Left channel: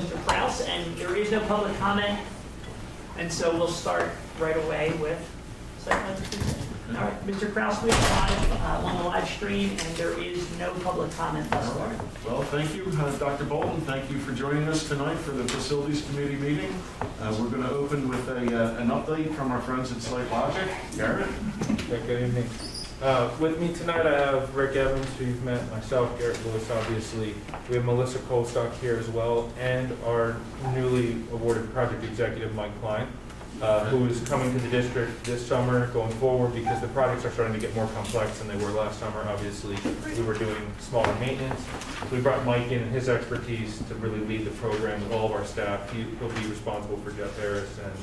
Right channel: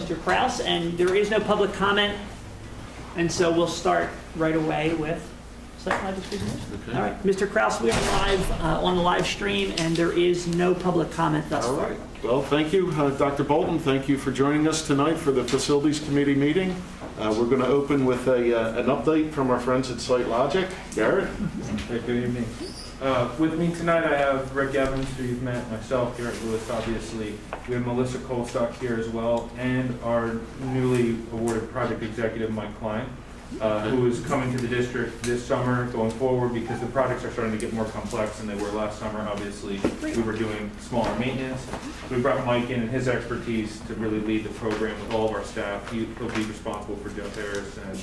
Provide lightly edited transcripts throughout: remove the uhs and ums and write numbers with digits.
Mr. Kraus, and there is no public comment, and so we'll start right away with site plan description. Okay. All right, Mr. Kraus, we are live on the live stream, and there is no public comment thus All far. right. Well, thank you, Dr. Bolton. Thank you for joining us tonight for the Facilities Committee meeting. We're going to open with an update from our friends at SiteLogic. Garrett? Hey, good evening. With me tonight, I have Rick Evans, who you've met, myself, Garrett Lewis, obviously. We have Melissa Colstock here as well, and our newly awarded project executive, Mike Klein, who is coming to the district this summer going forward because the projects are starting to get more complex than they were last summer. Obviously, we were doing smaller maintenance. So we brought Mike in and his expertise to really lead the program with all of our staff. He'll be responsible for Jeff Harris and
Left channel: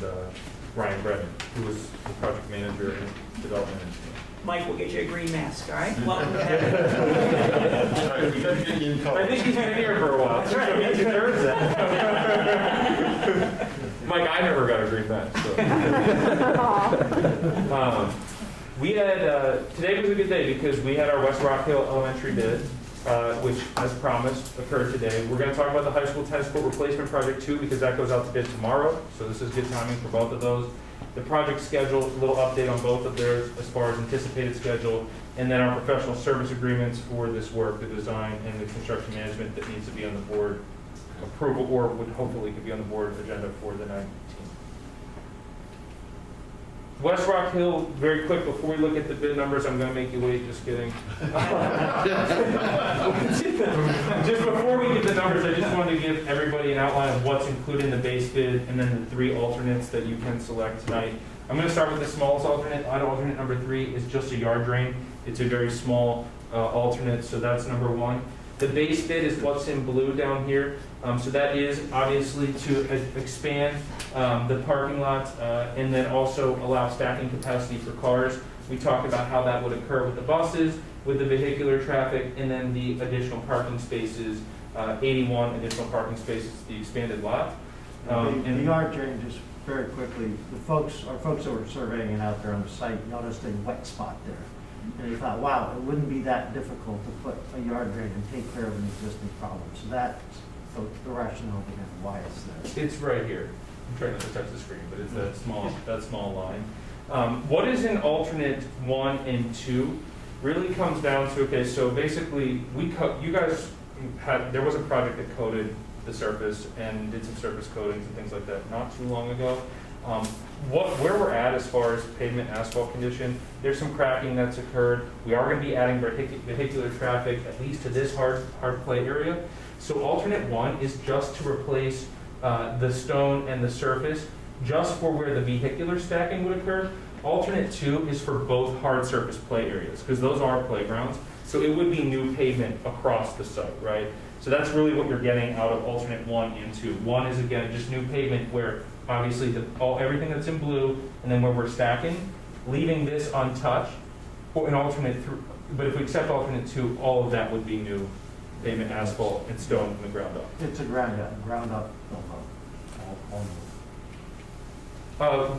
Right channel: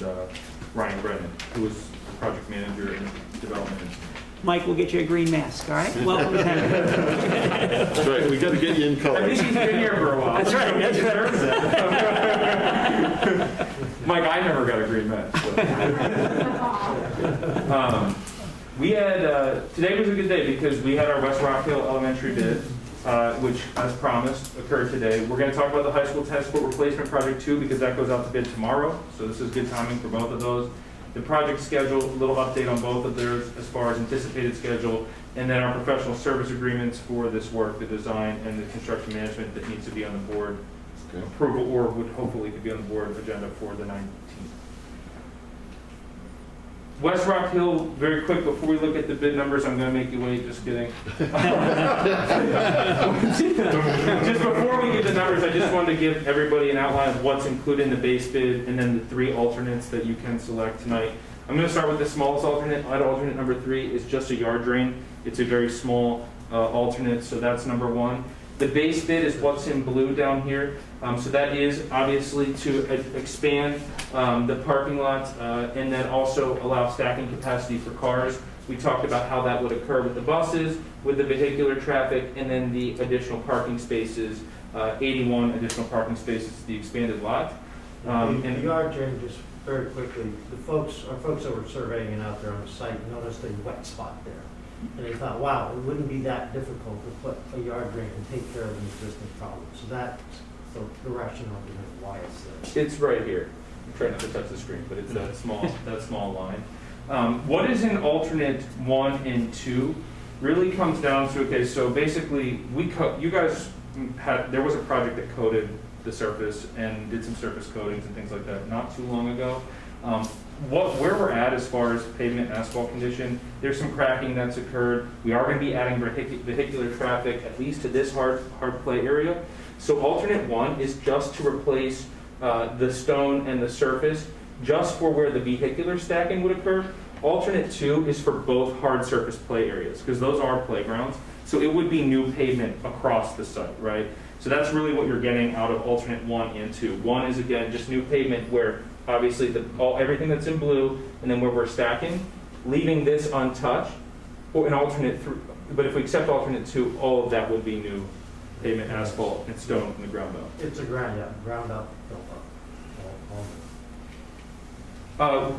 Ryan Brennan, who was the project manager and development engineer. Mike, we'll get you a green mask, all right? Welcome to That's right. We got to get you in color. I think he's been here for a while. That's right. So he deserves that. Mike, I never got a green match. So. We had, today was a good day because we had our West Rock Hill Elementary bid, which, as promised, occurred today. We're going to talk about the high school tennis court replacement project too because that goes out to bid tomorrow. So this is good timing for both of those. The project schedule, a little update on both of theirs as far as anticipated schedule, and then our professional service agreements for this work, the design and the construction management that needs to be on the board approval, or would hopefully could be on the board agenda for the 19th. West Rock Hill, very quick, before we look at the bid numbers, I'm going to make you wait, just kidding. Just before we get the numbers, I just wanted to give everybody an outline of what's included in the base bid and then the three alternates that you can select tonight. I'm going to start with the smallest alternate. Alternate number 3 is just a yard drain. It's a very small alternate, so that's number 1. The base bid is what's in blue down here. So that is obviously to expand the parking lot and then also allow stacking capacity for cars. We talked about how that would occur with the buses, with the vehicular traffic, and then the additional parking spaces, 81 additional parking spaces, the expanded lot. The yard drain, just very quickly, our folks that were surveying it out there on the site noticed a wet spot there. And they thought, wow, it wouldn't be that difficult to put a yard drain and take care of an existing problem. So that's the rationale behind why it's there. It's right here. I'm trying not to touch the screen, but it's that small line. What is in alternate 1 and 2 really comes down to, okay, so basically you guys there was a project that coated the surface and did some surface coatings and things like that not too long ago. Where we're at as far as pavement asphalt condition, there's some cracking that's occurred. We are going to be adding vehicular traffic at least to this hard play area. So alternate 1 is just to replace the stone and the surface just for where the vehicular stacking would occur. Alternate 2 is for both hard surface play areas because those are playgrounds. So it would be new pavement across the site, right? So that's really what you're getting out of alternate 1 and 2. 1 is again just new pavement where obviously everything that's in blue, and then where we're stacking, leaving this untouched, or an alternate 3. But if we accept alternate 2, all of that would be new pavement, asphalt, and stone from the ground up. It's a ground up, built up.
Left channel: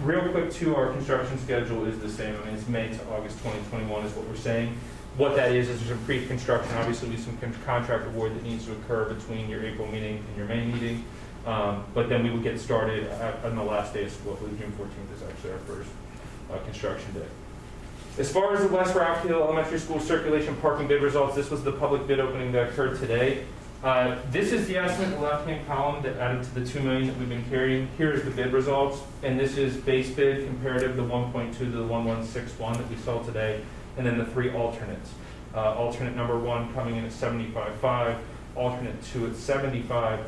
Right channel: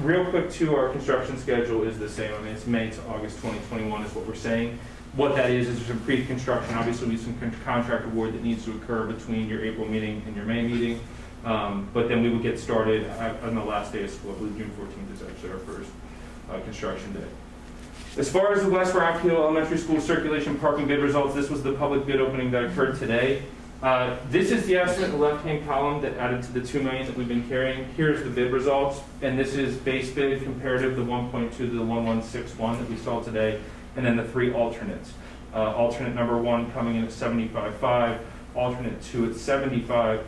Real quick too, our construction schedule is the same. I mean, it's May to August 2021 is what we're saying. What that is there's some pre-construction, obviously some contract award that needs to occur between your April meeting and your May meeting. But then we would get started on the last day of school. I believe June 14th is actually our first construction day. As far as the West Rock Hill Elementary School circulation parking bid results, this was the public bid opening that occurred today. This is the estimate in the left-hand column that added to the $2 million that we've been carrying. Here's the bid results, and this is base bid comparative, the 1.2 to the 1161 that we saw today, and then the 3 alternates. Alternate number 1 coming in at 75.5, alternate 2 at 75,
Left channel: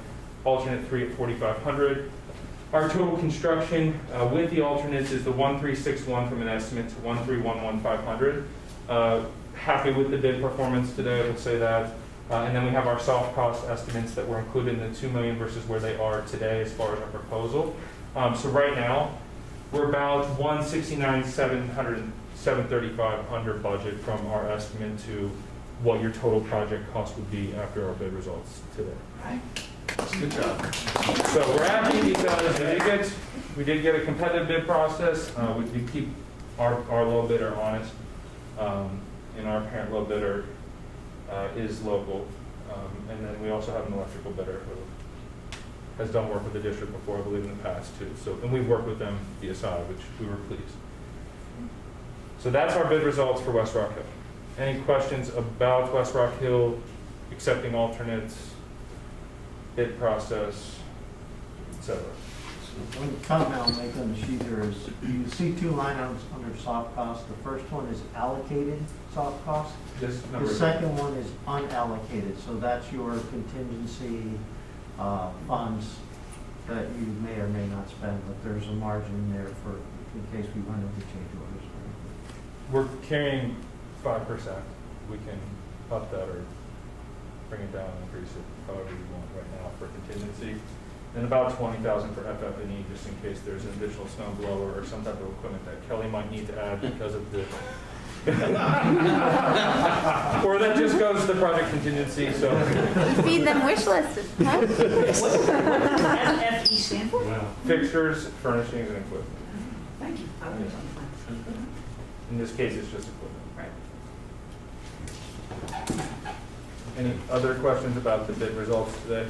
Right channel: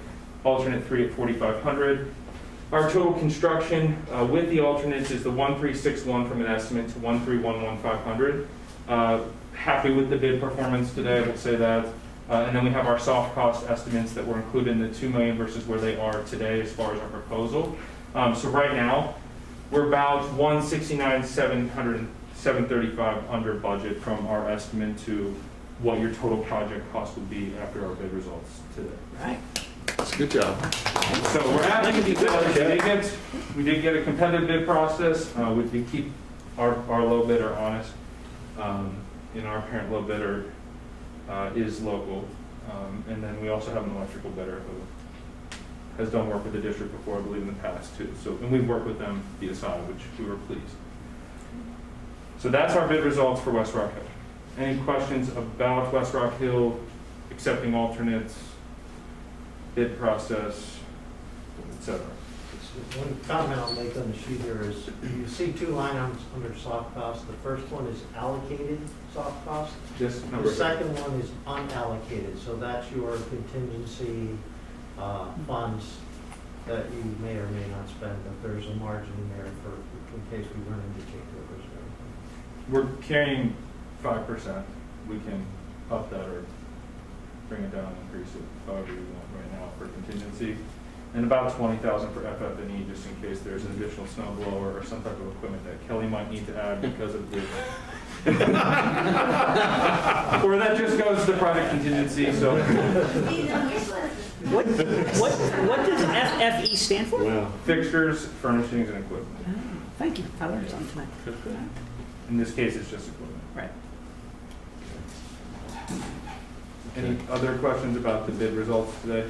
alternate 3 at 4,500. Our total construction with the alternates is the 1361 from an estimate to 1311500. Happy with the bid performance today, I will say that. And then we have our soft cost estimates that were included in the $2 million versus where they are today as far as our proposal. So right now, we're about 169,735 under budget from our estimate to what your total project cost would be after our bid results today. All right. Good job. So we're happy to get that. We did get a competitive bid process. We keep our low bidder honest. Our parent low bidder is local. And then we also have an electrical bidder who has done work with the district before, I believe, in the past too. So, and we've worked with them via SADA, which we were pleased. So that's our bid results for West Rock Hill. Any questions about West Rock Hill, accepting alternates, bid process, etc.? One comment I'll make on the sheet here is, you see two line items under soft cost. The first one is allocated soft cost. This number. The second one is unallocated, so that's your contingency funds that you may or may not spend, but there's a margin there for, in case we run into change orders. We're carrying 5%. We can up that or bring it down, increase it however we want right now for contingency. And about $20,000 for FF&E, just in case there's an additional snow blower or some type of equipment that Kelly might need to add because of the or that just goes to the project contingency. So Feed them wish lists. Huh? What does FFE stand for? Wow. fixtures, furnishings, and equipment. Thank you. I learned something tonight. In this case, it's just equipment. Right. Any other questions about the bid results today?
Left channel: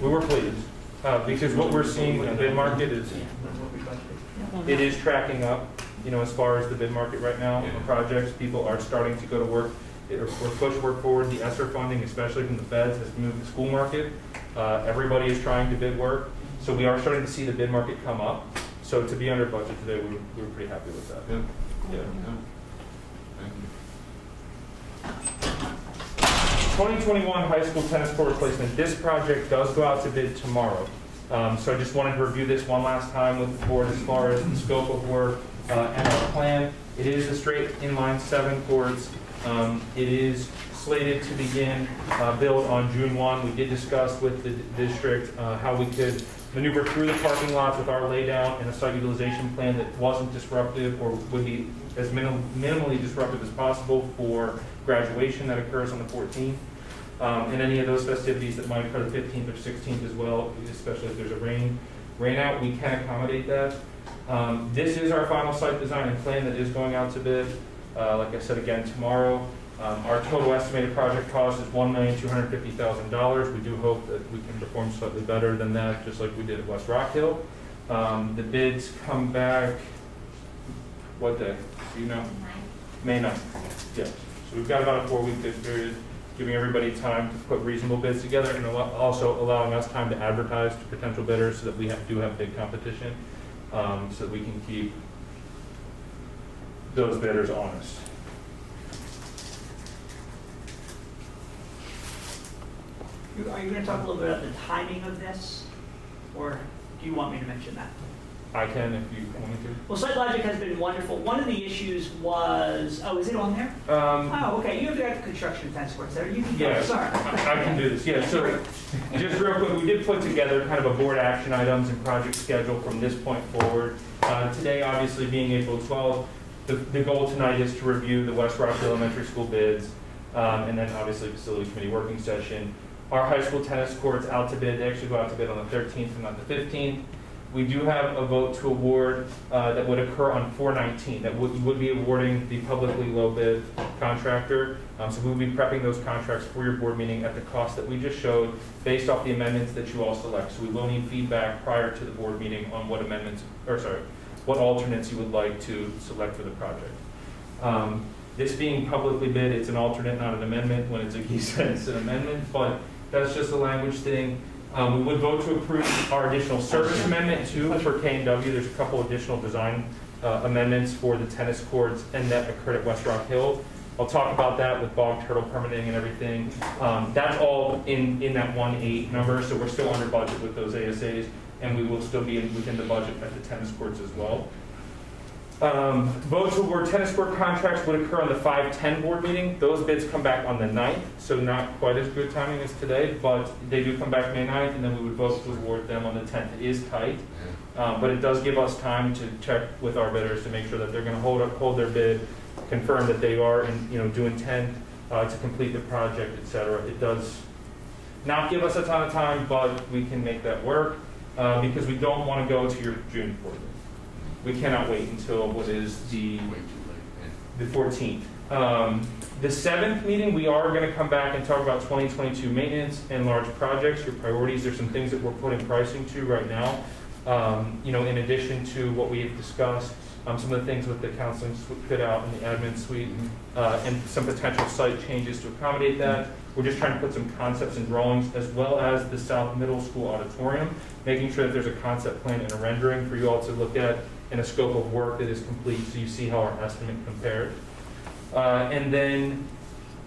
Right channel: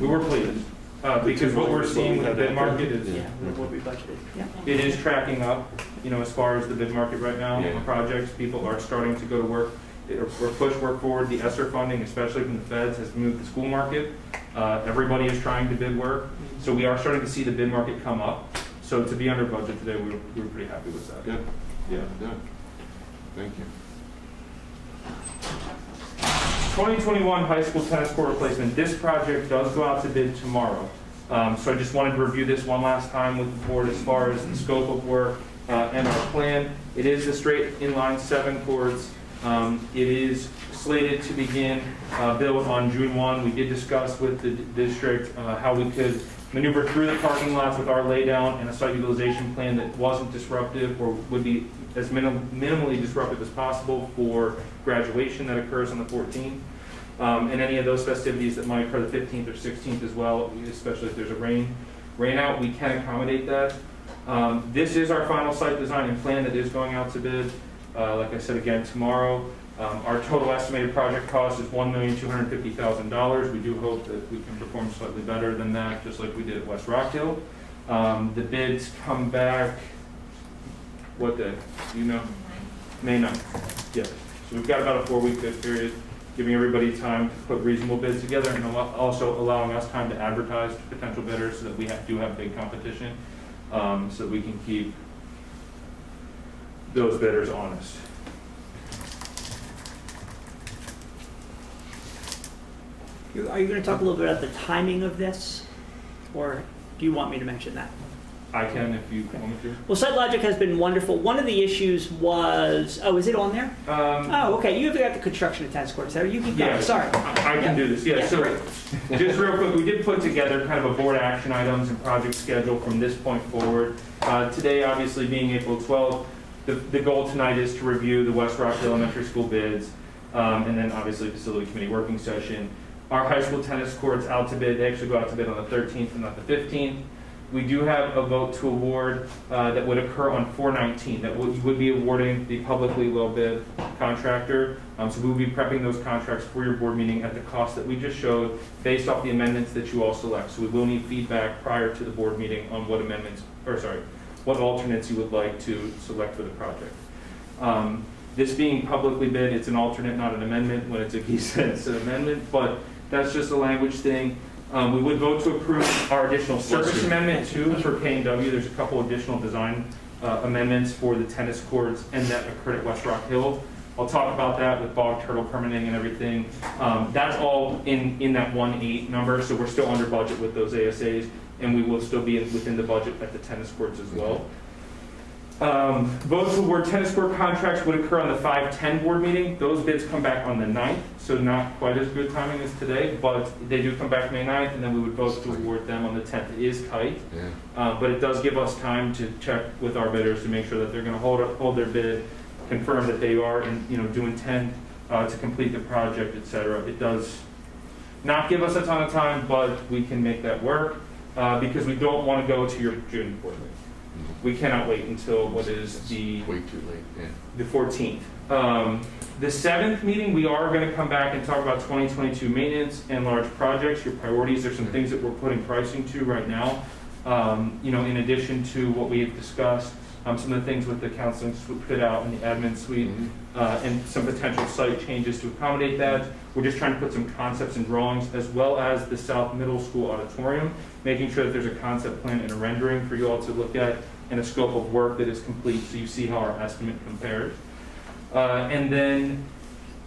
We were pleased because what we're seeing with the bid market is Yeah, what we budgeted. Yeah. it is tracking up. You know, as far as the bid market right now Yeah. for projects, people are starting to go to work or push work forward. The ESSER funding, especially from the feds, has moved the school market. Everybody is trying to bid work, so we are starting to see the bid market come up. So to be under budget today, we were pretty happy with that. Good. Yeah. Good. Thank you. 2021 high school tennis court replacement. This project does go out to bid tomorrow. So I just wanted to review this one last time with the board as far as the scope of work and our plan. It is a straight inline 7 courts. It is slated to begin build on June 1. We did discuss with the district how we could maneuver through the parking lots with our laydown and a site utilization plan that wasn't disruptive or would be as minimally disruptive as possible for graduation that occurs on the 14th. And any of those festivities that might occur the 15th or 16th as well, especially if there's a rain out, we can accommodate that. This is our final site design and plan that is going out to bid. Like I said again, tomorrow. Our total estimated project cost is $1,250,000. We do hope that we can perform slightly better than that, just like we did at West Rock Hill. The bids come back, what day? You know? May 9th. Yes. So we've got about a 4-week bid period, giving everybody time to put reasonable bids together and also allowing us time to advertise to potential bidders so that we do have big competition, so that we can keep those bidders honest. Are you going to talk a little bit about the timing of this, or do you want me to mention that? I can if you want me to. Well, SiteLogic has been wonderful. One of the issues was, is it on there? Oh, okay, you have got the construction of tennis courts there. You can go, Yeah, sorry. I can do this. Yeah, so just real quick, we did put together kind of a board action items and project schedule from this point forward. Today, obviously being April 12th, the goal tonight is to review the West Rock Elementary School bids, and then obviously facility committee working session. Our high school tennis courts out to bid, they actually go out to bid on the 13th and not the 15th. We do have a vote to award that would occur on 4/19. That would be awarding the publicly low bid contractor. So we will be prepping those contracts for your board meeting at the cost that we just showed, based off the amendments that you all select. So we will need feedback prior to the board meeting on what what alternates you would like to select for the project. This being publicly bid, it's an alternate, not an amendment. When it's a geese, it's an amendment, but that's just a language thing. We would vote to approve our additional service amendment too for K&W. There's a couple additional design amendments for the tennis courts and that occurred at West Rock Hill. I'll talk about that with bog turtle permitting and everything. That's all in that 1.8 number, so we're still under budget with those ASAs, and we will still be within the budget at the tennis courts as well. Votes to award tennis court contracts would occur on the 5/10 board meeting. Those bids come back on the 9th, so not quite as good timing as today, but they do come back May 9th, and then we would vote to award them on the 10th. It is tight, but it does give us time to check with our bidders to make sure that they're going to hold their bid, confirm that they are, and do intend to complete the project, etc. It does not give us a ton of time, but we can make that work because we don't want to go to your June board meeting. We cannot wait until what is the Way too late, The 14th. The 7th meeting, we are going to come back and talk about 2022 maintenance and large projects, your priorities. There's some things that we're putting pricing to right now. In addition to what we have discussed, some of the things with the counseling fit out in the admin suite, and some potential site changes to accommodate that. We're just trying to put some concepts and drawings, as well as the South Middle School auditorium, making sure that there's a concept plan and a rendering for you all to look at, and a scope of work that is complete, so you see how our estimate compares. And then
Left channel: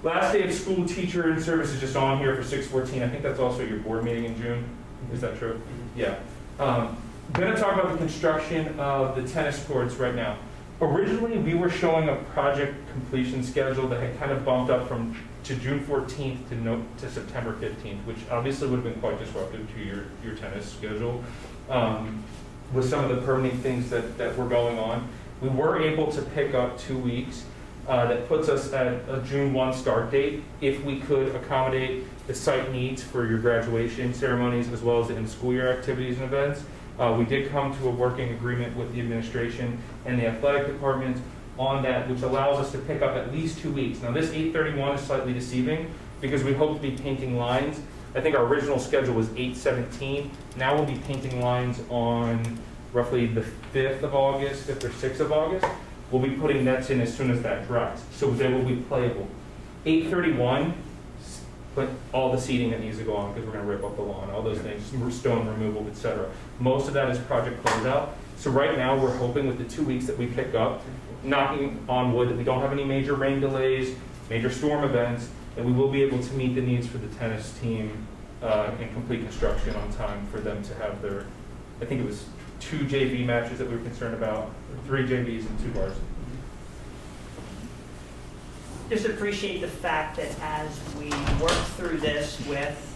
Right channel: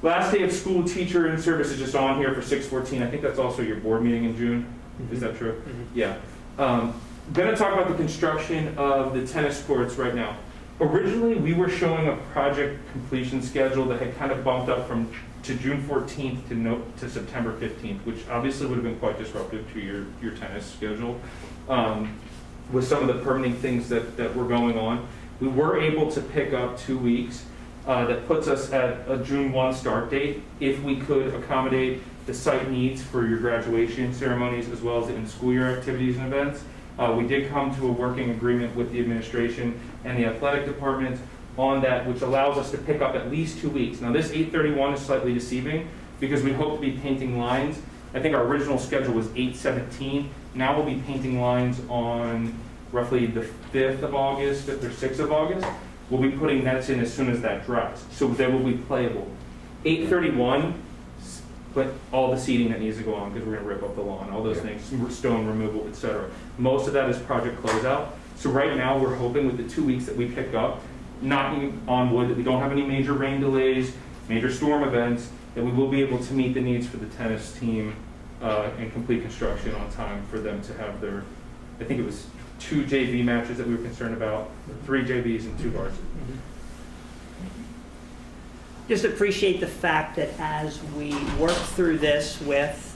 last day of school teacher in service is just on here for 6/14. I think that's also your board meeting in June. Is that true? Yeah. Going to talk about the construction of the tennis courts right now. Originally, we were showing a project completion schedule that had kind of bumped up to June 14th to September 15th, which obviously would have been quite disruptive to your tennis schedule. With some of the permitting things that were going on, we were able to pick up 2 weeks. That puts us at a June 1 start date if we could accommodate the site needs for your graduation ceremonies as well as the in-school year activities and events. We did come to a working agreement with the administration and the athletic department on that, which allows us to pick up at least 2 weeks. Now, this 8/31 is slightly deceiving because we hope to be painting lines. I think our original schedule was 8/17. Now we'll be painting lines on roughly the 5th of August, 5th or 6th of August. We'll be putting nets in as soon as that dries, so they will be playable. 8/31, put all the seating that needs to go on because we're going to rip up the lawn, all those things, stone removal, etc. Most of that is project closeout. So right now we're hoping with the 2 weeks that we pick up, knocking on wood, that we don't have any major rain delays, major storm events, that we will be able to meet the needs for the tennis team and complete construction on time for them to have their, I think it was 2 JV matches that we were concerned about, 3 JVs and 2 varsity. Just appreciate the fact that as we work through this with,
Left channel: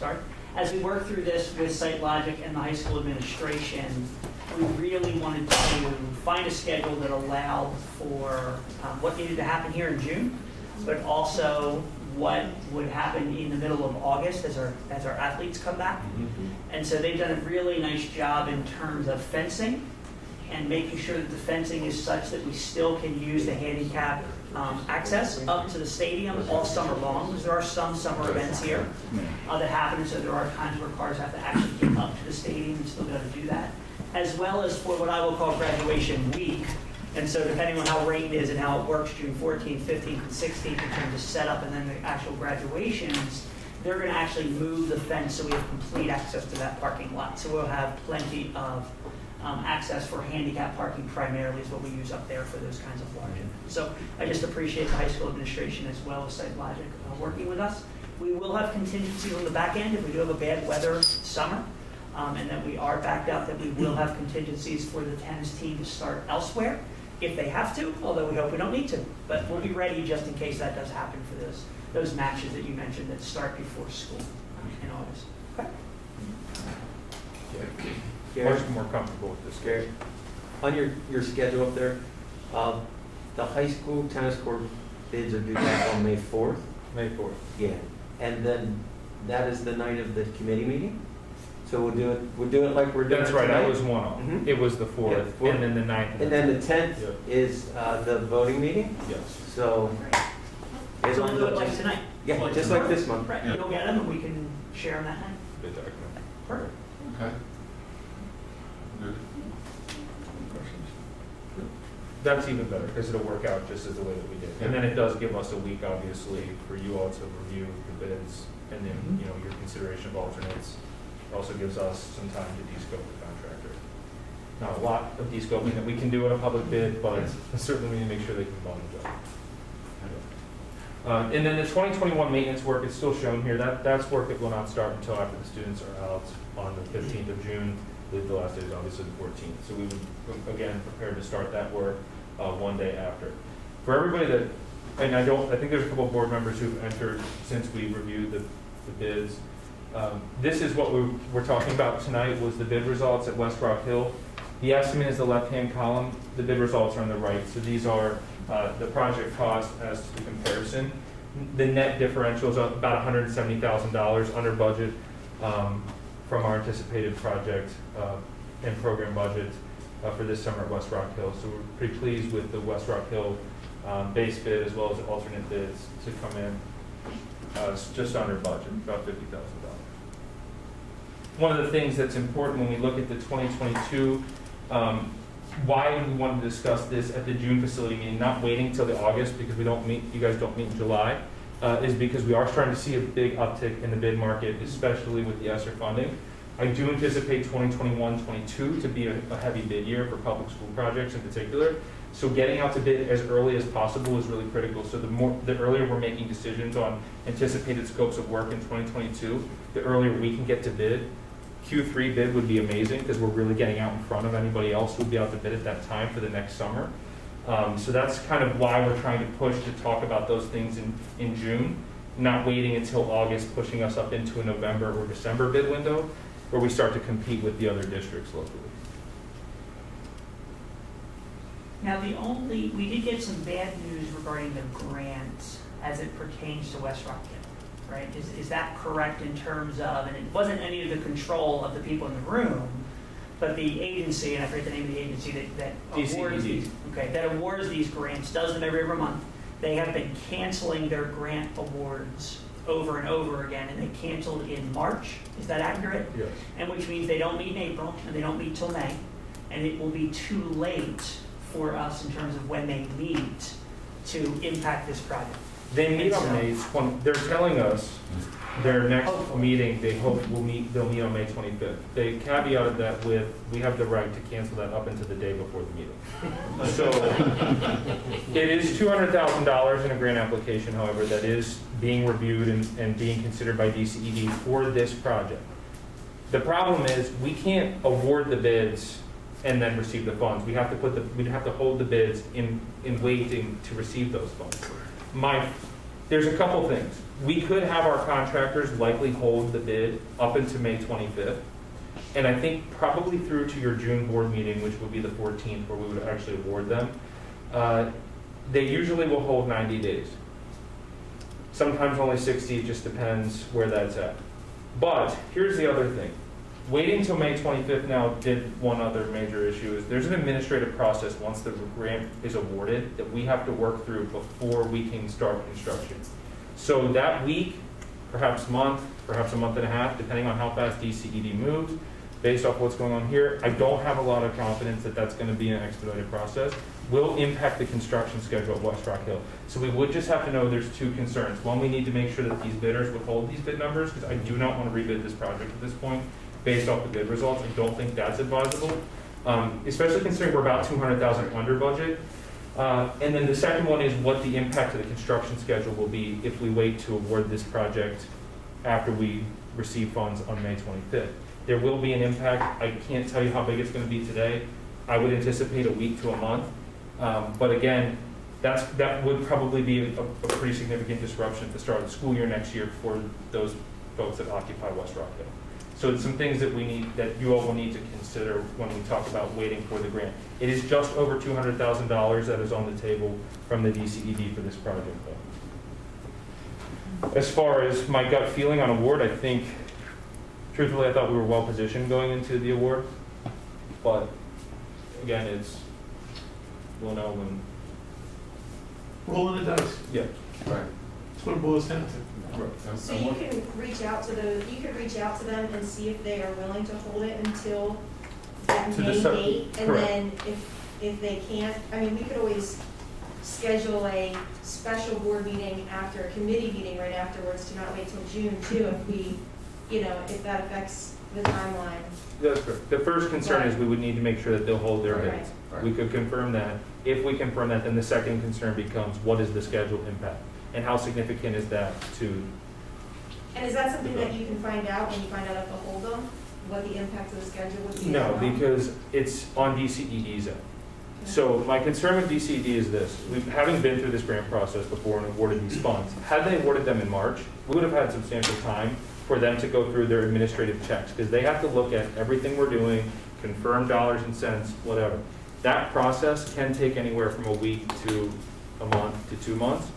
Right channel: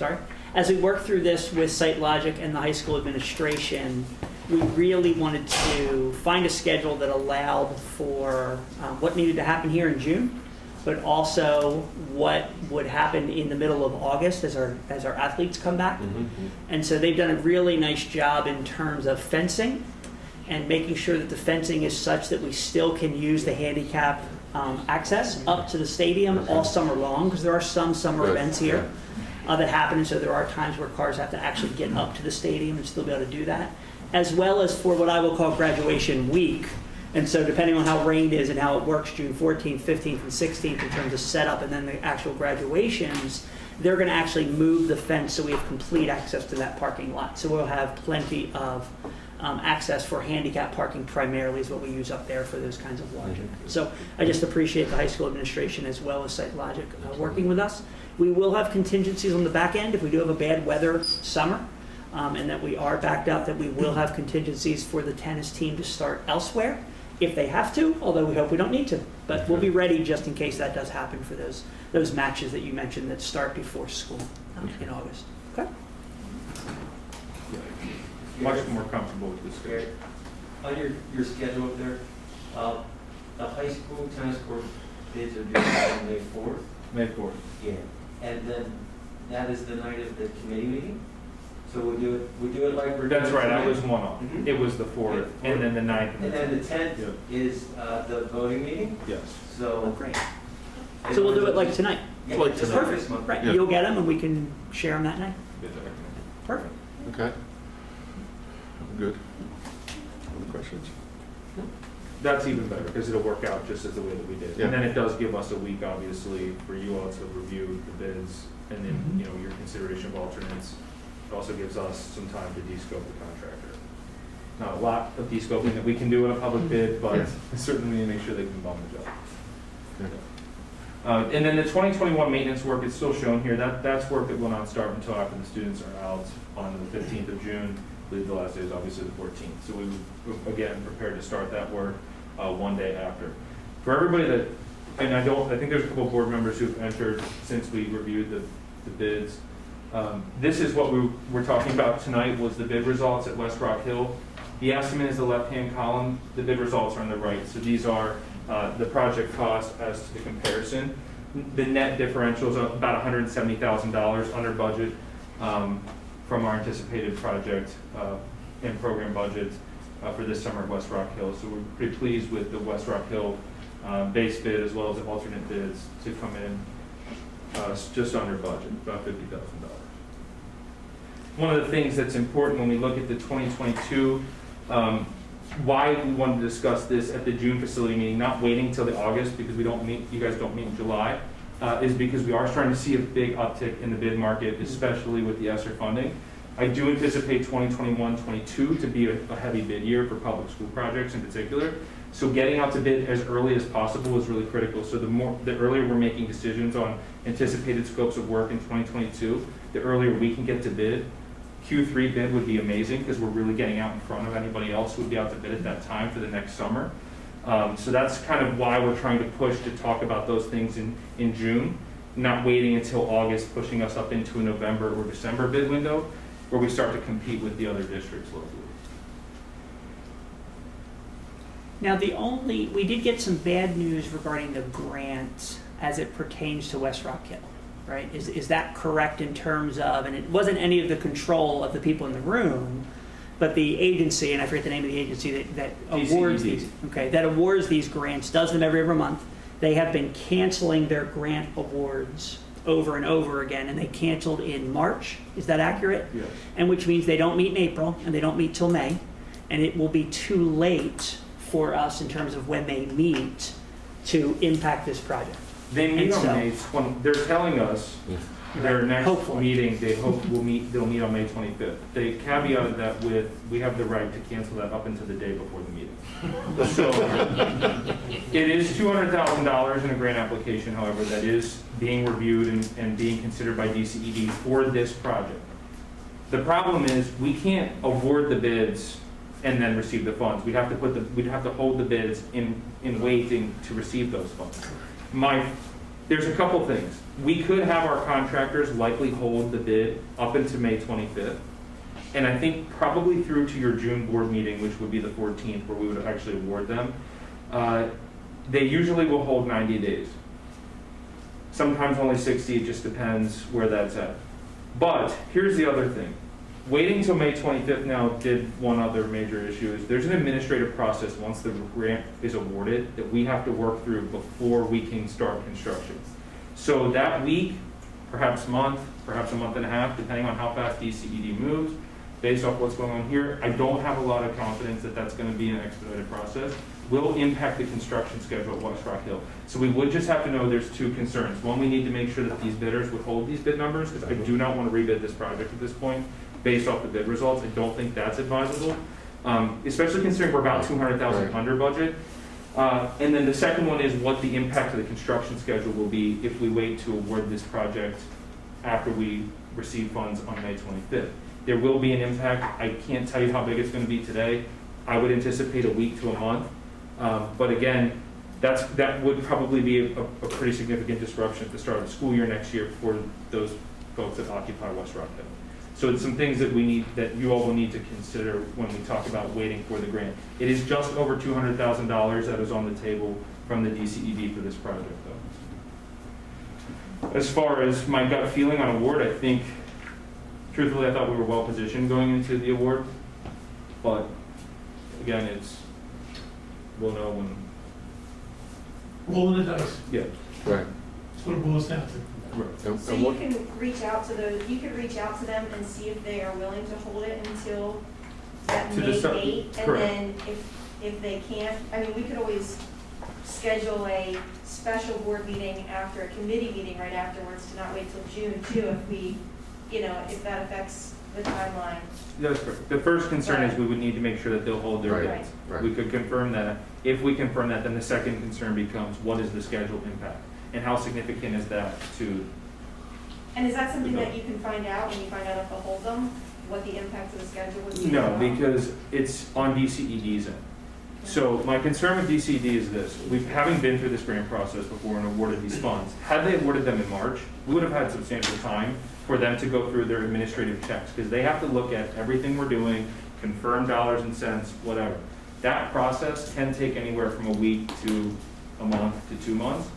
SiteLogic and the high school administration, we really wanted to find a schedule that allowed for what needed to happen here in June, but also what would happen in the middle of August as our athletes come back. And so they've done a really nice job in terms of fencing and making sure that the fencing is such that we still can use the handicap access up to the stadium all summer long, because there are some summer events here that happen, so there are times where cars have to actually get up to the stadium and still be able to do that, as well as for what I will call graduation week. And so depending on how rain is and how it works, June 14th, 15th, and 16th in terms of setup and then the actual graduations, they're going to actually move the fence so we have complete access to that parking lot. So we'll have plenty of access for handicap parking primarily is what we use up there for those kinds of large events. So I just appreciate the high school administration as well as SiteLogic working with us. We will have contingencies on the back end if we do have a bad weather summer. And that we are backed up, that we will have contingencies for the tennis team to start elsewhere if they have to, although we hope we don't need to. But we'll be ready just in case that does happen for those matches that you mentioned that start before school in August. Okay? Much more comfortable with this. Great. On your schedule up there, the high school tennis court bids are due on May 4th. May 4th. Yeah. And then that is the night of the committee meeting? So we'll do it like we're doing. That's right, tonight. I was one off. It was the 4th, Yeah, and then the 9th. And then the 10th is the voting meeting? Yes. So. Great. So we'll do it like tonight. Yeah, Like just tonight. like this month. Right. Yeah. You'll get them and we can share them that night. Exactly. Perfect. Okay. Good. Any questions? That's even better, because it'll work out just as the way that we did. Yeah. And then it does give us a week, obviously, for you all to review the bids, and then, your consideration of alternates. It also gives us some time to de-scope the contractor. Not a lot of de-scoping that we can do in a public bid, but certainly we need to make sure they can bum the job. And then the 2021 maintenance work is still shown here. That's work that will not start until after the students are out on the 15th of June. The last day is obviously the 14th. So we would, again, prepared to start that work one day after. For everybody that, and I think there's a couple of board members who've entered since we reviewed the bids. This is what we were talking about tonight, was the bid results at West Rock Hill. The estimate is the left-hand column. The bid results are on the right. So these are the project cost as to the comparison. The net differential is about $170,000 under budget from our anticipated project and program budget. for this summer at West Rock Hill. So we're pretty pleased with the West Rock Hill base bid as well as the alternate bids to come in just under budget, about $50,000. One of the things that's important when we look at the 2022, why we wanted to discuss this at the June facility meeting, not waiting till the August because we don't meet, you guys don't meet in July, is because we are starting to see a big uptick in the bid market, especially with the ESSER funding. I do anticipate 2021-22 to be a heavy bid year for public school projects in particular. So getting out to bid as early as possible is really critical. So the earlier we're making decisions on anticipated scopes of work in 2022, the earlier we can get to bid. Q3 bid would be amazing because we're really getting out in front of anybody else who would be out to bid at that time for the next summer. So that's kind of why we're trying to push to talk about those things in June, not waiting until August, pushing us up into a November or December bid window where we start to compete with the other districts locally. Now, we did get some bad news regarding the grant as it pertains to West Rock Hill, right? Is that correct in terms of, and it wasn't any of the control of the people in the room, but the agency, and I forget the name of the agency that awards these, that awards these grants, does them every month. They have been canceling their grant awards over and over again, and they canceled in March. Is that accurate? Yes. And which means they don't meet in April, and they don't meet till May, and it will be too late for us in terms of when they meet to impact this project. They meet on May 20. They're telling us their next Hopefully. meeting they'll meet on May 25th. They caveated that with we have the right to cancel that up until the day before the meeting. So it is $200,000 in a grant application, however, that is being reviewed and being considered by DCED for this project. The problem is we can't award the bids and then receive the funds. We'd have to hold the bids in waiting to receive those funds. There's a couple things. We could have our contractors likely hold the bid up until May 25th. And I think probably through to your June board meeting, which would be the 14th, where we would actually award them, they usually will hold 90 days. Sometimes only 60, it just depends where that's at. But here's the other thing. Waiting till May 25th now did one other major issue is there's an administrative process once the grant is awarded that we have to work through before we can start construction. So that week, perhaps a month and a half, depending on how fast DCED moves, based off what's going on here, I don't have a lot of confidence that that's going to be an expedited process, will impact the construction schedule at West Rock Hill. So we would just have to know there's two concerns. One, we need to make sure that these bidders would hold these bid numbers, because I do not want to rebid this project at this point based off the bid results. I don't think that's advisable, especially considering we're about $200,000 under budget. And then the second one is what the impact of the construction schedule will be if we wait to award this project after we receive funds on May 25th. There will be an impact. I can't tell you how big it's going to be today. I would anticipate a week to a month. But again, that would probably be a pretty significant disruption at the start of the school year next year for those folks that occupy West Rock Hill. So it's some things that you all will need to consider when we talk about waiting for the grant. It is just over $200,000 that is on the table from the DCED for this project, though. As far as my gut feeling on award, I think, truthfully, I thought we were well positioned going into the award. But again, we'll know when. Rolling the dice. Yeah. Right. That's what it boils down to. Right. So you can reach out to them and see if they are willing to hold it until that To May decide- date. And correct. then if they can't, I mean, we could always schedule a special board meeting after a committee meeting right afterwards to not wait till June too, if that affects the timeline. That's correct. The first concern is we would need to make sure that they'll hold their Right. bids. Right. We could confirm that. If we confirm that, then the second concern becomes what is the schedule impact? And how significant is that to, And is that something that you can find out when you find out if they'll hold them, what the impact of the schedule would be? no, because it's on DCED's end. So my concern with DCED is this, having been through this grant process before and awarded these funds, had they awarded them in March, we would have had substantial time for them to go through their administrative checks, because they have to look at everything we're doing, confirm dollars and cents, whatever. That process can take anywhere from a week to a month to 2 months.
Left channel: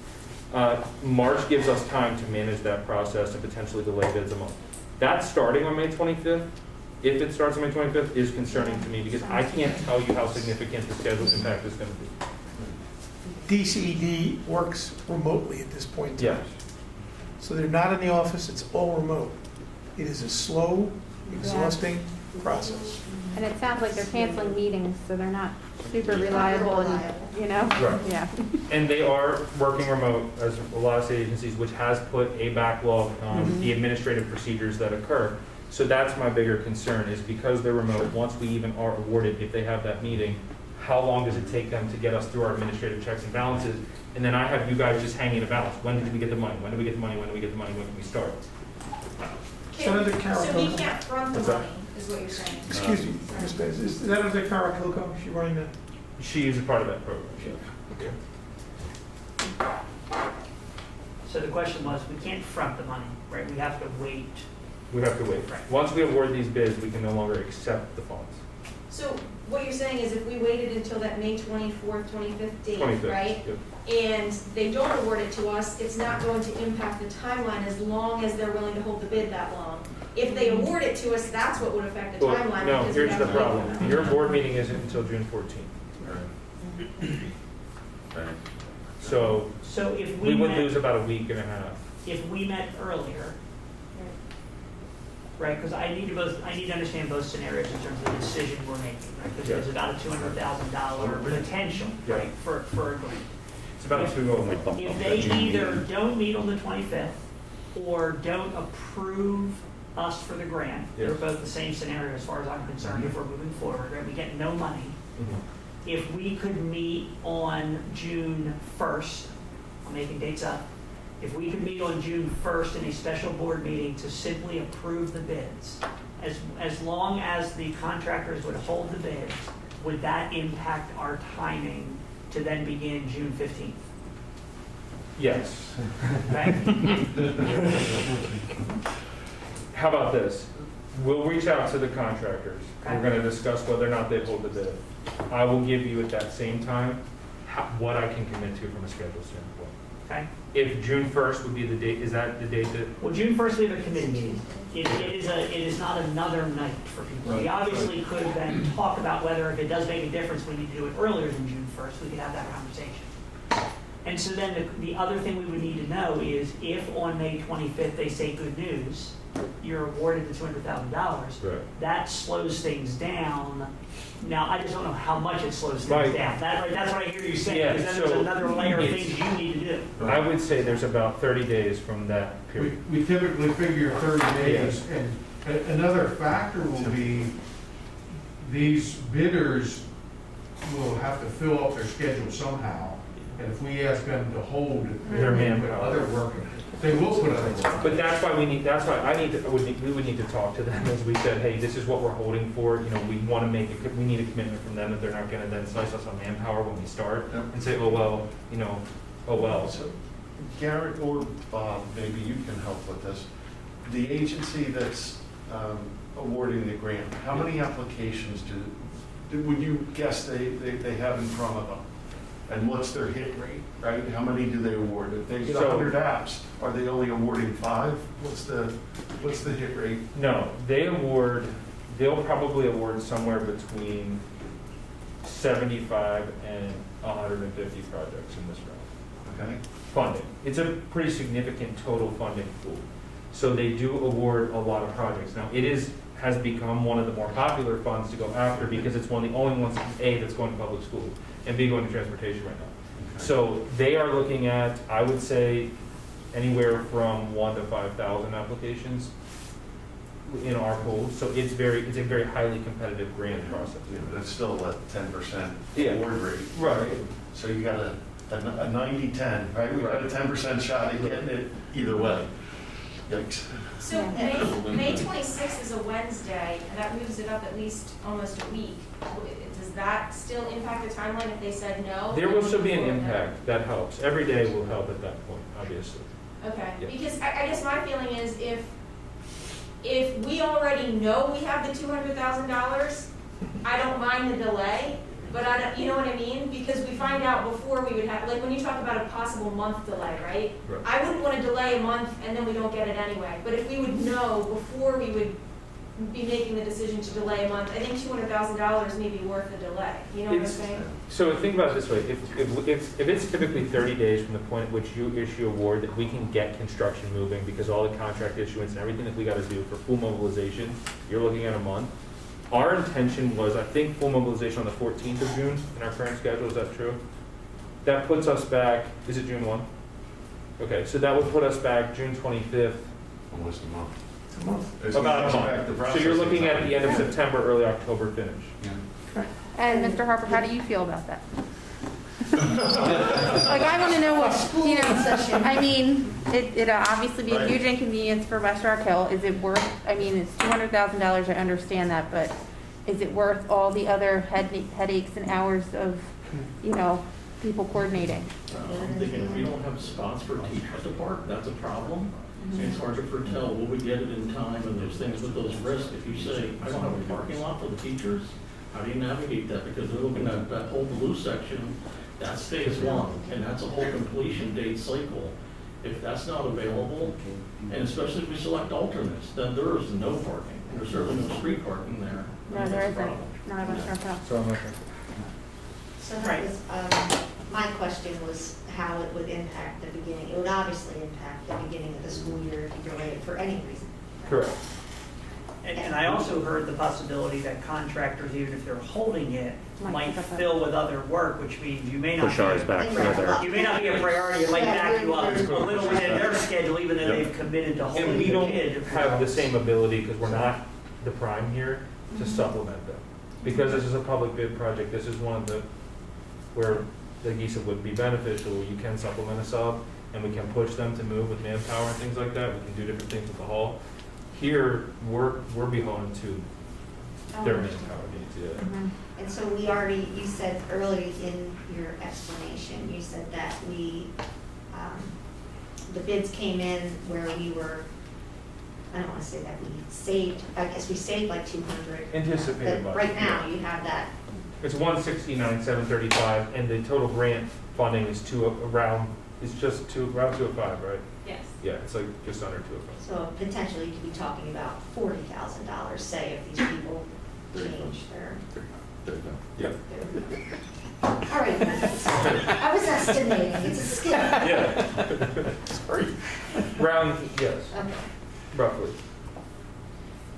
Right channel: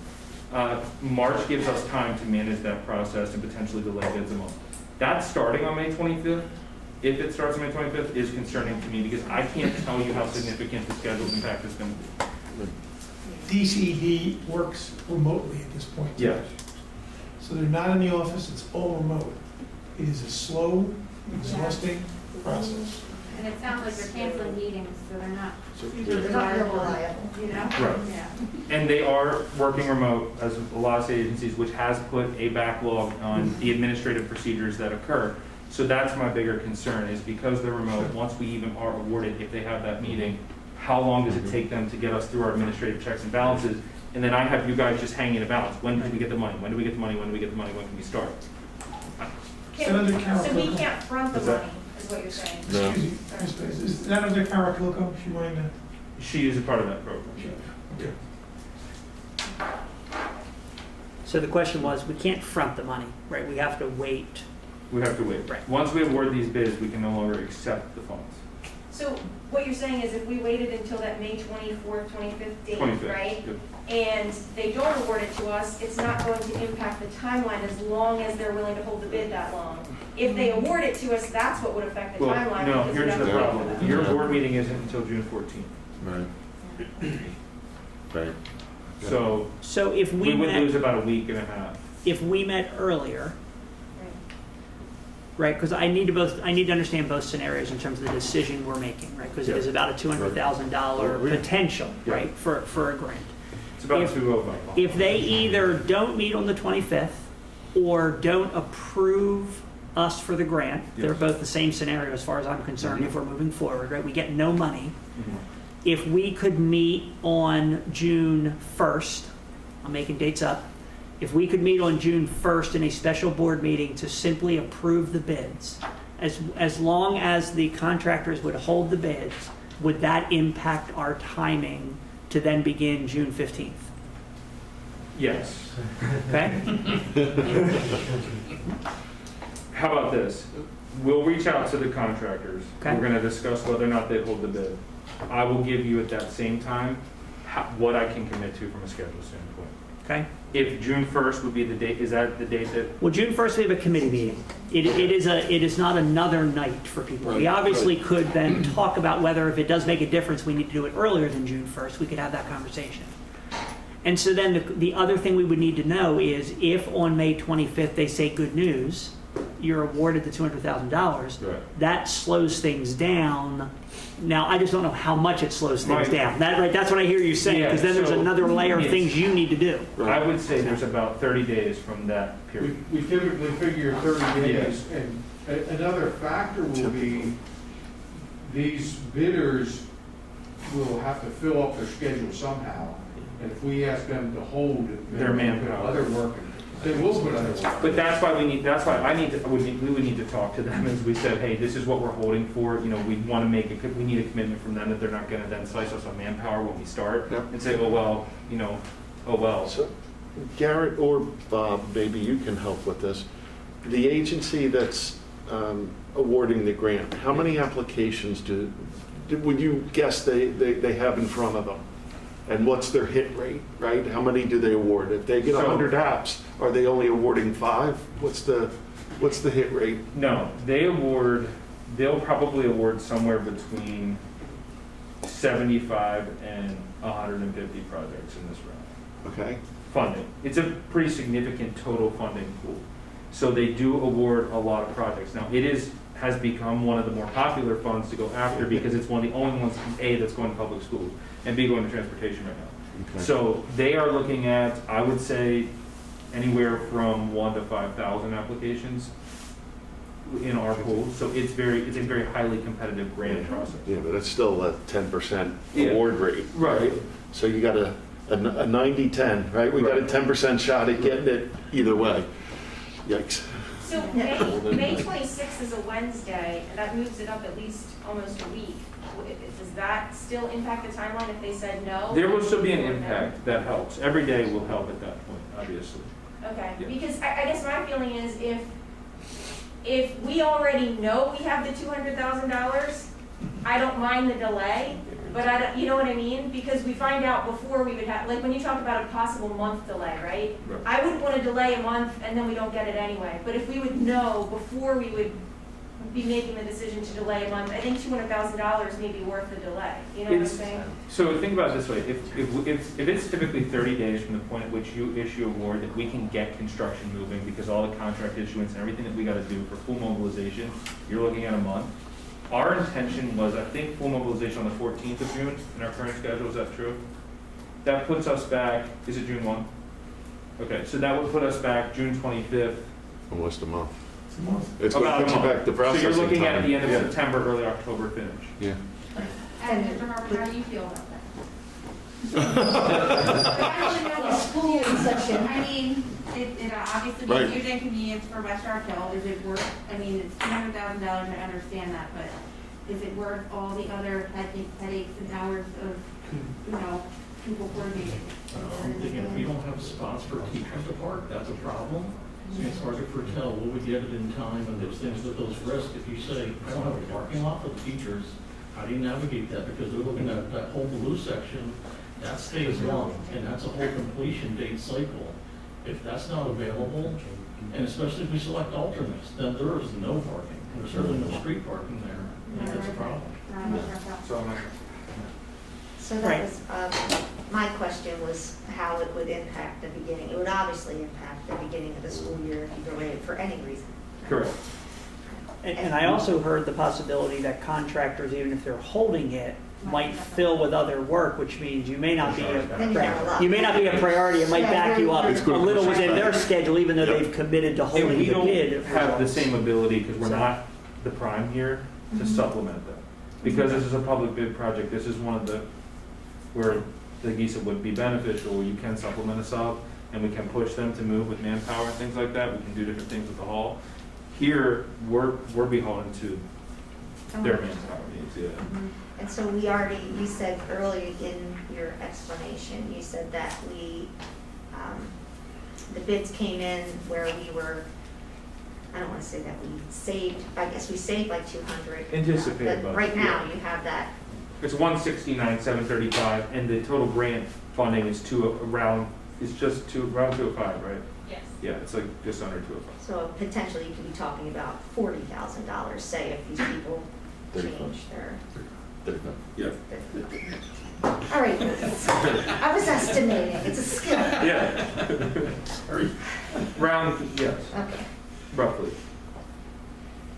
March gives us time to manage that process and potentially delay bids a month. That's starting on May 25th. if it starts on May 25th, is concerning to me because I can't tell you how significant the schedule impact is going to be. DCED works remotely at this point in time. Yes. So they're not in the office, it's all remote. It is a slow, exhausting process. And it sounds like they're canceling meetings, so they're not super Not reliable, reliable. you know? Right. Yeah. And they are working remote, as a lot of state agencies, which has put a backlog on the administrative procedures that occur. So that's my bigger concern, is because they're remote, once we even are awarded, if they have that meeting, how long does it take them to get us through our administrative checks and balances? And then I have you guys just hanging a balance. When did we get the money? When do we get the money? When do we get the money? When can we start? Senator Carol So we Pilgrim. can't front the What's that? money, is what you're saying? Excuse me, Ms. Bass, is that under Carol Pilgrim? Is she running that? She is a part of that program. So the question was, we can't front the money, right? We have to wait. We have to wait. Right. Once we award these bids, we can no longer accept the funds. So what you're saying is if we waited until that May 24th, 25th date, 25th. right? Yep. And they don't award it to us, it's not going to impact the timeline as long as they're willing to hold the bid that long. If they award it to us, that's what would affect the Well, timeline. no, because we here's have the to wait for problem. that. Your board meeting isn't until June 14th. Right. Right. So if We we would met, lose about a week and a half. if we met earlier, right, because I need to understand both scenarios in terms of the decision we're making, right? Because it is about a $200,000 potential, right, for a grant. It's about If- 2 of them. If they either don't meet on the 25th or don't approve us for the grant, they're Yes. both the same scenario as far as I'm concerned, if we're moving forward, right? We get no money. Mhm. If we could meet on June 1st, I'm making dates up, if we could meet on June 1st in a special board meeting to simply approve the bids, as long as the contractors would hold the bids, would that impact our timing to then begin June 15th? Yes. Okay? How about this? We'll reach out to the contractors. Okay. We're going to discuss whether or not they hold the bid. I will give you at that same time what I can commit to from a schedule standpoint. Okay? If June 1st would be the date, is that the date that? Well, June 1st, we have a committee meeting. It is not another night for people. We Right, obviously could then talk about whether if it does make a difference, we need to do it earlier than June 1st. We could have that conversation. And so then the other thing we would need to know is if on May 25th they say good news, you're awarded the $200,000, Right. that slows things down. Now, I just don't know how much it slows things Right. down. That's what I hear you saying, because then there's Yeah, so- another layer of Yes. things you need to do. I would say there's about 30 days from that period. We typically figure 30 days, and another factor will be, these bidders will have to fill up their schedule somehow, and if we ask them to hold Their manpower. other work, they will put other work. But that's why we need to talk to them, as we said, hey, this is what we're holding for, we want to we need a commitment from them that they're not going to then slice us on manpower when we start, Yep. and say, oh, well. So, Garrett or Bob, maybe you can help with this. The agency that's awarding the grant, how many applications would you guess they have in front of them? And what's their hit rate, right? How many do they award? If they get So- 100 apps, are they only awarding 5? What's the hit rate? No, they'll probably award somewhere between 75 and 150 projects in this round. Okay. Funding. It's a pretty significant total funding pool. So they do award a lot of projects. Now, has become one of the more popular funds to go after because it's one of the only ones, A, that's going to public school, and B, going to transportation right now. Okay. So they are looking at, I would say, anywhere from 1,000 to 5,000 applications in our pool. So it's a very highly competitive grant process. Yeah, but it's still a 10% Yeah. award rate. Right. So you got a 90-10, right? We got a Right. 10% shot at getting it either way. Yikes. So May 26th is a Wednesday, and that moves it up at least almost a week. Does that still impact the timeline if they said no? There will still be an impact that helps. Every day will help at that point, obviously. Okay, Yeah. because I guess my feeling is if we already know we have the $200,000, I don't mind the delay, but I don't, you know what I mean? Because we find out before we would have, like when you talk about a possible month delay, right? Right. I wouldn't want to delay a month and then we don't get it anyway, but if we would know before we would be making the decision to delay a month. I think $200,000 may be worth the delay, you know what I'm It's- saying? So think about it this way, if it's typically 30 days from the point at which you issue award, that we can get construction moving, because all the contract issuance and everything that we gotta do for full mobilization, you're looking at a month. Our intention was, I think, full mobilization on the 14th of June in our current schedule, is that true? That puts us back, is it June 1? Okay, so that would put us back June 25th. Almost a month. It's a month. It's going About to a put you month. back to So processing you're looking at time. the end of Yeah. September, early October finish. Yeah. And Mr. Harper, how do you feel about that? Like, I want to know what, you know, I mean, it'd obviously be a Right. huge inconvenience for West Rock Hill. Is it worth, I mean, it's $200,000, I understand that, but is it worth all the other headaches and hours of, you know, people coordinating? I'm thinking if we don't have spots for teachers to park, that's a problem. And it's hard to foretell, will we get it in time and those things with those risks? If you say, I don't have a parking lot for the teachers, how do you navigate that? Because we're looking at that whole blue section, that's phase one, and that's a whole completion date cycle. If that's not available, and especially if we select alternates, then there is no parking. There's certainly no street parking there. No, And there that's a isn't. problem. Not in West Rock Hill. So I'm like, So Right. that was, my question was how it would impact the beginning. It would obviously impact the beginning of the school year if you delayed it for any reason. correct. And I also heard the possibility that contractors, even if they're holding it, might fill with other work, which means you may not Push be ours a- back Then you right. have a lot. You may not be a priority, it might back you up It's a gonna little push us within their back. schedule, even though Yep. they've committed to And holding we the don't bid. have the same ability, because we're not the prime here, to supplement them. Because this is a public bid project, this is one of the, where, like you said, would be beneficial, where you can supplement a sub, and we can push them to move with manpower and things like that, we can do different things with the hall. Here, we're beholden to their manpower needs, yeah. Mhm. And so we already, you said earlier in your explanation, you said that the bids came in where we were, I don't want to say that we saved, I guess we saved like 200. Anticipated But budget, right now, yeah. you have that, It's 169,735, and the total grant funding is around 205, right? Yes. Yeah, it's like just under 205. so potentially you could be talking about $40,000, say, if these people There you change their. There you go. Yeah. All right, I was estimating, it's a skill. Yeah. Round, yes, Okay. roughly.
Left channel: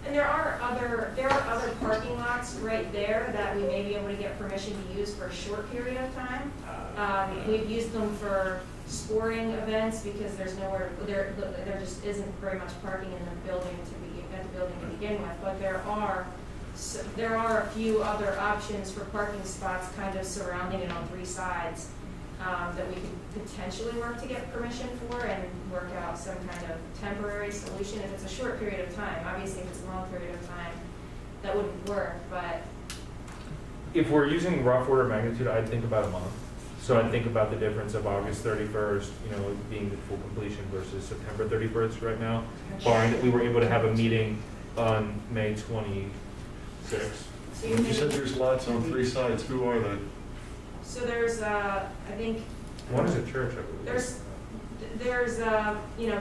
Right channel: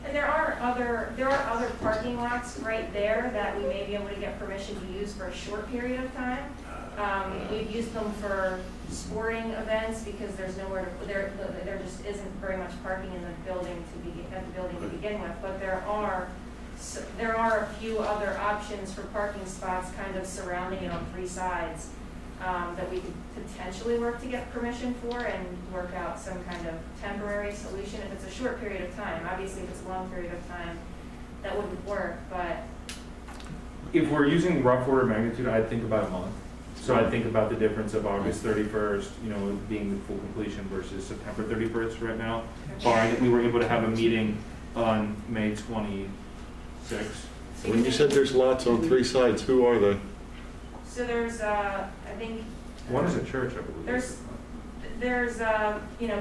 And there are other parking lots right there that we may be able to get permission to use for a short period of time. We've used them for sporting events because there's nowhere, there just isn't very much parking in the building to begin with, but there are a few other options for parking spots kind of surrounding it on three sides, that we could potentially work to get permission for and work out some kind of temporary solution if it's a short period of time. Obviously, if it's a long period of time, that wouldn't work, but If we're using rough order of magnitude, I'd think about a month. So I'd think about the difference of August 31st, being the full completion versus September 31st right now, barring that we were able to have a meeting on May 26th. When you said there's lots on three sides, who are they? so there's, I think, One is a church, I believe. there's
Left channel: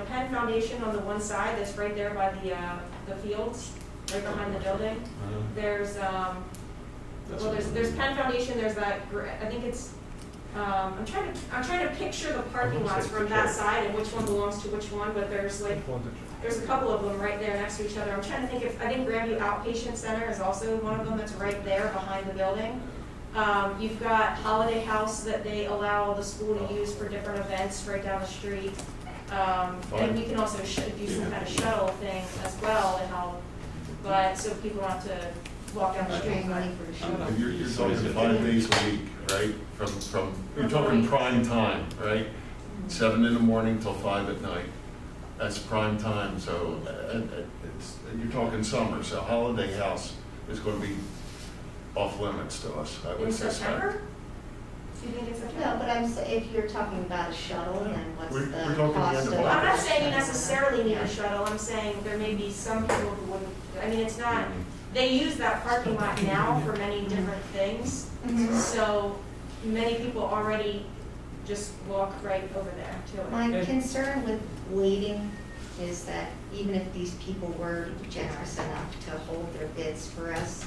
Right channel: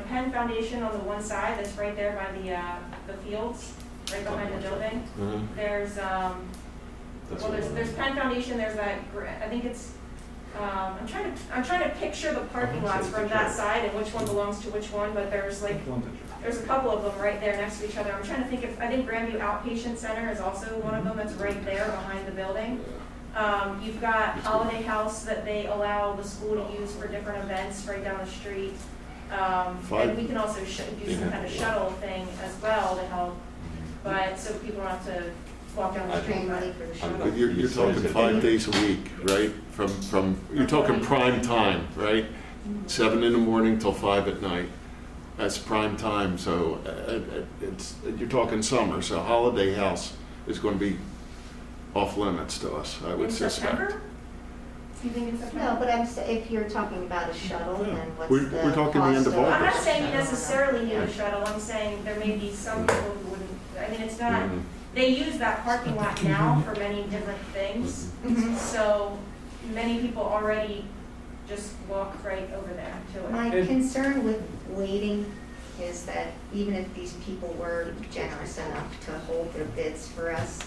Penn Foundation on the one side that's right there by the fields, right behind the building. There's, there's Penn Foundation, there's that, I think it's, I'm trying to picture the parking lots from that side and which one belongs to which one, but there's a couple of them right there next to each other. I'm trying to think I think Grandview Outpatient Center is also one of them that's right there behind the building. You've got Holiday House that they allow the school to use for different events right down the street. And we can also do some kind of shuttle thing as well to help, but so people want to walk down the street. Paying money for the shuttle. You're talking 5 days a week, right? You're talking prime time, right? 7 in the morning till 5 at night. That's prime time, so you're talking summer, so Holiday House is going to be off limits to us, I would In suspect. September? You think in September? No, but if you're talking about a shuttle, then what's We're the talking the end cost of Well, I'm not August. saying you necessarily need a shuttle, I'm saying there may be some people who wouldn't, I mean, it's not, they use that parking lot now for many different things, so many people already just walk right over there to it. My concern with waiting is that even if these people were generous enough to hold their bids for us,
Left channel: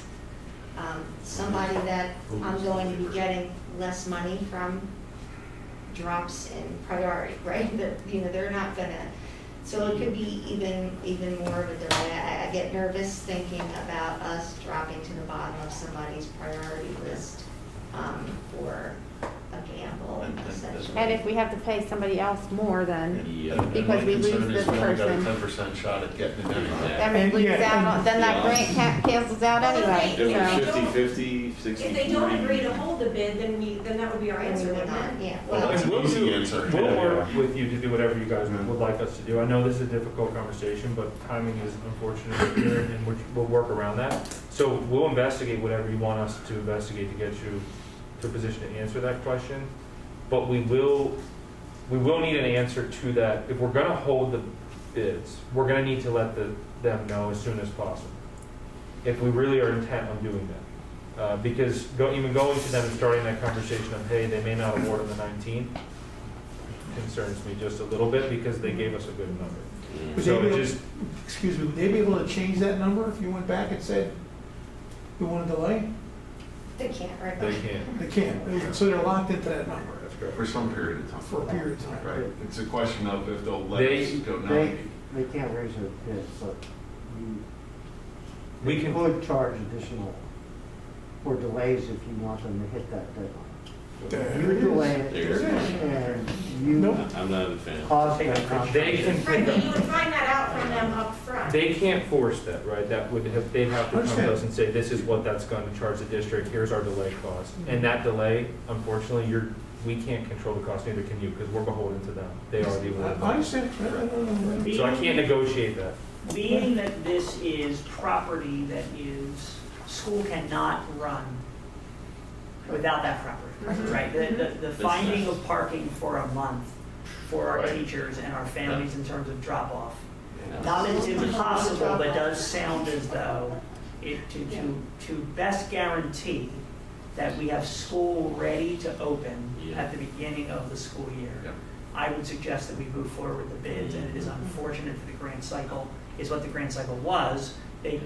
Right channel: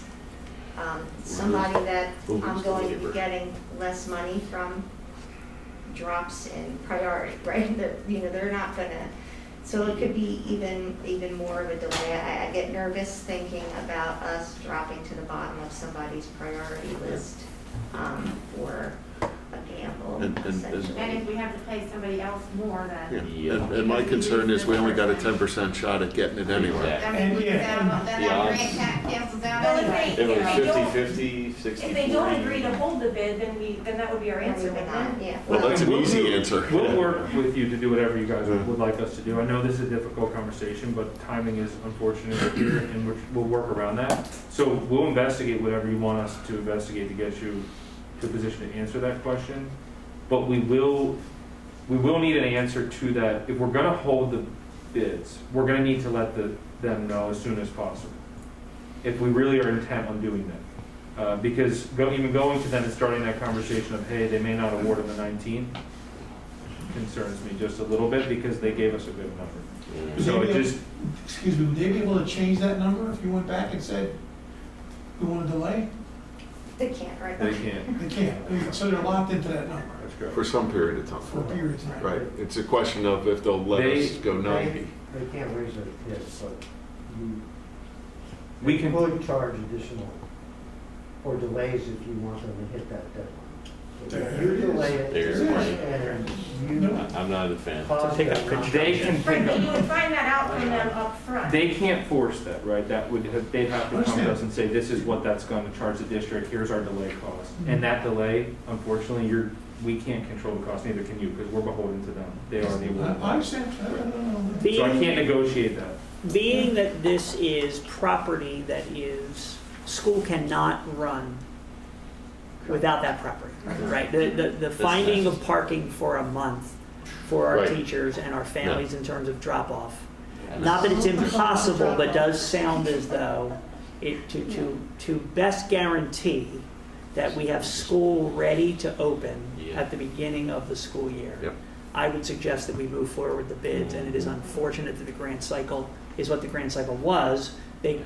somebody that I'm going to be getting less money from drops in priority, right? They're not gonna, so it could be even more of a delay. I get nervous thinking about us dropping to the bottom of somebody's priority list for a gamble. And if we have to pay somebody else more, then, And my Because we concern lose is we only got a this 10% shot at getting it anyway. then we And lose yeah, out, then that grant cancels out Well, if anyway, they- you if know. they don't- 50/50, 60/40. If they don't agree to hold the bid, then that would be our answer, We're wouldn't not, it? yeah. Well, that's an We'll easy do- answer. We'll work with you to do whatever you guys would like us to do. I know this is a difficult conversation, but timing is unfortunate here, and we'll work around that. So we'll investigate whatever you want us to investigate to get you to a position to answer that question. But we will need an answer to that. If we're gonna hold the bids, we're gonna need to let them know as soon as possible, if we really are intent on doing that. Because even going to them and starting that conversation of, hey, they may not award on the 19th, concerns me just a little bit, because they gave us a good number. So it just, Excuse me, would they be able to change that number if you went back and said, we want to delay? They can't, right? they can't. They can't, so they're locked into that number That's correct. For some period of time. for a period of time. Right, it's a question of if they'll let They- us go 90. They can't raise their bids, but We you can, could charge additional or delays if you want them to hit that deadline. There You it is. delay it, There's the point. and you Nope. I'm not a fan. cause Take them a not picture. they can Right, pick but you up, would find that out from them up front. they can't force that, right? That would, they'd have to come to Understand. us and say, this is what that's gonna charge the district, here's our delay cost. And that delay, unfortunately, we can't control the cost, neither can you, because we're beholden to them. They are the award. I understand. So I can't negotiate that. Being that this is property that school cannot run without that property, right? The finding of parking for a month for our Right. teachers and our families in terms of drop-off. Not that it's impossible, but does sound as though to best guarantee that we have school ready to open at the beginning of the school year. Yep. I would suggest that we move forward with the bids, and it is unfortunate that the grant cycle is what the grant cycle was.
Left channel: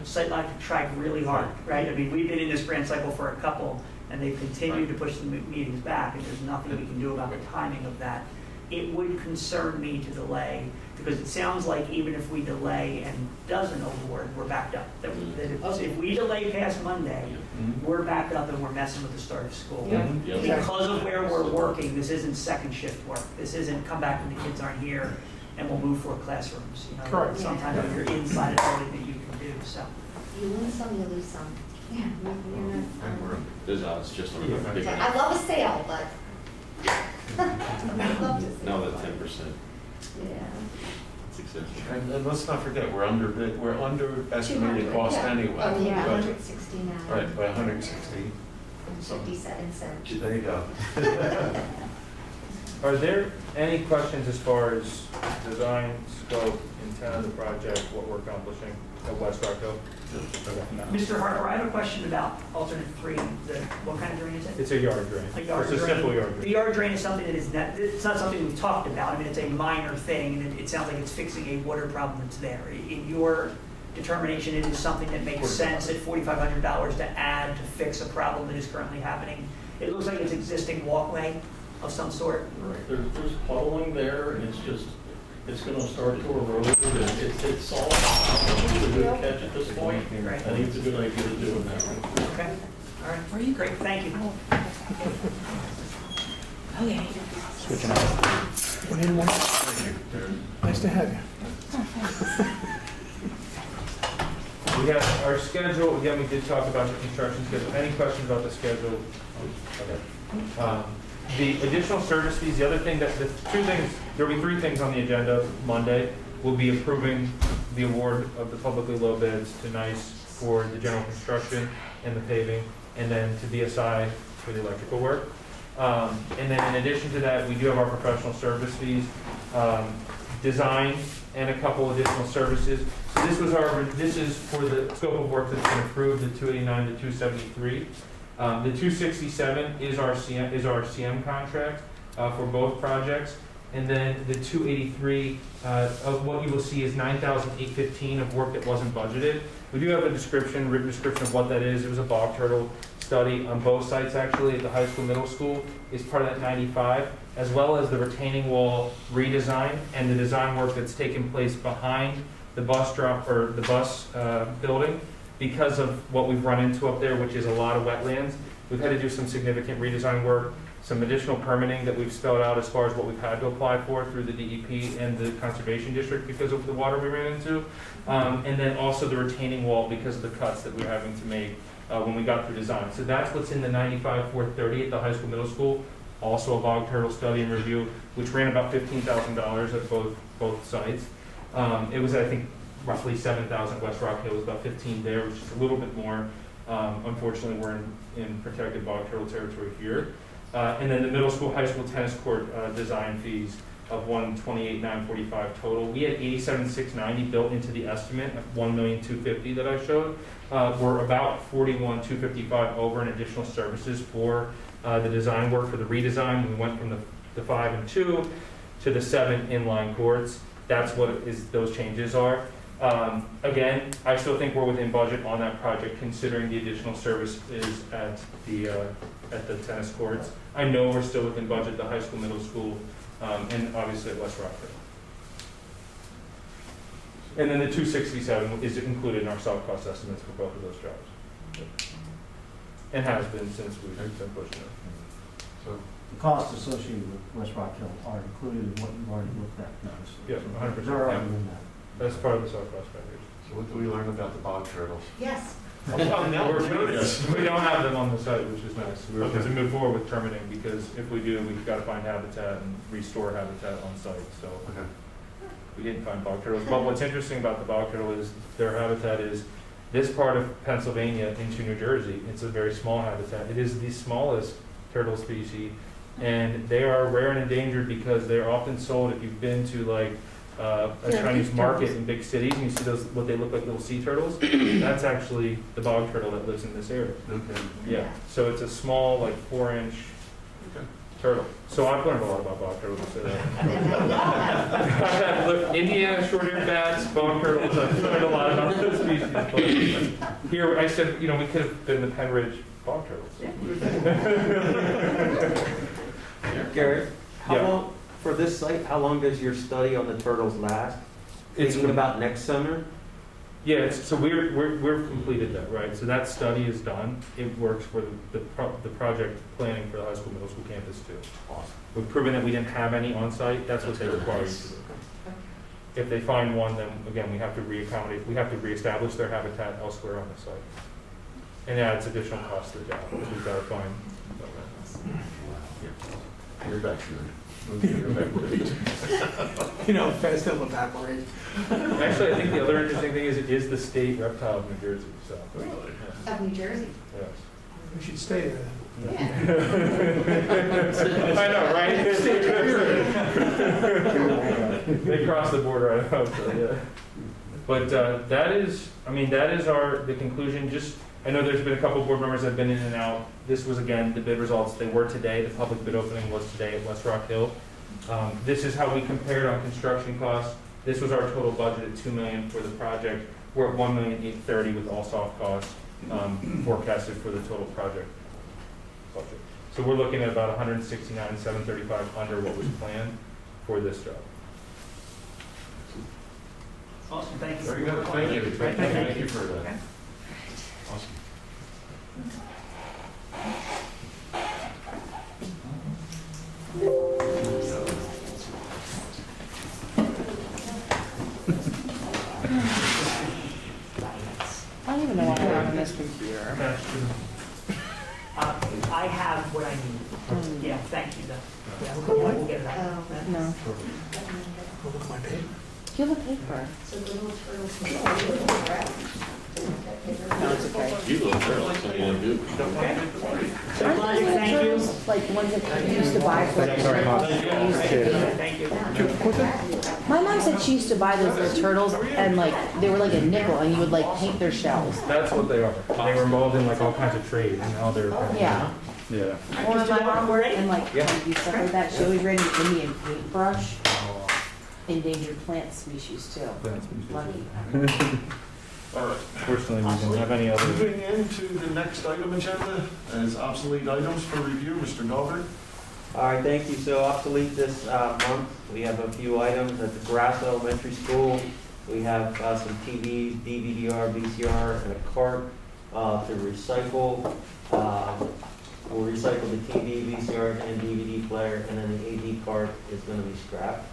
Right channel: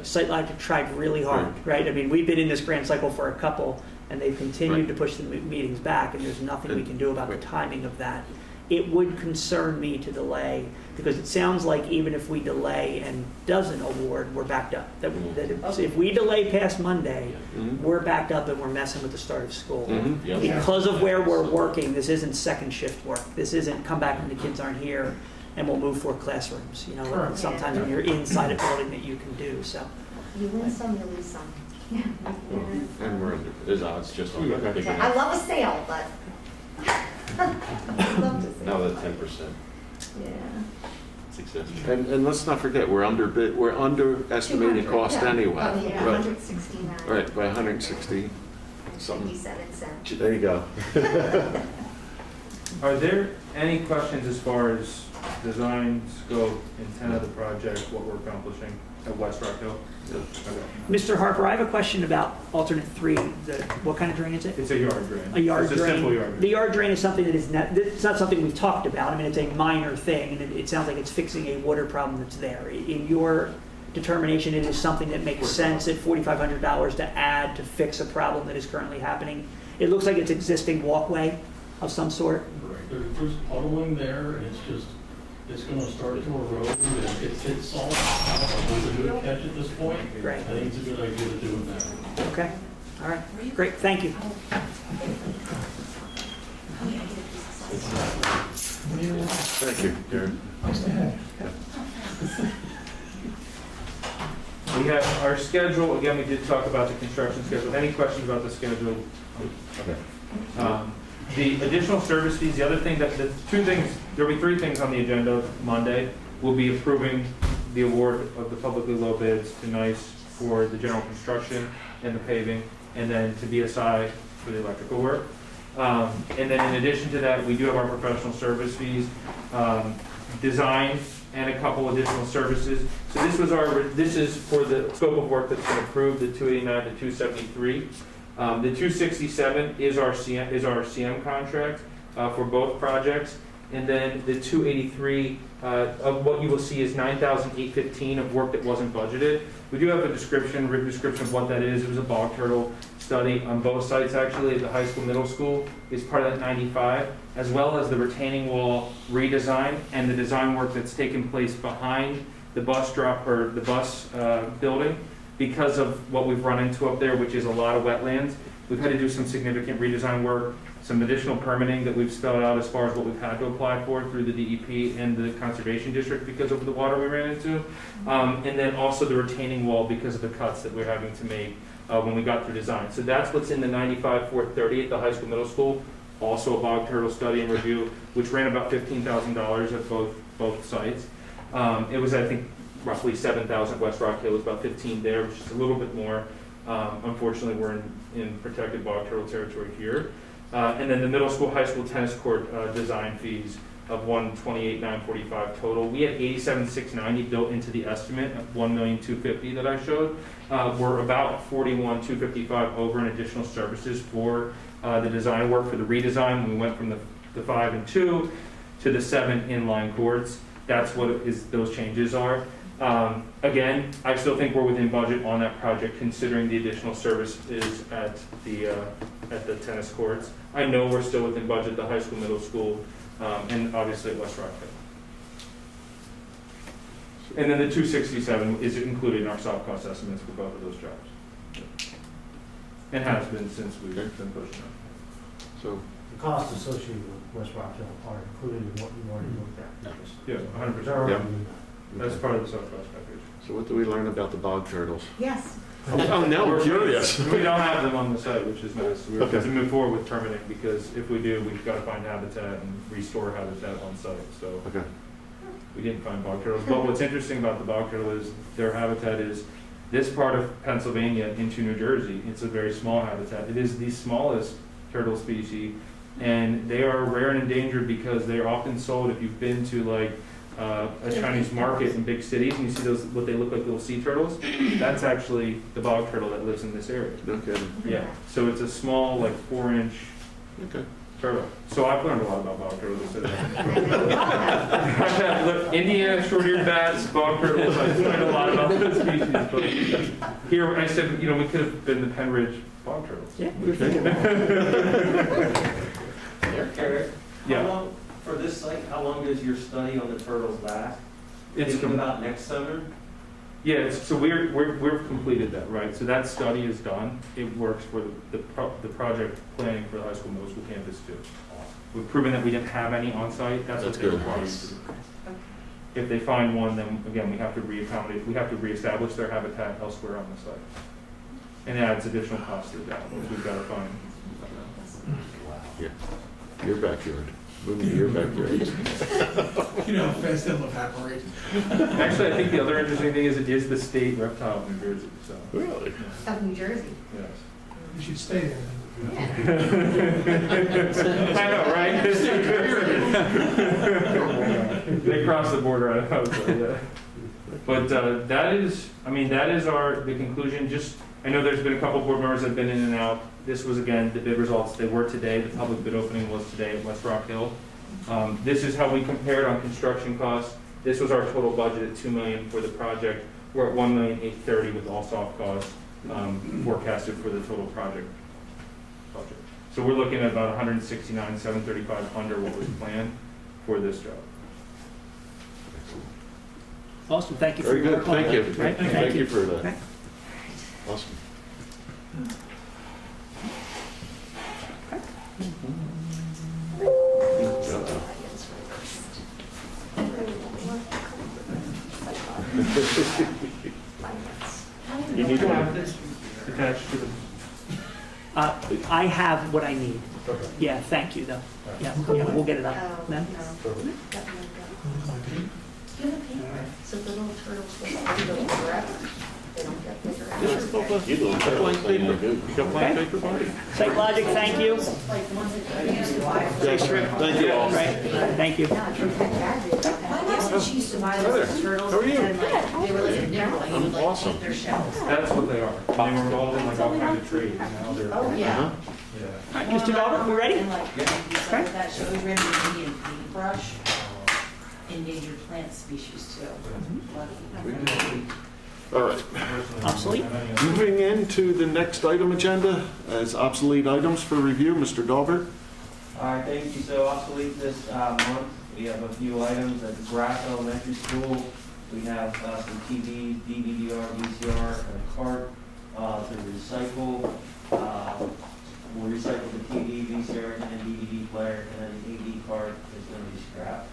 Site Logic tried really hard, right? I mean, we've been in this grant cycle for a couple, and they've continued to push the meetings back, and there's nothing we can do about the timing of that. It would concern me to delay, because it sounds like even if we delay and doesn't award, we're backed up. That if we delay past Monday, Mhm. we're backed up and we're messing with the start of school. Mhm. Yep. Because of where we're working, this isn't second shift work. This isn't come back when the kids aren't here and we'll move for classrooms. You know, Correct. sometimes when you're inside a building that you can do, so. You win some, you lose some. Yeah. And we're It's just on the I love a sale, but. I love to now sell. that 10%. Yeah. It's expensive. And let's not forget, we're underestimating cost anyway. Oh, yeah, Right. 169. Right, by 160 something. 57 cents. There you go. Are there any questions as far as design, scope, intent of the project, what we're accomplishing at West Rock Hill? Okay. Mr. Harper, I have a question about alternate 3. What kind of drain is it? It's a yard drain. A yard It's a drain. simple yard The drain. yard drain is something that is not, it's not something we've talked about. I mean, it's a minor thing, and it sounds like it's fixing a water problem that's there. In your determination, it is something that makes sense at $4,500 to add to fix a problem that is currently happening. It looks like it's existing walkway of some sort. Right, there's puddling there, and it's gonna start to erode, and it's all, it's a good catch at this point. Right. I think it's a good idea to do it now. Okay, all right, great, thank you. Thank you, Darren. Nice to have you. We have our schedule, again, we did talk about the construction schedule. Any questions about the schedule? Okay. The additional service fees, the other thing the 2 things, there'll be 3 things on the agenda Monday. We'll be approving the award of the publicly low bids to NICE for the general construction and the paving, and then to BSI for the electrical work. And then in addition to that, we do have our professional service fees, design, and a couple additional services. So this is for the scope of work that's been approved, the 289 to 273. The 267 is our CM contract for both projects, And then the 283, of what you will see is 9,815 of work that wasn't budgeted. We do have a description, written description of what that is. It was a bog turtle study on both sites, actually, at the high school, middle school, is part of that 95, as well as the retaining wall redesign and the design work that's taken place behind the bus drop, or the bus building, because of what we've run into up there, which is a lot of wetlands. We've had to do some significant redesign work, some additional permitting that we've spelled out as far as what we've had to apply for through the DEP and the Conservation District because of the water we ran into. And then also the retaining wall because of the cuts that we're having to make when we got through design. So that's what's in the 95-430 at the high school, middle school. Also a bog turtle study and review, which ran about $15,000 at both sites. It was, I think, roughly 7,000 West Rock Hill, was about 15 there, which is a little bit more. Unfortunately, we're in protected bog turtle territory here. And then the middle school, high school tennis court design fees of $128,945 total. We had $87,690 built into the estimate of $1,250,000 that I showed. We're about $41,255 over in additional services for the design work for the redesign. We went from the 5 and 2 to the 7 inline courts. That's what those changes are. Again, I still think we're within budget on that project, considering the additional services at the tennis courts. I know we're still within budget, the high school, middle school, and obviously at West Rock Hill. And then the 267 is included in our soft cost estimates for both of those jobs. And has been since we've been pushing it. So, The costs associated with West Rock Hill are included in what you've already looked at. Yeah, 100%. They're already Yeah. in that. That's part of the soft cost package. so what do we learn about the bog turtles? Yes. Oh, now I'm curious. We don't have them on the site, which is nice. We're Okay. to move forward with permitting, because if we do, we've got to find habitat and restore habitat on site. So Okay. we didn't find bog turtles. But what's interesting about the bog turtle is their habitat is this part of Pennsylvania into New Jersey. It's a very small habitat. It is the smallest turtle species, and they are rare and endangered because they're often sold. If you've been to like a Chinese market in big cities and you see those, what they look like, little sea turtles, that's actually the bog turtle that lives in this area. Okay. Yeah, so it's a small, like 4-inch Okay. turtle. So I've learned a lot about bog turtles. Look, India, short-eared bats, bog turtles, I've learned a lot about those species. But here, I said, we could have been the Penn Ridge bog turtles. Garrett, how Yeah. long, for this site, how long does your study on the turtles last? It's Thinking about next summer? Yeah, so we're completed that, right? So that study is done. It works for the project planning for the high school, middle school campus too. We've proven that we didn't have any on site. That's what That's they good. require us to do. If they find one, then again, we have to reaccommodate, we have to reestablish their habitat elsewhere on the site. And yeah, it's additional cost to the job, because we've got to find. Yeah. You're back here. You're back here. You know, fast they'll evaporate. Actually, I think the other interesting thing is it is the state reptile of New Jersey, so. Really? Yeah. Of New Jersey. Yes. You should stay there. I know, right? They cross the border, I know, so, yeah. But that is the conclusion. Just, I know there's been a couple board members that have been in and out. This was, again, the bid results. They were today. The public bid opening was today at West Rock Hill. This is how we compared on construction costs. This was our total budget at $2 million for the project. We're at $1,830,000 with all soft costs forecasted for the total project budget. So we're looking at about $169,735 under what was planned for this job. Awesome, thank you for Very your good. work on Thank it. you. Right, Thank you for that. Okay. Awesome. I don't even know what I have on this computer. Attached to the I have what I need. Yeah, thank you, though. Yeah, we'll get it up. No? No. Look at my paper. Do you have a paper? So the little turtles can go forever. They don't get bigger. No, it's okay. You don't like paper? Site Logic, thank you. Like the ones that you used to buy for. Thanks very much. Thank you. Thank you. My mom mom said she used to buy those little turtles, and like, they were like a nickel, and you would like take their shells. That's what they are. They were involved in like all kinds of trade and how they're. Yeah. Yeah. Mr. Daibler, we're ready? And like, Yeah. you stuff with that, she always ran an Indian paintbrush, endangered plant species too. Lucky. All right. Personally, we don't have any other. Moving into the next item agenda as obsolete items for review, Mr. Daibler. All right, thank you. So obsolete this month, we have a few items at the Grass Elementary School. We have some TVs, DVD-R, VCR, and a cart to recycle. We'll recycle the TV, VCR, and DVD player, and then the AD cart is going to be scrapped.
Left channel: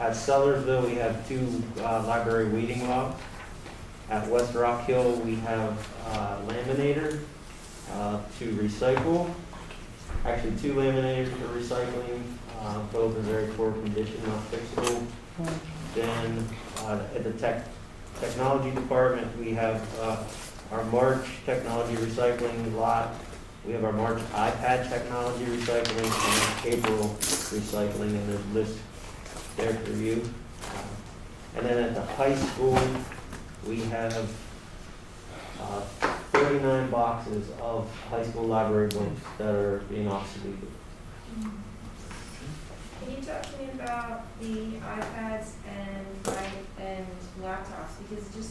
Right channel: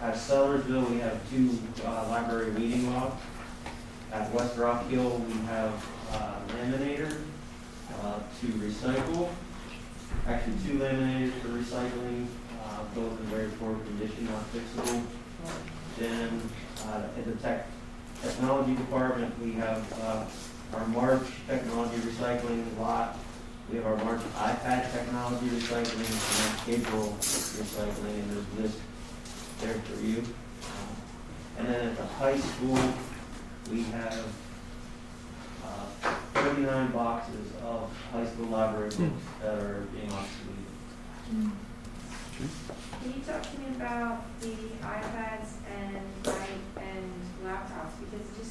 At Sellersville, we have 2 library weeding logs. At West Rock Hill, we have laminator to recycle. Actually, 2 laminators for recycling, both in very poor condition, not fixable. Then at the technology department, we have our March technology recycling lot. We have our March iPad technology recycling and April recycling, and there's lists there to review. And then at the high school, we have 39 boxes of high school library books that are in obsolete. Can you talk to me about the iPads and laptops, because it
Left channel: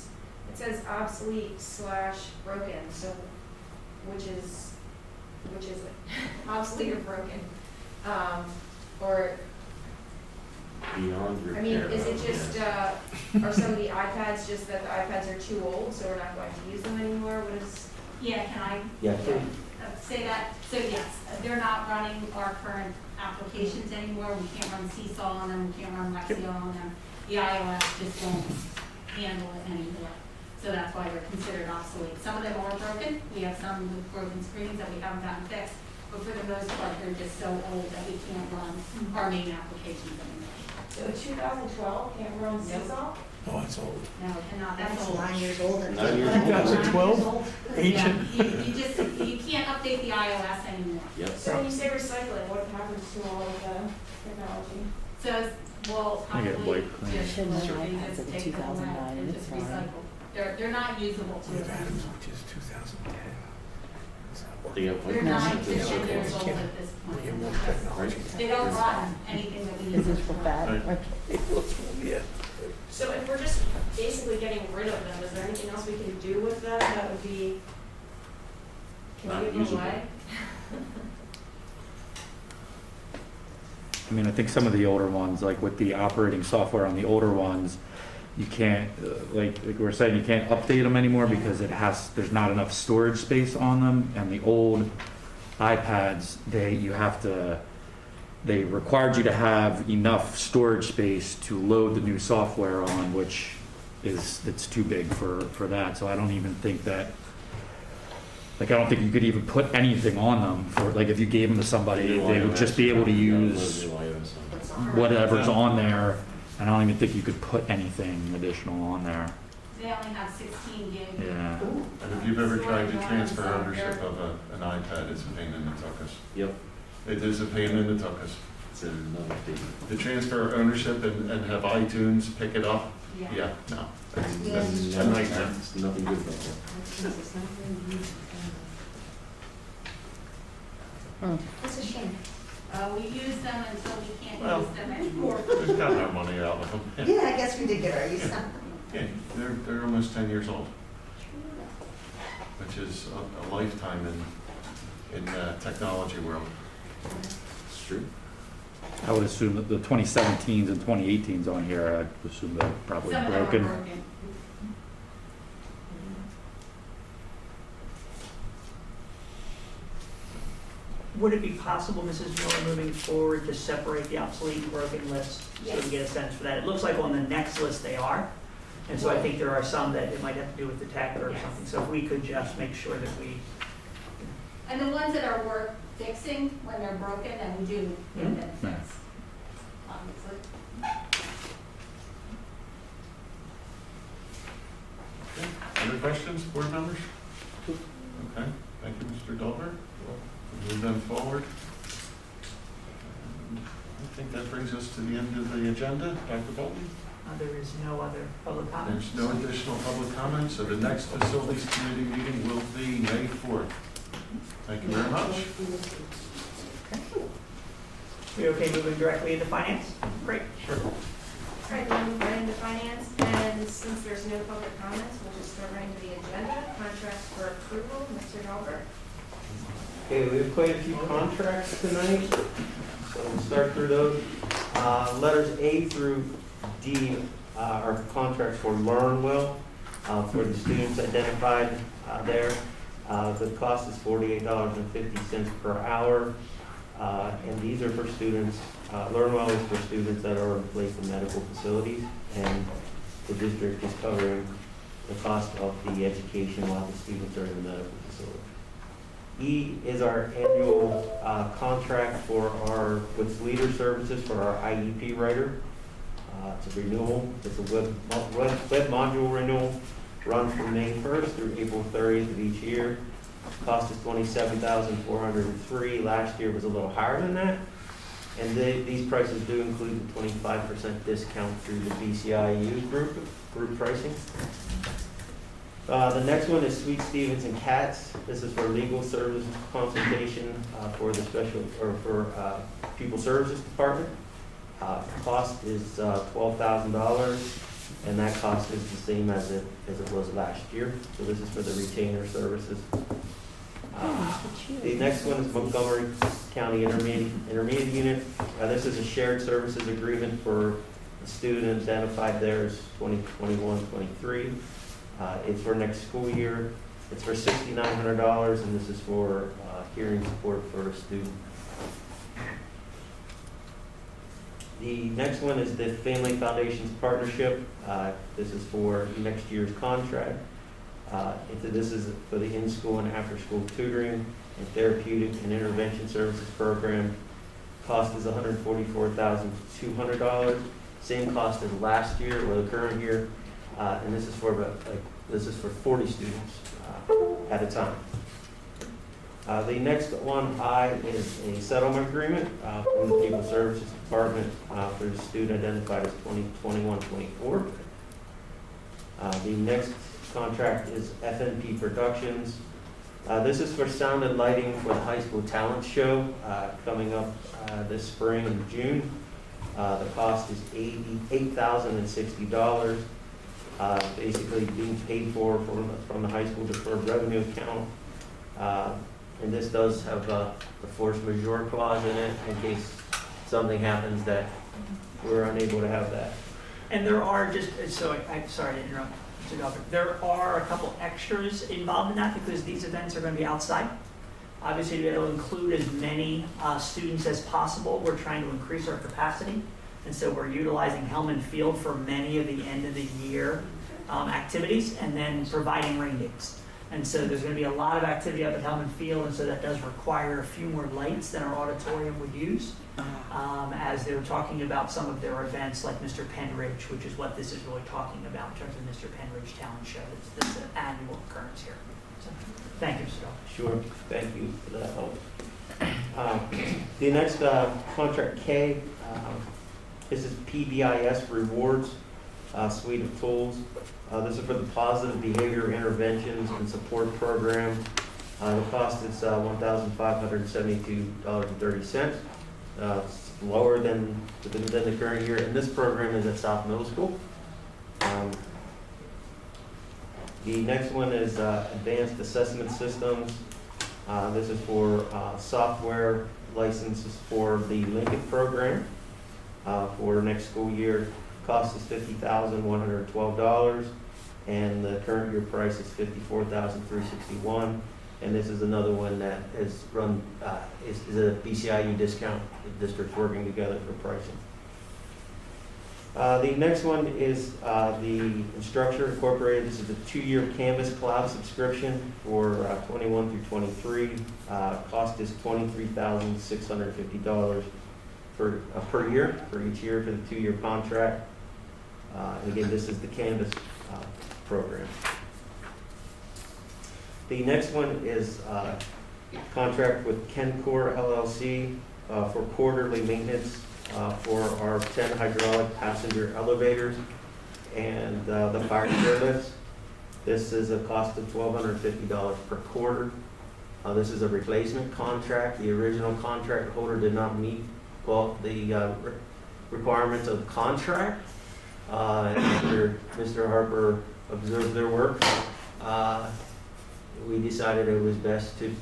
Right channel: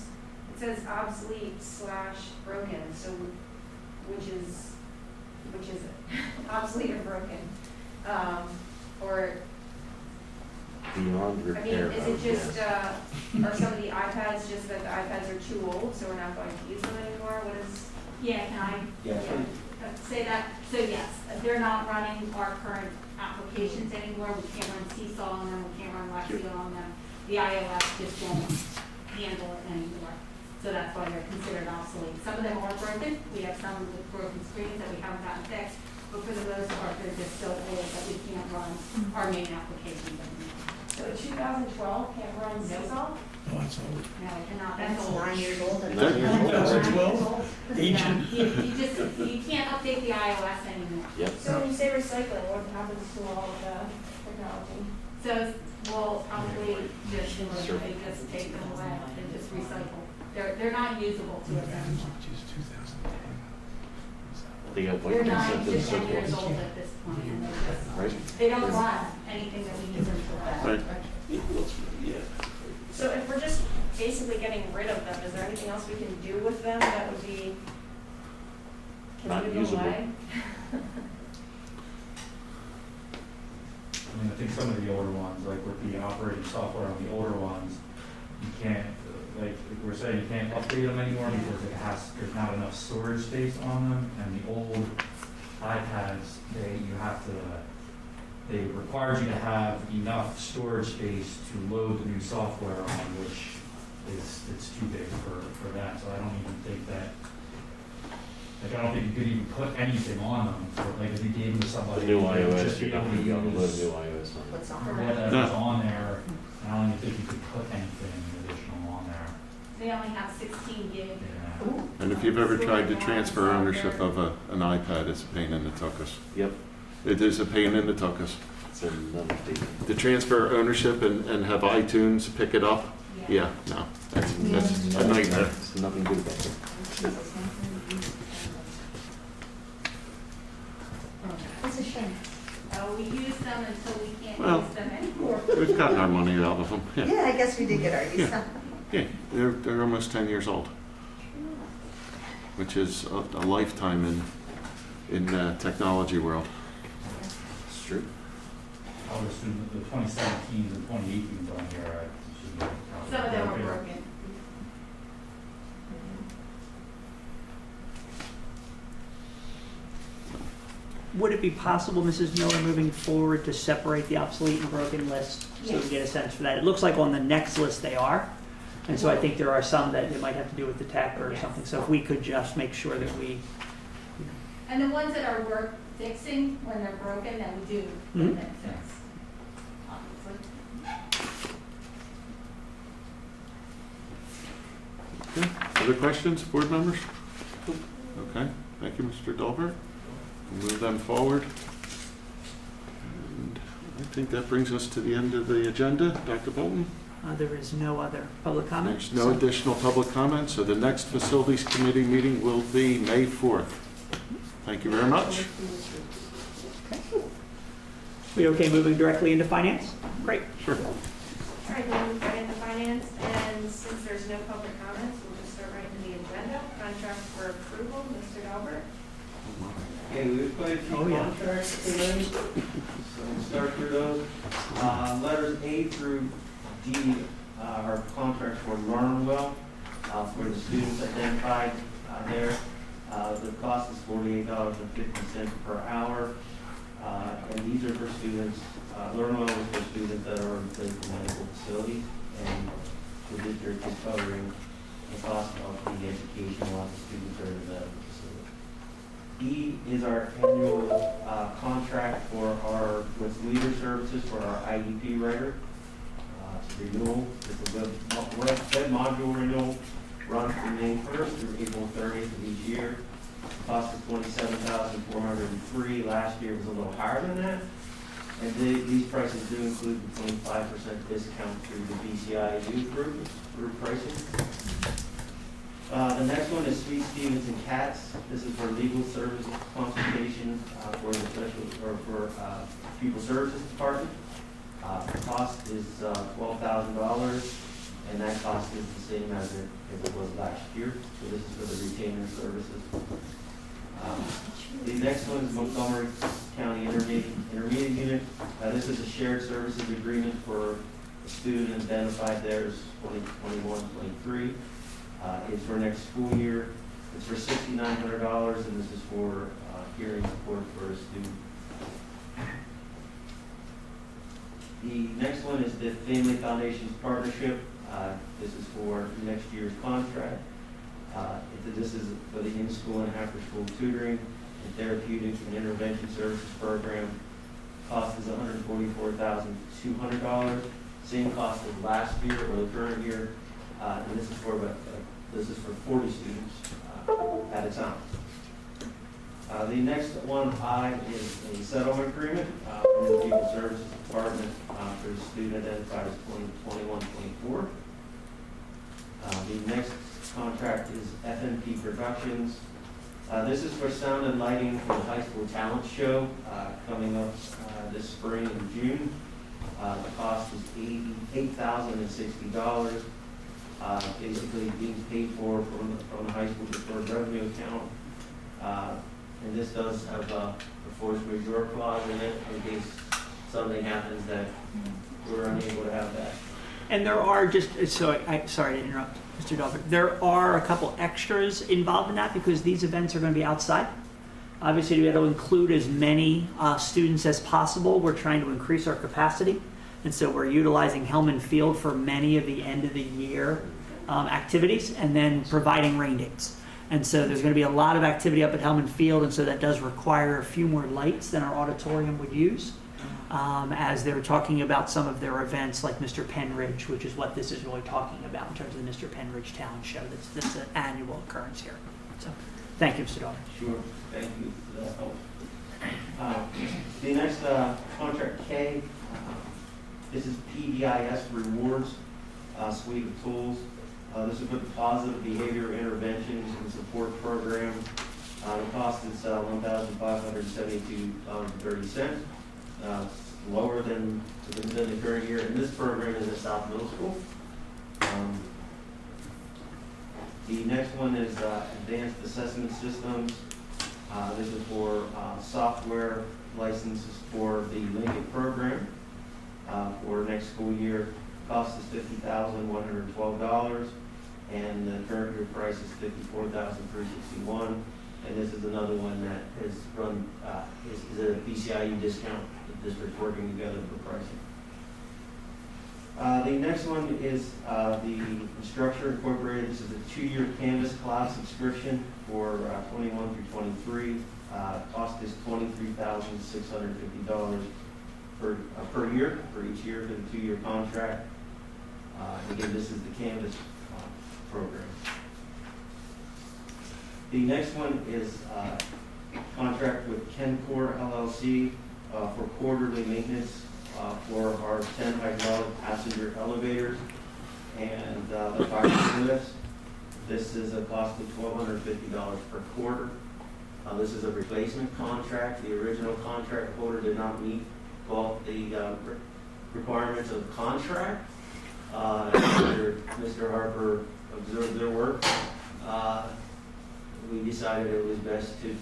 says obsolete / broken, so which is it? Obsolete or broken? Or, Beyond I mean, repair. is it just, yes. are some of the iPads just that the iPads are too old, so we're not going to use them anymore? What is? Yeah, can I Yes, sir. say that? So yes, they're not running our current applications anymore. We can't run Seesaw on them, we can't run Lexio on them. The iOS just won't handle it anymore. So that's why they're considered obsolete. Some of them are broken. We have some with broken screens that we haven't gotten fixed. But for the most part, they're just so old that we can't run our main applications anymore. So 2012 can't run Seesaw? Oh, it's old. No, it cannot. That's That's old. 9 years old. and- That year. 2012? Ancient. You can't update the iOS anymore. Yep. So when you say recycling, what happens to all of the technology? So, well, I get probably like- just Should look, have they had just the take them away 2009, and it's just fine. recycle. They're not usable to We've us had as anymore. much as 2010. They got They're white nine ones to and 10 so years forth. old at this We can point. put technology. They don't run anything that we use. This is for that. Right. Yeah. So if we're just basically getting rid of them, is there anything else we can do with them that would be, can Not we give them usable. away? I mean, I think some of the older ones, like with the operating software on the older ones, you can't, like we were saying, you can't update them anymore because there's not enough storage space on them. And the old iPads, they required you to have enough storage space to load the new software on, which it's too big for that. So I don't even think that, like, I don't think you could even put anything on them for, like, if you gave them to somebody, New they would iOS, just be able to load use new iOS on it. What's on? whatever's on there. And I don't even think you could put anything additional on there. They only have 16 gig. Yeah. And if you've ever tried to transfer ownership of an iPad, it's a pain in the tuchus. Yep, It is a pain in the tuchus. it's another thing. To transfer ownership and have iTunes pick it up, yeah, no, that's a nightmare. It's nothing good about it. It's a shame. We use them until we can't Well, use them anymore. We've gotten our money out of them. Yeah, Yeah, I guess we did get our use Yeah. out. yeah, they're almost 10 years old, which is a lifetime in the technology world. It's true. I would assume that the 2017s and 2018s on here, I assume they're probably Some of them are broken. broken. Would it be possible, Mrs. Miller, moving forward, to separate the obsolete and broken list so we can get a sense for that? It looks like on the next list they are, and so I think there are some that it might have to do with the tech or Yes. something. So if we could just make sure that we, And the ones that are worth fixing, when they're broken, then we do get Mhm. them fixed. Obviously. Okay. Other questions, board members? Okay, thank you, Mr. Daibler. Move them forward. And think that brings us to the end of the agenda. Dr. Bolton? There is no other public comment. There's no additional public comment, so the next Facilities Committee meeting will be May 4th. Thank you very much. We okay moving directly into finance? Great. Sure. All right, we'll move right into finance, and since there's no public comments, we'll just start right into the agenda. Contracts for approval, Mr. Daibler. Okay, we have quite a few contracts tonight, so we'll start through those. Letters A through D are contracts for LearnWell, for the students identified there. The cost is $48.50 per hour, and these are for students, LearnWell is for students that are placed in medical facilities, and the district is covering the cost of the education while the students are in the medical facility. E is our annual contract with Leader Services for our IEP writer. It's a renewal. It's a web module renewal, run from May 1st through April 30th of each year. Cost is $27,403. Last year was a little higher than that. And these prices do include the 25% discount through the BCIU group pricing. The next one is Sweet Stevens and Katz. This is for legal service consultation for the Pupil Services Department. Cost is $12,000, and that cost is the same as it was last year. So this is for the retainer services. The next one is Montgomery County Intermediate Unit. This is a shared services agreement for the student identified there as 2021-23. It's for next school year. It's for $6,900, and this is for hearing support for a student. The next one is the Family Foundations Partnership. This is for next year's contract. This is for the in-school and after-school tutoring and therapeutic and intervention services program. Cost is $144,200. Same cost as last year or the current year, and this is for 40 students at a time. The next one, I, is a settlement agreement from the Pupil Services Department for a student identified as 2021-24. The next contract is Fnp Productions. This is for sound and lighting for the high school talent show coming up this spring in June. The cost is $8,060. Basically being paid for from the high school deferred revenue account. And this does have a force majeure clause in it in case something happens that we're unable to have that. And there are sorry to interrupt, Mr. Daibler. There are a couple extras involved in that because these events are going to be outside. Obviously, we have to include as many students as possible. We're trying to increase our capacity. And so we're utilizing Hellman Field for many of the end of the year activities and then providing rain dates. And so there's going to be a lot of activity up at Hellman Field, and so that does require a few more lights than our auditorium would use as they're talking about some of their events like Mr. Penridge, which is what this is really talking about in terms of the Mr. Penridge Talent Show. That's an annual occurrence here. So thank you, Mr. Daibler. Sure, thank you for that help. The next contract K, this is PBIS Rewards suite of tools. This is for the Positive Behavior Interventions and Support Program. The cost is $1,572.30. Lower than the current year, and this program is at South Middle School. The next one is Advanced Assessment Systems. This is for software licenses for the Lincoln program for next school year. Cost is $50,112, and the current year price is $54,361. And this is another one that is run is a BCIU discount. The district's working together for pricing. The next one is the Instructure Incorporated. This is a 2-year Canvas Cloud subscription for 21 through 23. Cost is $23,650 per year for each year for the 2-year contract. And again, this is the Canvas program. The next one is contract with Kencore LLC for quarterly maintenance for our 10 hydraulic passenger elevators and the fire stair lifts. This is a cost of $1,250 per quarter. This is a replacement contract. The original contract holder did not meet the requirements of the contract. After Mr. Harper observed their work, we decided it was best to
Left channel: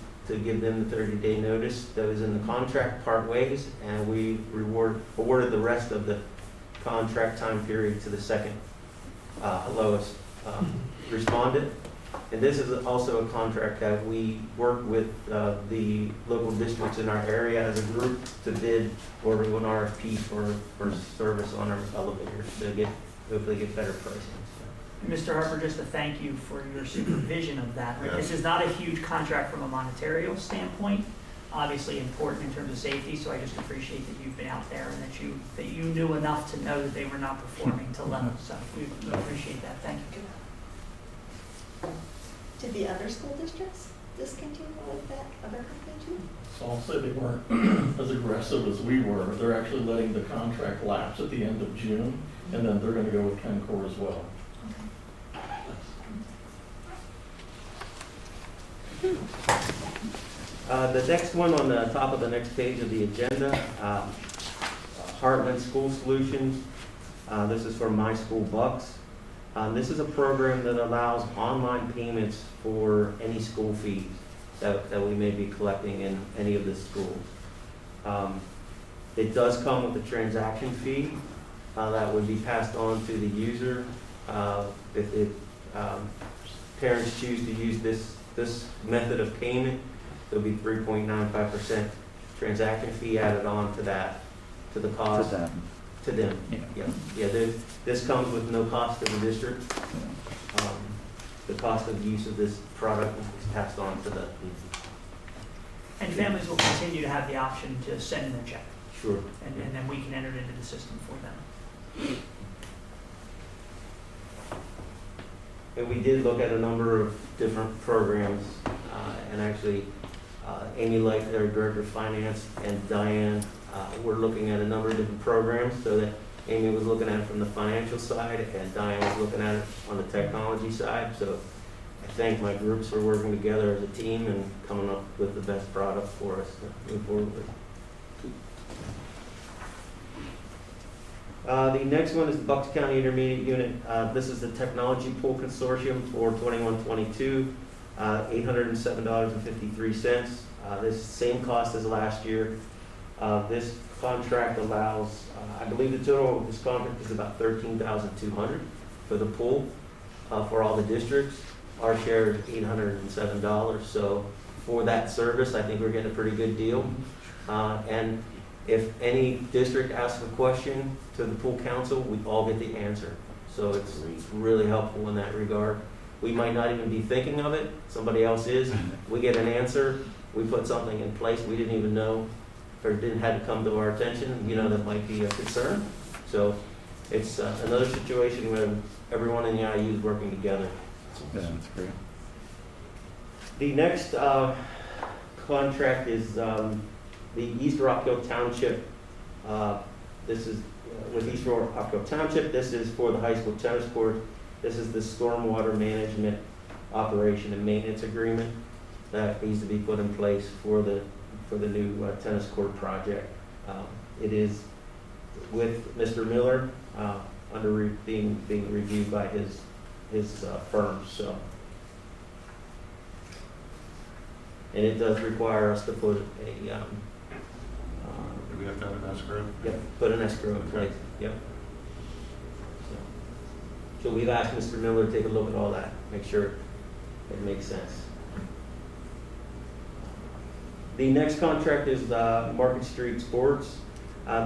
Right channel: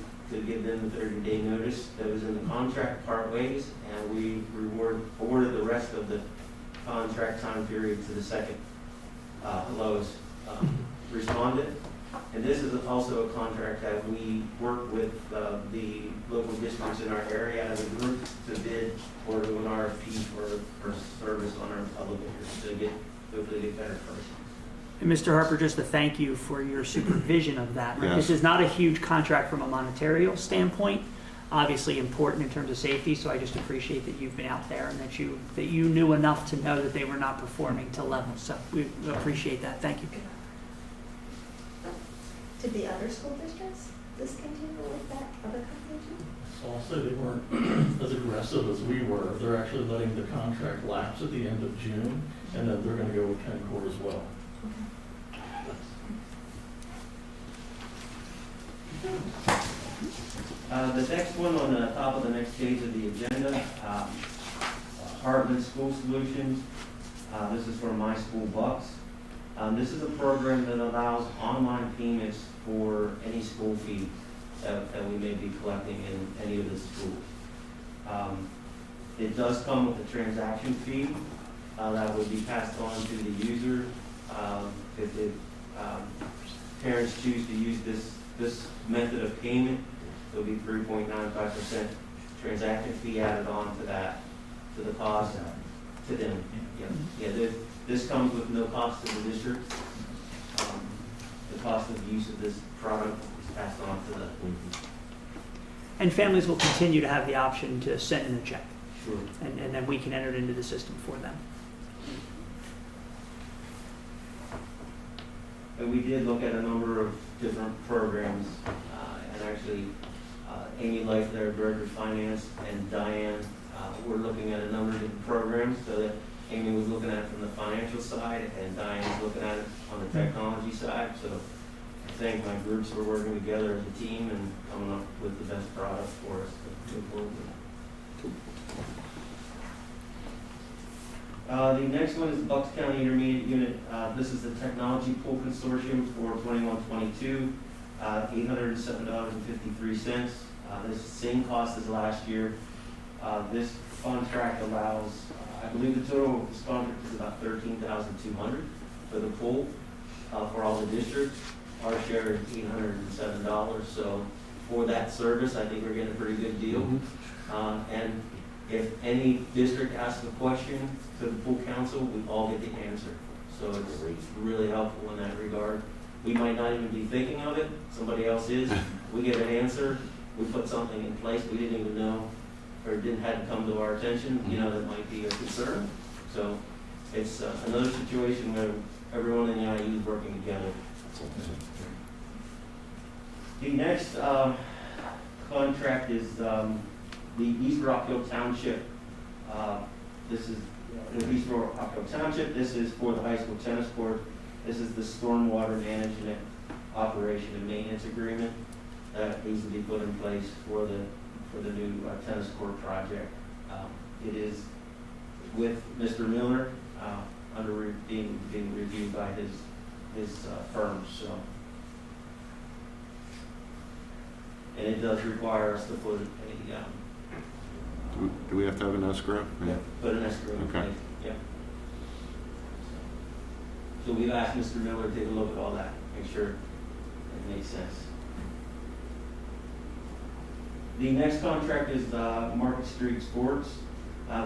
give them the 30-day notice that was in the contract, part ways, and we awarded the rest of the contract time period to the second lowest respondent. And this is also a contract that we work with the local districts in our area as a group to bid or do an RFP for service on our elevators to hopefully get better pricing. And Mr. Harper, just to thank you for your supervision of that. Yes. This is not a huge contract from a monetary standpoint, obviously important in terms of safety, so I just appreciate that you've been out there and that you knew enough to know that they were not performing to level. So we appreciate that. Thank you. Did the other school districts discontinue with that other company too? So I'll say they weren't as aggressive as we were. They're actually letting the contract lapse at the end of June, and then they're gonna go with Kencore as well. The next one on the top of the next page of the agenda, Hartman School Solutions. This is for My School Bucks. This is a program that allows online payments for any school fee that we may be collecting in any of the schools. It does come with a transaction fee that would be passed on to the user. If parents choose to use this method of payment, there'll be 3.95% transaction fee added on to that, to the cost. To them. Yeah. This comes with no cost to the district. The cost of use of this product is passed on to the. And families will continue to have the option to send in a check. Sure. And then we can enter it into the system for them. And we did look at a number of different programs, and actually, Amy Light, our Director of Finance, and Diane, we're looking at a number of different programs, so that Amy was looking at it from the financial side, and Diane was looking at it on the technology side. So I thank my groups for working together as a team and coming up with the best product for us to move forward with. The next one is the Bucks County Intermediate Unit. This is the Technology Pool Consortium for 21-22, $807.53. This same cost as last year. This contract allows, I believe the total of this contract is about $13,200 for the pool for all the districts. Our share is $807. So for that service, I think we're getting a pretty good deal. And if any district asks a question to the pool council, we all get the answer. So it's really helpful in that regard. We might not even be thinking of it, somebody else is. We get an answer, we put something in place we didn't even know or didn't have to come to our attention, that might be a concern. So it's another situation where everyone in the IU is working together. The next contract is the East Rockville Township. This is with East Rockville Township. This is for the high school tennis court. This is the stormwater management operation and maintenance agreement that needs to be put in place for the new tennis court project. It is with Mr. Miller being reviewed by his firm. So, and it does require us to put Do we have to have an escrow? Yeah, put an escrow in place. Yep. So we've asked Mr. Miller to take a look at all that, make sure it makes sense. The next contract is Market Street Sports.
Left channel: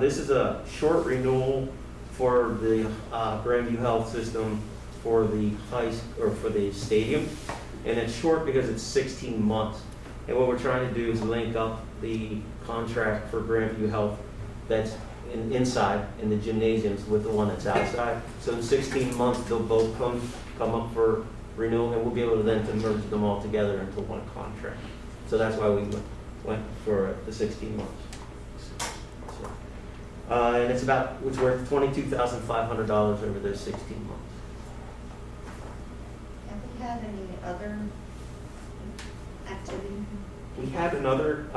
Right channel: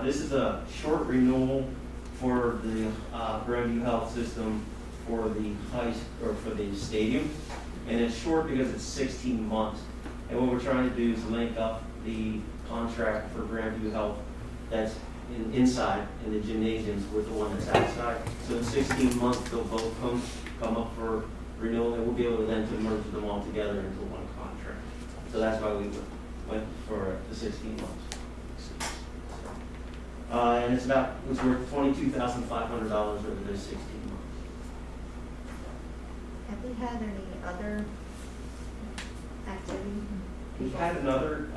This is a short renewal for the Grandview Health System for the stadium, and it's short because it's 16 months. And what we're trying to do is link up the contract for Grandview Health that's inside in the gymnasiums with the one that's outside. So in 16 months, they'll both come up for renewal, and we'll be able to then to merge them all together into one contract. So that's why we went for the 16 months. So, And it's worth $22,500 over those 16 months. Have we had any other activity? We had another,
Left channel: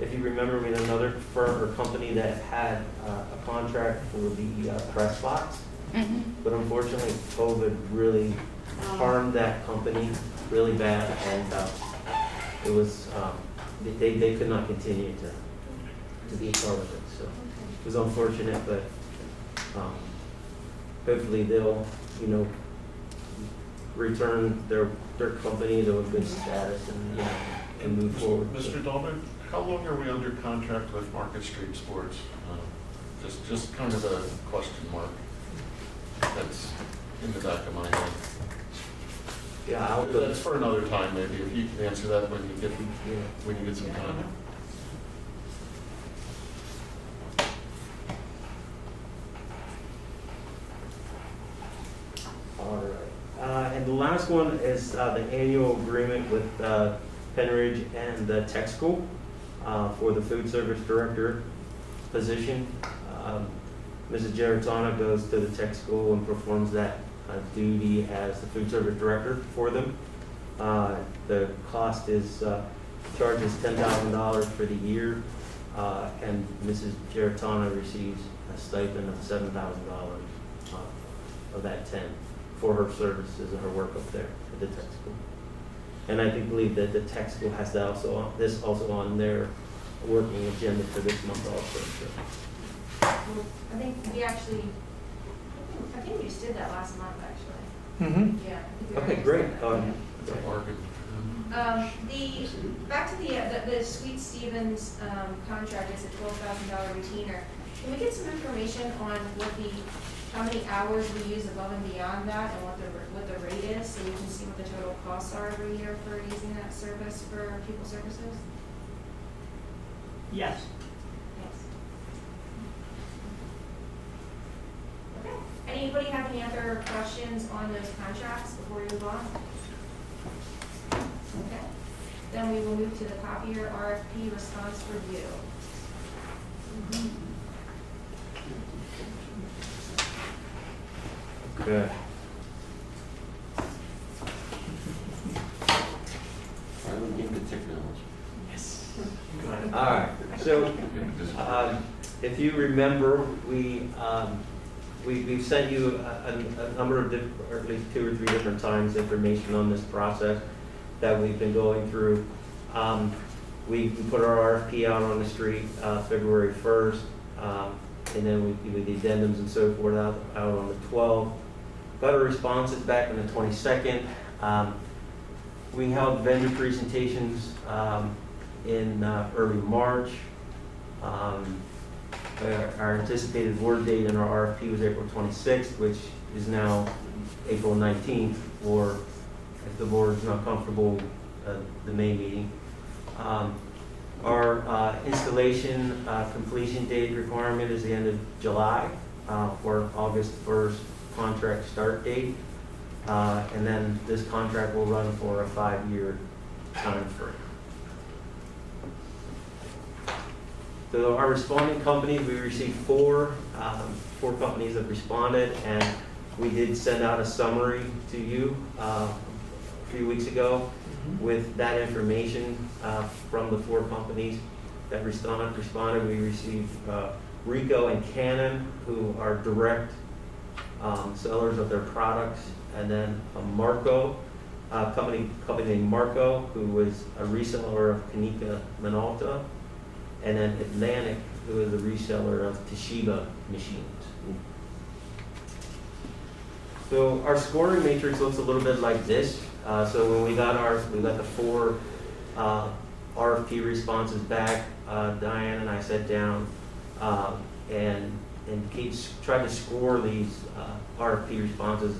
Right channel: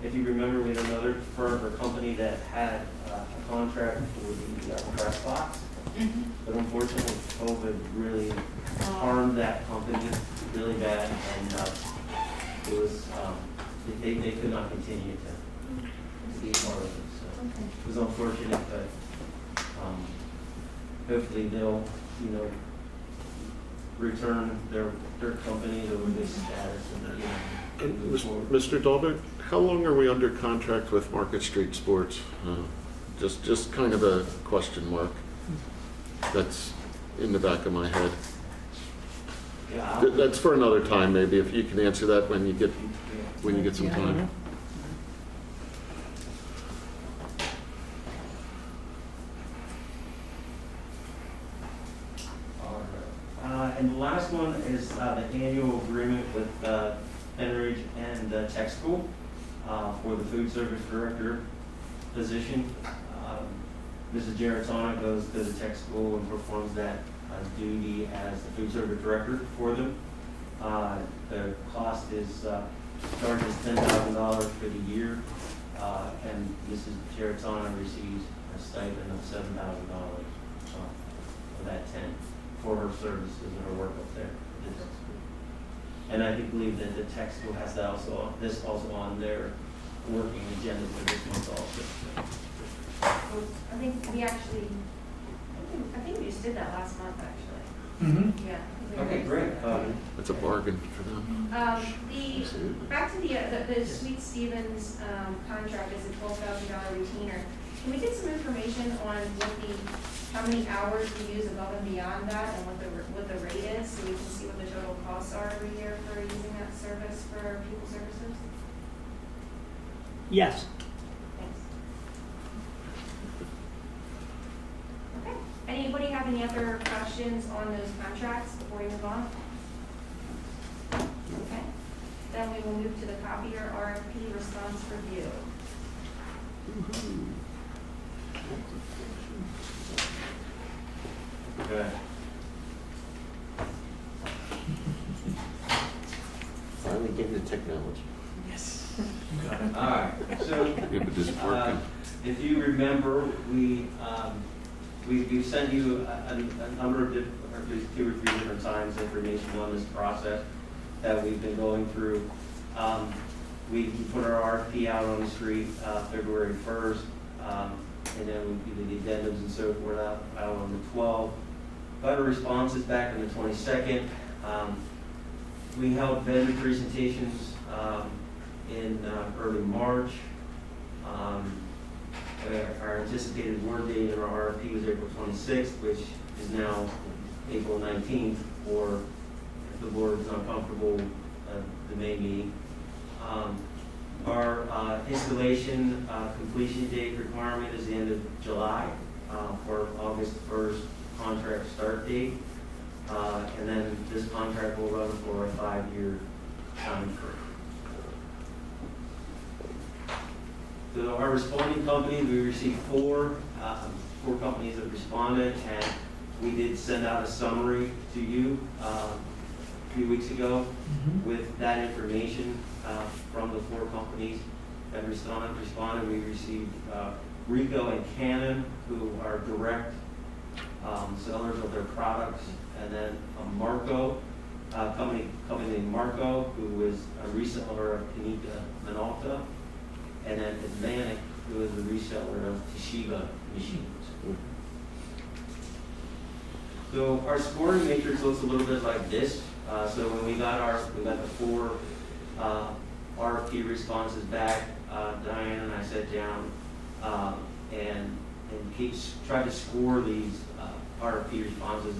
if you remember, we had another firm or company that had a contract for the press box. But unfortunately, COVID really harmed that company really bad, and it was, they could not continue to be a part of it. So it was unfortunate, but hopefully they'll, return their company to a good status and move forward. Mr. Daibler, how long are we under contract with Market Street Sports? Just kind of a question mark that's in the back of my head. Yeah, That's for another time, maybe, if you can answer that when you get some time. All right. And the last one is the annual agreement with Penn and the tech school for the food service director position. Mrs. Geritana goes to the tech school and performs that duty as the food service director for them. The cost is, charge is $10,000 for the year, and Mrs. Geritana receives a stipend of $7,000 of that 10 for her services and her work up there at the tech school. And I believe that the tech school has that also on their working agenda for this month also. So. Well, I think we actually, I think we just did that last month, actually. Mm-hmm. Yeah. Okay, great. That's a bargain for them. Back to the Sweet Stevens contract is a $12,000 retainer. Can we get some information on how many hours we use above and beyond that, and what the rate is, so we can see what the total costs are every year for using that service for people services? Yes. Thanks. Okay. Anybody have any other questions on those contracts before we move on? Okay. Then we will move to the Copier RFP response review. Good. Finally getting the technology. Yes. All right. So, Yeah, but this is working. if you remember, we've sent you a number of or at least 2 or 3 different times information on this process that we've been going through. We put our RFP out on the street February 1st, and then we did the addendums and so forth out on the 12th. Got our responses back on the 22nd. We held vendor presentations in early March. Our anticipated award date in our RFP was April 26th, which is now April 19th, or if the board is not comfortable, the May meeting. Our installation completion date requirement is the end of July for August 1st contract start date. And then this contract will run for a 5-year time frame. So our responding companies, we received 4 companies that responded, and we did send out a summary to you a few weeks ago with that information from the 4 companies that responded. We received Ricoh and Canon, who are direct sellers of their products, and then a Marco, company named Marco, who was a reseller of Kanika Minolta, and then Atlantic, who is a reseller of Toshiba machines. So our scoring matrix looks a little bit like this. So when we got the 4 RFP responses back, Diane and I sat down and tried to score these RFP responses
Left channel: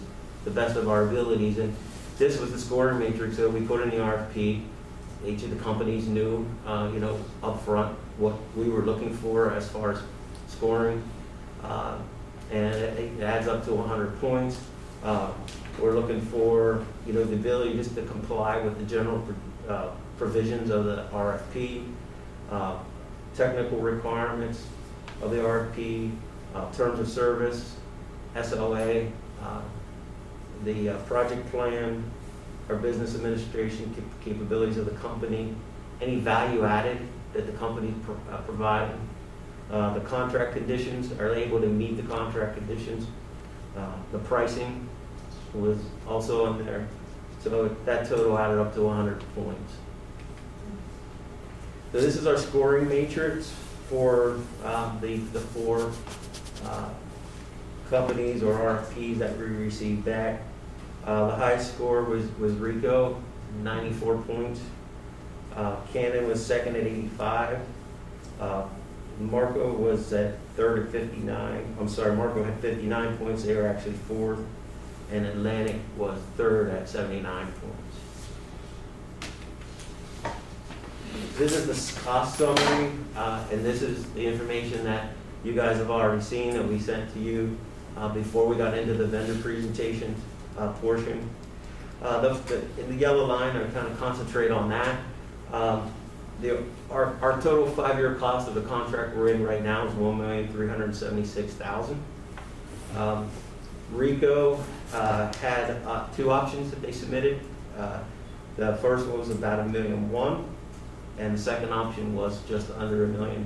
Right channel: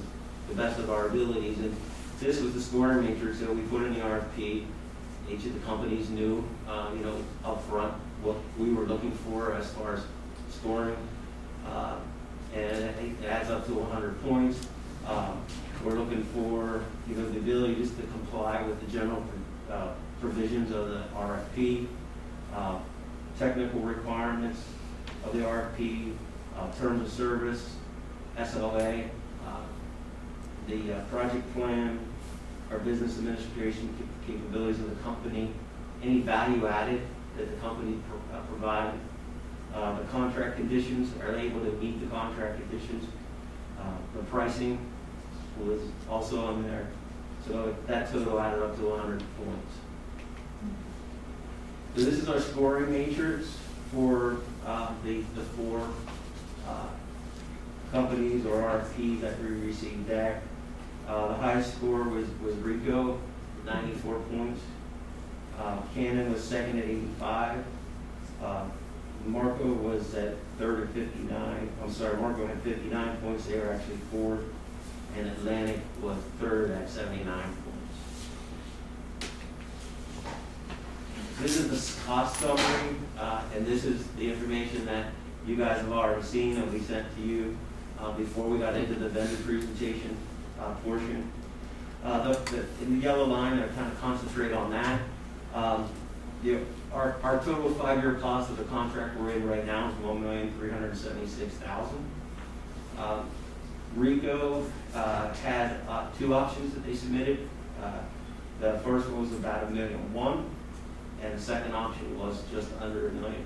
the best of our abilities. And this was the scoring matrix that we put in the RFP. Each of the companies knew, up front what we were looking for as far as scoring, and it adds up to 100 points. We're looking for, the ability just to comply with the general provisions of the RFP, technical requirements, of the RFP, terms of service, SLA, the project plan, our business administration capabilities of the company, any value added that the company provided, the contract conditions, are they able to meet the contract conditions? The pricing was also on there. So that total added up to 100 points. So this is our scoring matrix for the four companies or RFPs that we received back. The highest score was Rico, 94 points. Canon was second at 85. Marco was at third at 59. I'm sorry, Marco had 59 points. They were actually fourth. And Atlantic was third at 79 points. This is the cost summary, and this is the information that you guys have already seen that we sent to you before we got into the vendor presentation portion. In the yellow line, I kind of concentrate on that. Our total 5-year cost of the contract we're in right now is $1,376,000. Rico had 2 options that they submitted. The first one was about $1.1 million, and the second option was just under $1 million.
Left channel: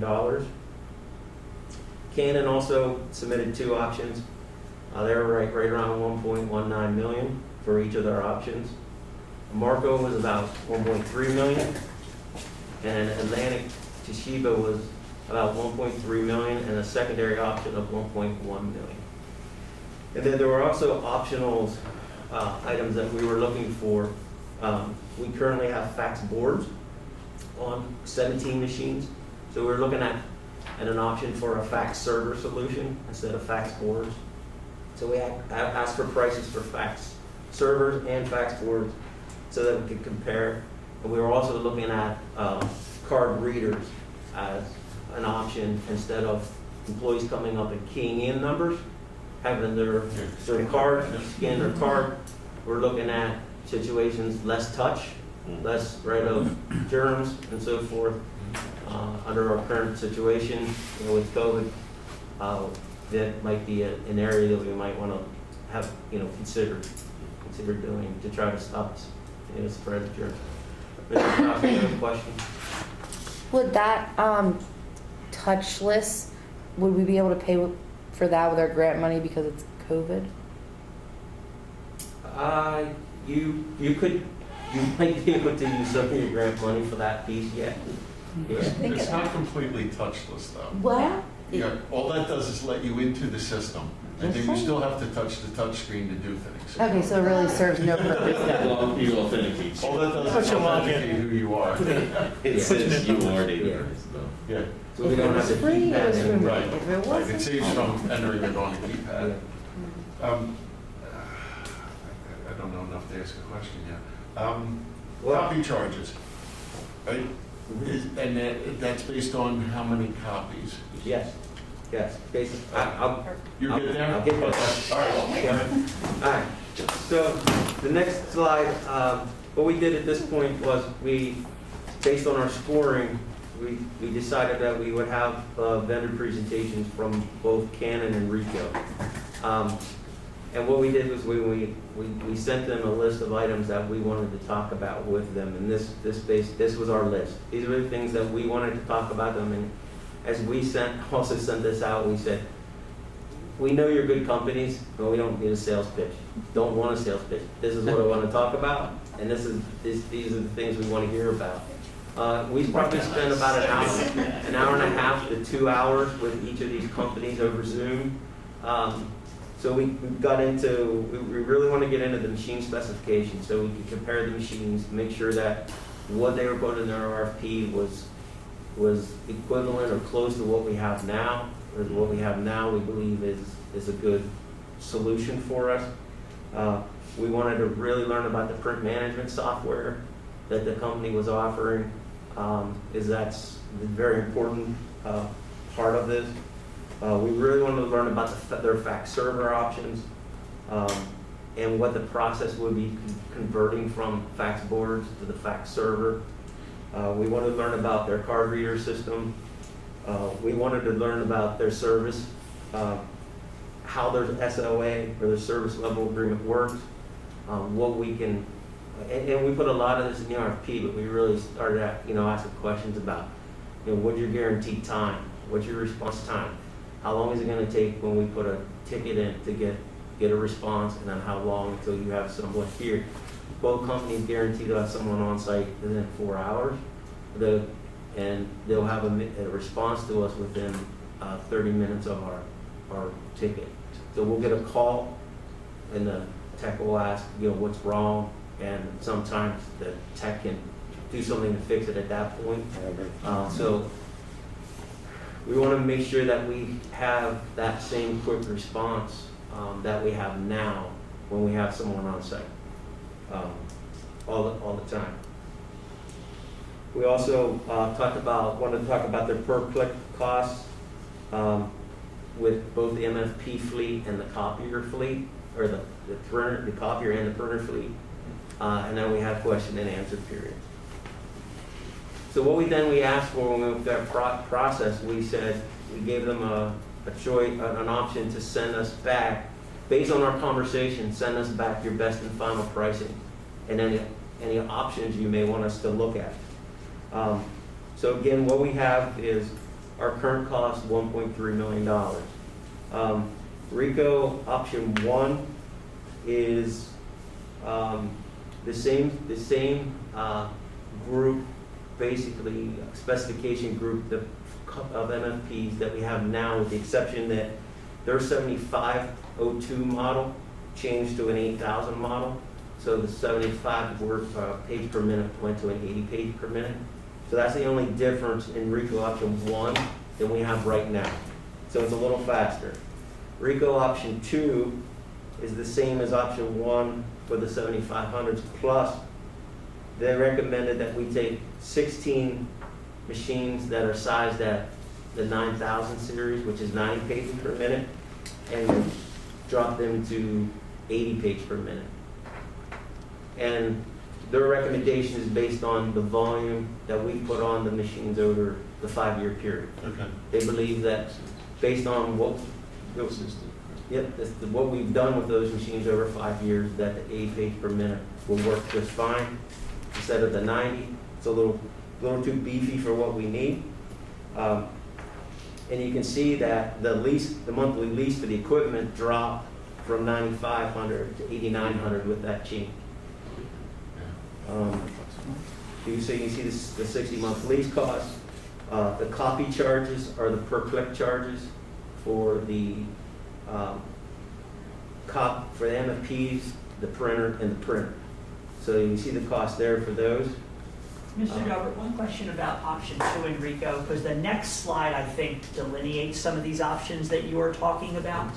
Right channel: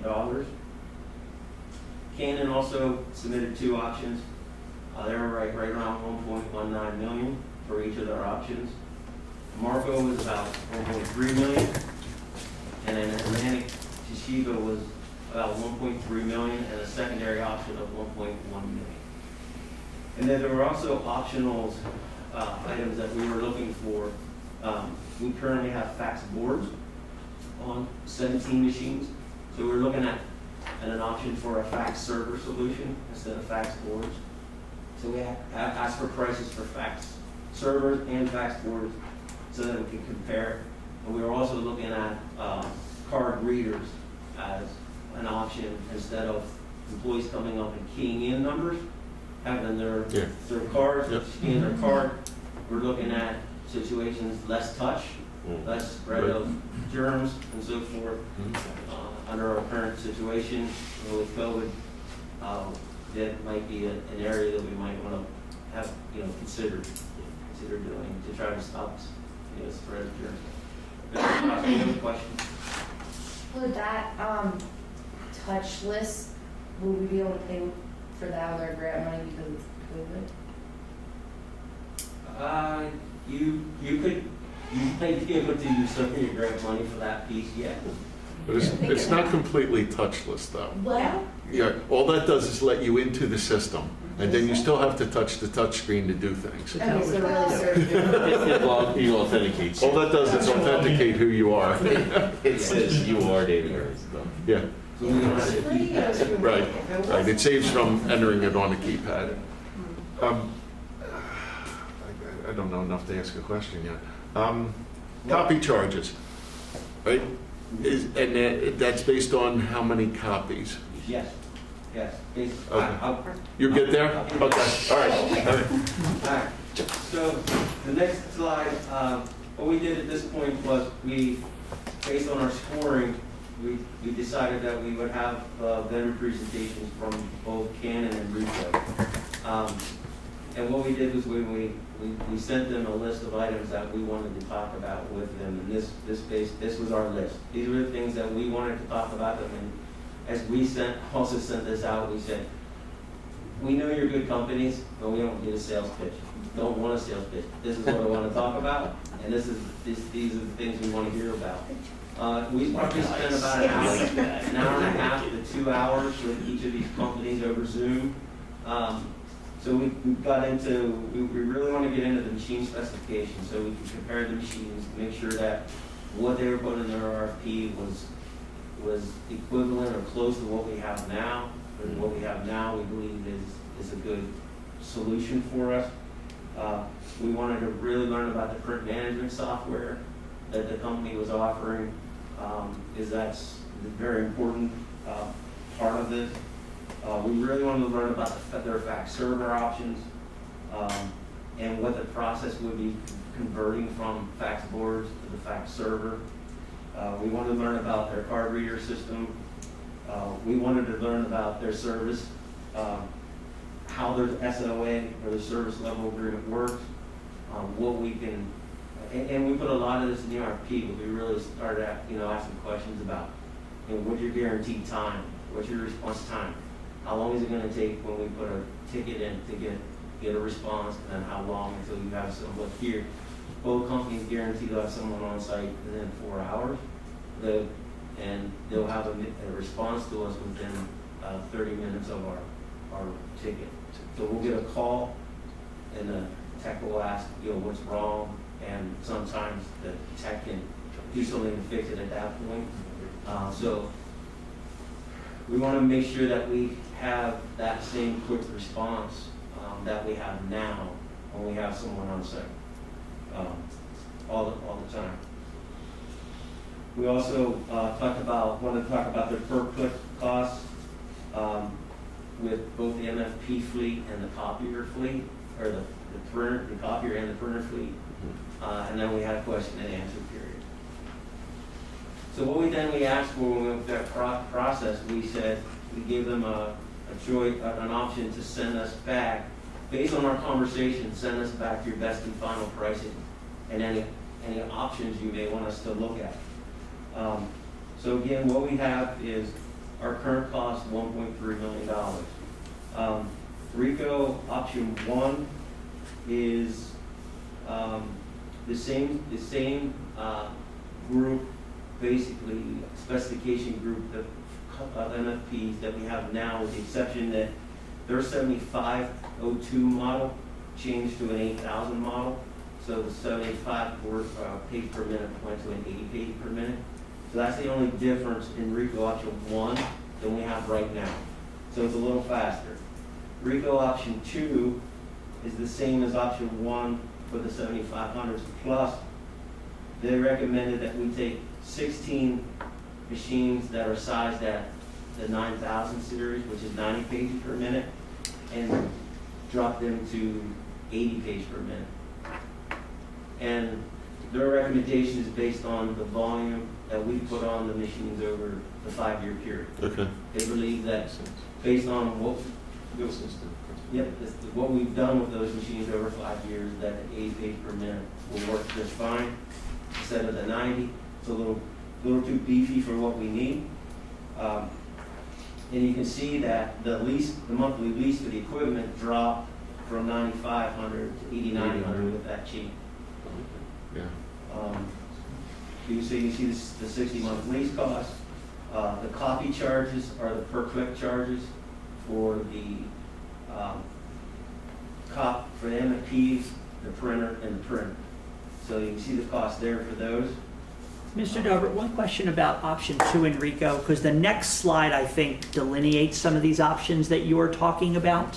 Canon also submitted 2 options. They were right around $1.19 million for each of their options. Marco was about $1.3 million, and then Atlantic Toshiba was about $1.3 million, and a secondary option of $1.1 million. And then there were also optional items that we were looking for. We currently have fax boards on 17 machines, so we're looking at an option for a fax server solution instead of fax boards. So we asked for prices for fax servers and fax boards so that we could compare. And we were also looking at card readers as an option instead of employees coming up and keying in numbers, having their card, scan their card. We're looking at situations less touch, less spread of germs and so forth. Under our current situation with COVID, that might be an area that we might want to have, consider doing to try to stop, spread of germs. But, questions? Would that, touchless, would we be able to pay for that with our grant money because it's COVID? You might be able to use some of your grant money for that piece, yeah. It's not completely touchless, though. Well, Yeah, all that does is let you into the system, and then you still have to touch the touch screen to do things. okay, so it really serves no purpose. You authenticate. All that does is authenticate who you are. It says you are Daibler. Yeah, So we don't have to keep that. right. It saves from entering it on a keypad. I don't know enough to ask a question yet. Copy charges, right? And that's based on how many copies? Yes. Basically, You're good there? I'll get Okay. All right. All right. So the next slide, what we did at this point was based on our scoring, we decided that we would have vendor presentations from both Canon and Rico. And what we did was we sent them a list of items that we wanted to talk about with them, and this was our list. These were the things that we wanted to talk about them, and as we also sent this out, we said, we know you're good companies, but we don't need a sales pitch. Don't want a sales pitch. This is what I want to talk about, and these are the things we want to hear about. We probably spent about an hour and a half to 2 hours with each of these companies over Zoom. So we really want to get into the machine specifications so we can compare the machines, make sure that what they were putting in their RFP was equivalent or close to what we have now. Or what we have now, we believe is a good solution for us. We wanted to really learn about the print management software that the company was offering, that's a very important part of this. We really wanted to learn about their fax server options and what the process would be converting from fax boards to the fax server. We wanted to learn about their card reader system, We wanted to learn about their service, how their SOA or their service level agreement works, what we can, and we put a lot of this in the RFP, but we really started asking questions about, what's your guaranteed time? What's your response time? How long is it gonna take when we put a ticket in to get a response, and then how long until you have someone here? Both companies guarantee to have someone on site within 4 hours, and they'll have a response to us within 30 minutes of our ticket. So we'll get a call, and the tech will ask, what's wrong, and sometimes the tech can do something to fix it at that point. So we want to make sure that we have that same quick response that we have now when we have someone on site, all the time. We also wanted to talk about the per-click costs with both the MFP fleet and the copier fleet, or the copier and the printer fleet. And then we had a question and answer period. So what we asked for when we went through that process, we gave them a choice, an option to send us back, based on our conversation, send us back your best and final pricing and any options you may want us to look at. So again, what we have is our current cost, $1.3 million. RICO option 1 is the same group, basically specification group of MFPs that we have now, with the exception that their 7502 model changed to an 8000 model. So the 75 page per minute went to an 80 page per minute. So that's the only difference in RICO option 1 than we have right now. So it's a little faster. RICO option 2 is the same as option 1 for the 7500s, plus they recommended that we take 16 machines that are sized at the 9000 series, which is 90 pages per minute, and drop them to 80 pages per minute. And their recommendation is based on the volume that we put on the machines over the 5-year period. Okay. They believe that based on what we've done with those machines over 5 years, that the 80 page per minute will work just fine instead of the 90. It's a little too beefy for what we need. And you can see that the monthly lease for the equipment dropped from $9,500 to $8,900 with that change. You can see the 60-month lease cost. The copy charges are the per-click charges for the MFPs, the printer, and the printer. So you can see the cost there for those. Mr. Daibler, one question about option 2 in RICO, because the next slide, I think, delineates some of these options that you are talking about.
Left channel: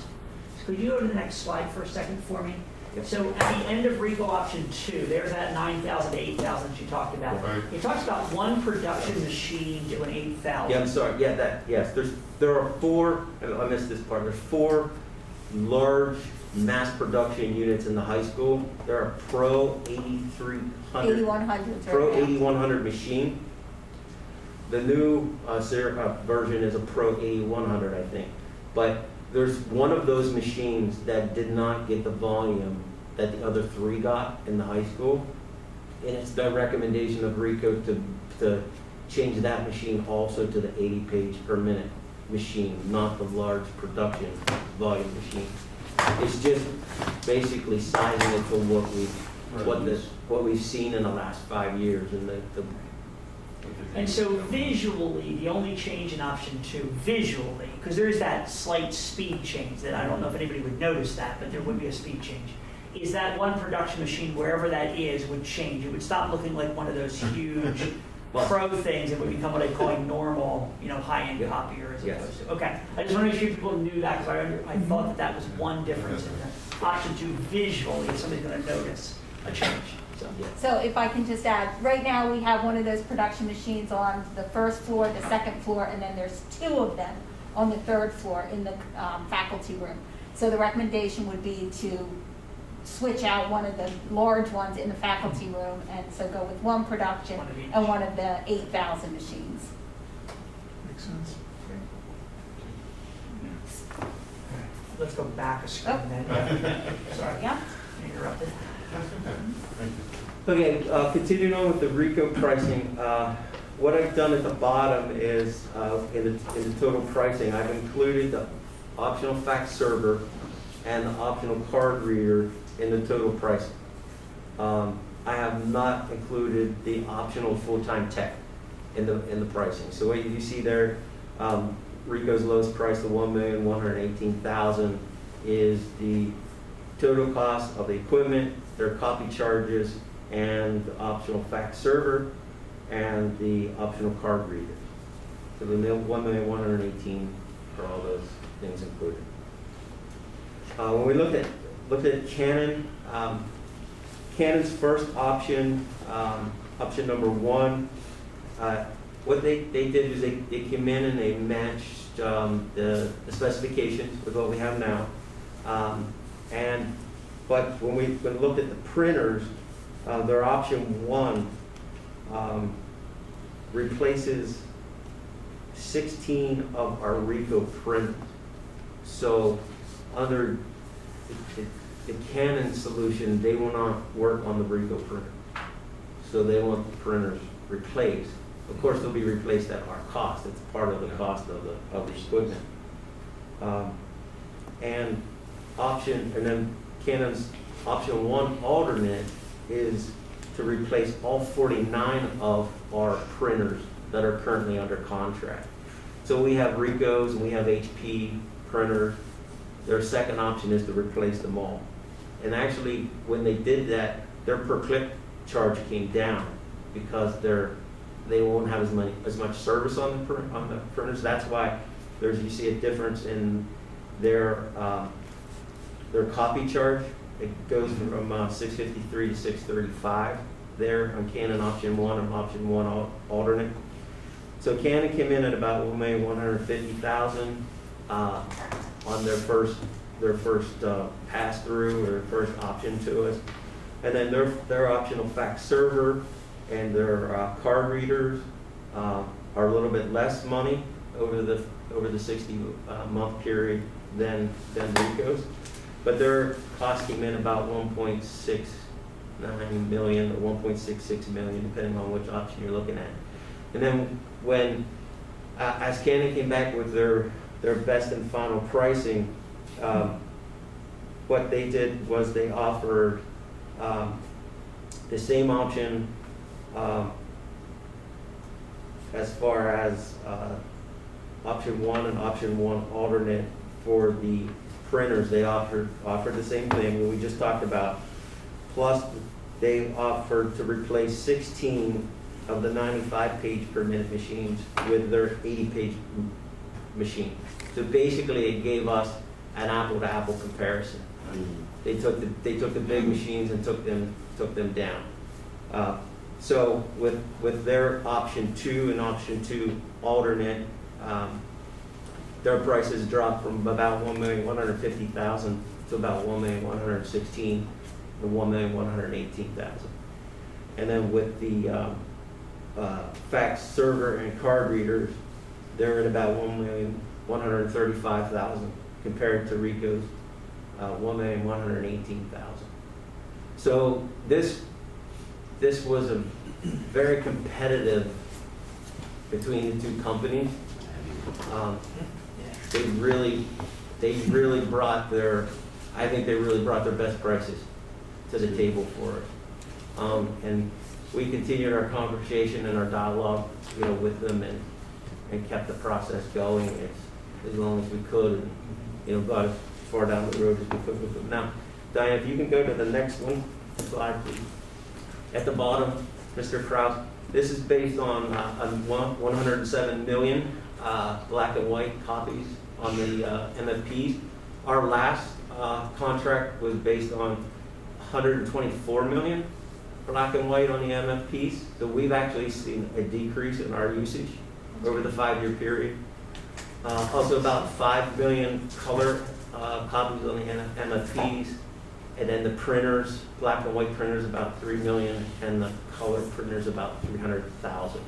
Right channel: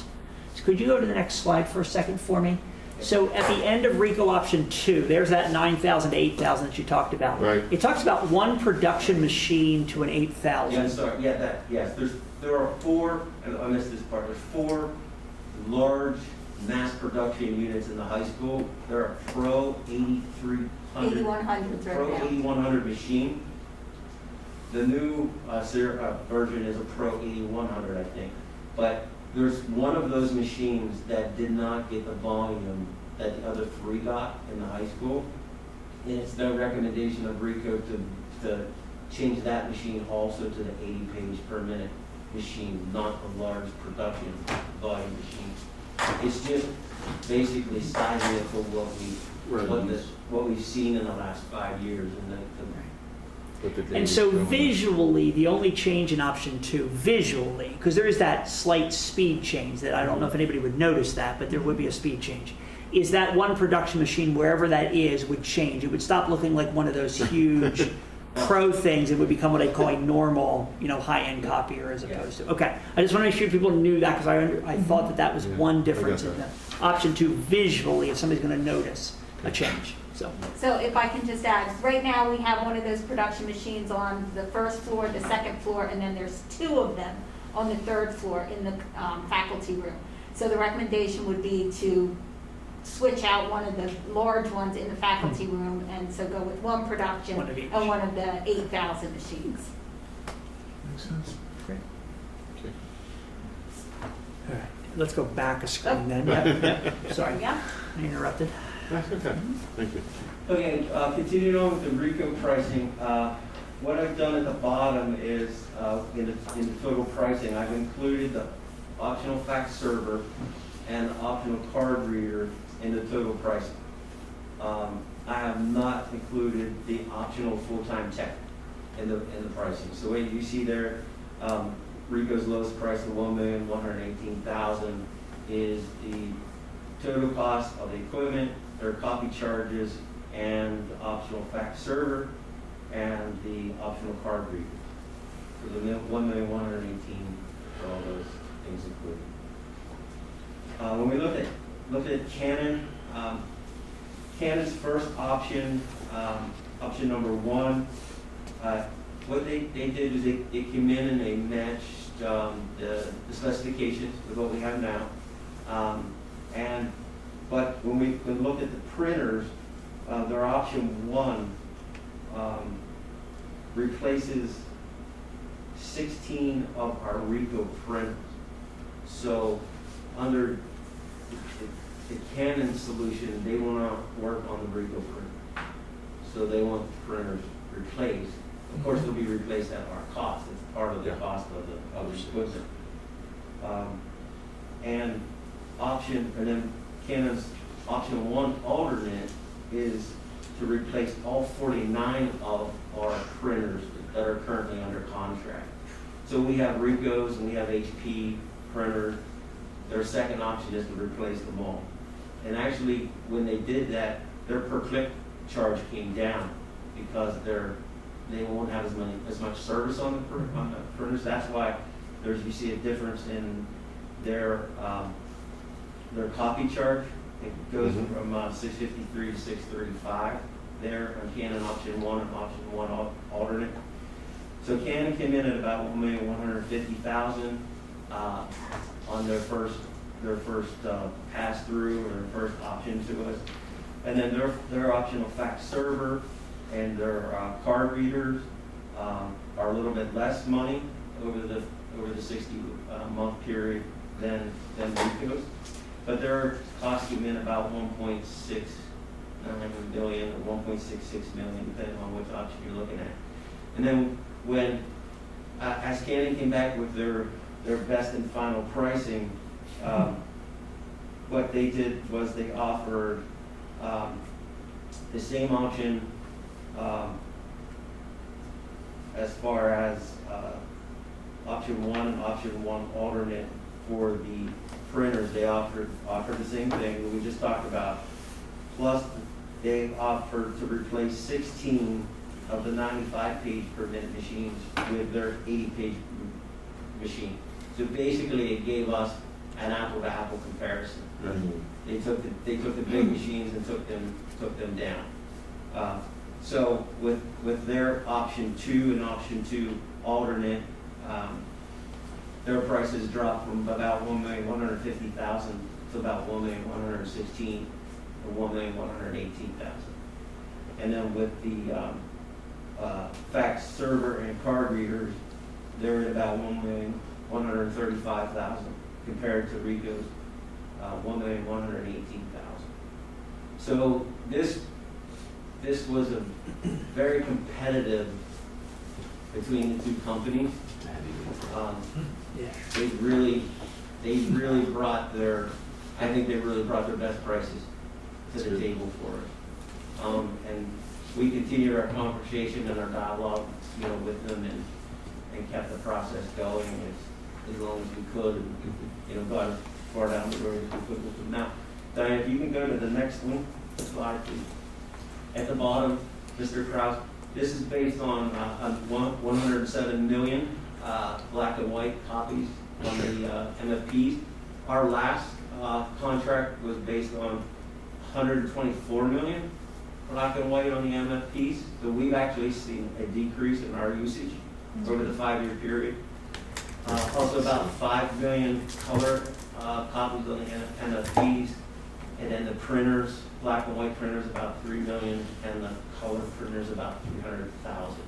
So could you go to the next slide for a second for me? So at the end of RICO option 2, there's that 9,000 to 8,000 that you talked about. Right. It talks about one production machine to an 8,000. Yeah, sorry. Yeah, yes. There are 4. I missed this part. There's 4 large mass production units in the high school. There are Pro 8300. 8100s Pro right now. 8100 machine. The new version is a Pro 8100, I think. But there's one of those machines that did not get the volume that the other 3 got in the high school. And it's the recommendation of RICO to change that machine also to the 80 page per minute machine, not the large production volume machine. It's just basically sizing it for what we've seen in the last 5 years, And so visually, the only change in option 2, visually, because there is that slight speed change that I don't know if anybody would notice that, but there would be a speed change, is that one production machine, wherever that is, would change. It would stop looking like one of those huge pro things. It would become what I call a normal, high-end copier as opposed to. Okay, I just want to make sure people knew that, because I thought that was one difference in the option 2 visually, if somebody's going to notice a change. So if I can just add, right now we have one of those production machines on the first floor, the second floor, and then there's 2 of them on the 3rd floor in the faculty room. So the recommendation would be to switch out one of the large ones in the faculty room, and so go with one production One of each. and one of the 8,000 machines. Makes sense. Let's go back a screen then. Yeah. Sorry, Yeah. I interrupted. That's okay. Thank you. Okay, continuing on with the RICO pricing, what I've done at the bottom is, in the total pricing, I've included the optional fax server and the optional card reader in the total pricing. I have not included the optional full-time tech in the pricing. So what you see there, RICO's lowest price of $1,118,000 is the total cost of the equipment, their copy charges, and the optional fax server, and the optional card reader. So the $1,118,000 for all those things included. When we looked at Canon, Canon's first option, option number one, what they did is they came in and they matched the specifications with what we have now. But when we looked at the printers, their option one replaces 16 of our RICO printers. So under the Canon solution, they will not work on the RICO printer. So they want the printers replaced. Of course, they'll be replaced at our cost. It's part of the cost of the equipment. And then Canon's option one alternate is to replace all 49 of our printers that are currently under contract. So we have RICOs and we have HP printers. Their second option is to replace them all. And actually, when they did that, their per click charge came down because they won't have as much service on the printers. That's why you see a difference in their copy charge. It goes from $653 to $635 there on Canon option one and option one alternate. So Canon came in at about $1,150,000 on their first pass through or their first option to us, and then their optional fax server and their card readers are a little bit less money over the 60-month period than RICO's, but their cost came in about $1.69 million or $1.66 million, depending on which option you're looking at. And then when as Canon came back with their best and final pricing, what they did was they offered the same option as far as option one and option one alternate for the printers. They offered the same thing that we just talked about, plus they offered to replace 16 of the 95-page per minute machines with their 80-page machine. So basically, it gave us an apple-to-apple comparison. They took the big machines and took them down. So with their option two and option two alternate, their prices dropped from about $1,150,000 to about $1,116,000 and $1,118,000. And then with the fax server and card readers, they're at about $1,135,000 compared to RICO's $1,118,000. So this was a very competitive between the two companies. They really brought their best prices to the table for us. And we continued our conversation and our dialogue, with them and kept the process going as long as we could, and got as far down the road as we could with them. Now, Diane, if you can go to the next slide, please. At the bottom, Mr. Krause, this is based on 107 million black and white copies on the MFPs. Our last contract was based on 124 million black and white on the MFPs. So we've actually seen a decrease in our usage over the 5-year period. Also about 5 million color copies on the MFPs, and then the printers, black and white printers, about 3 million, and the color printers about 300,000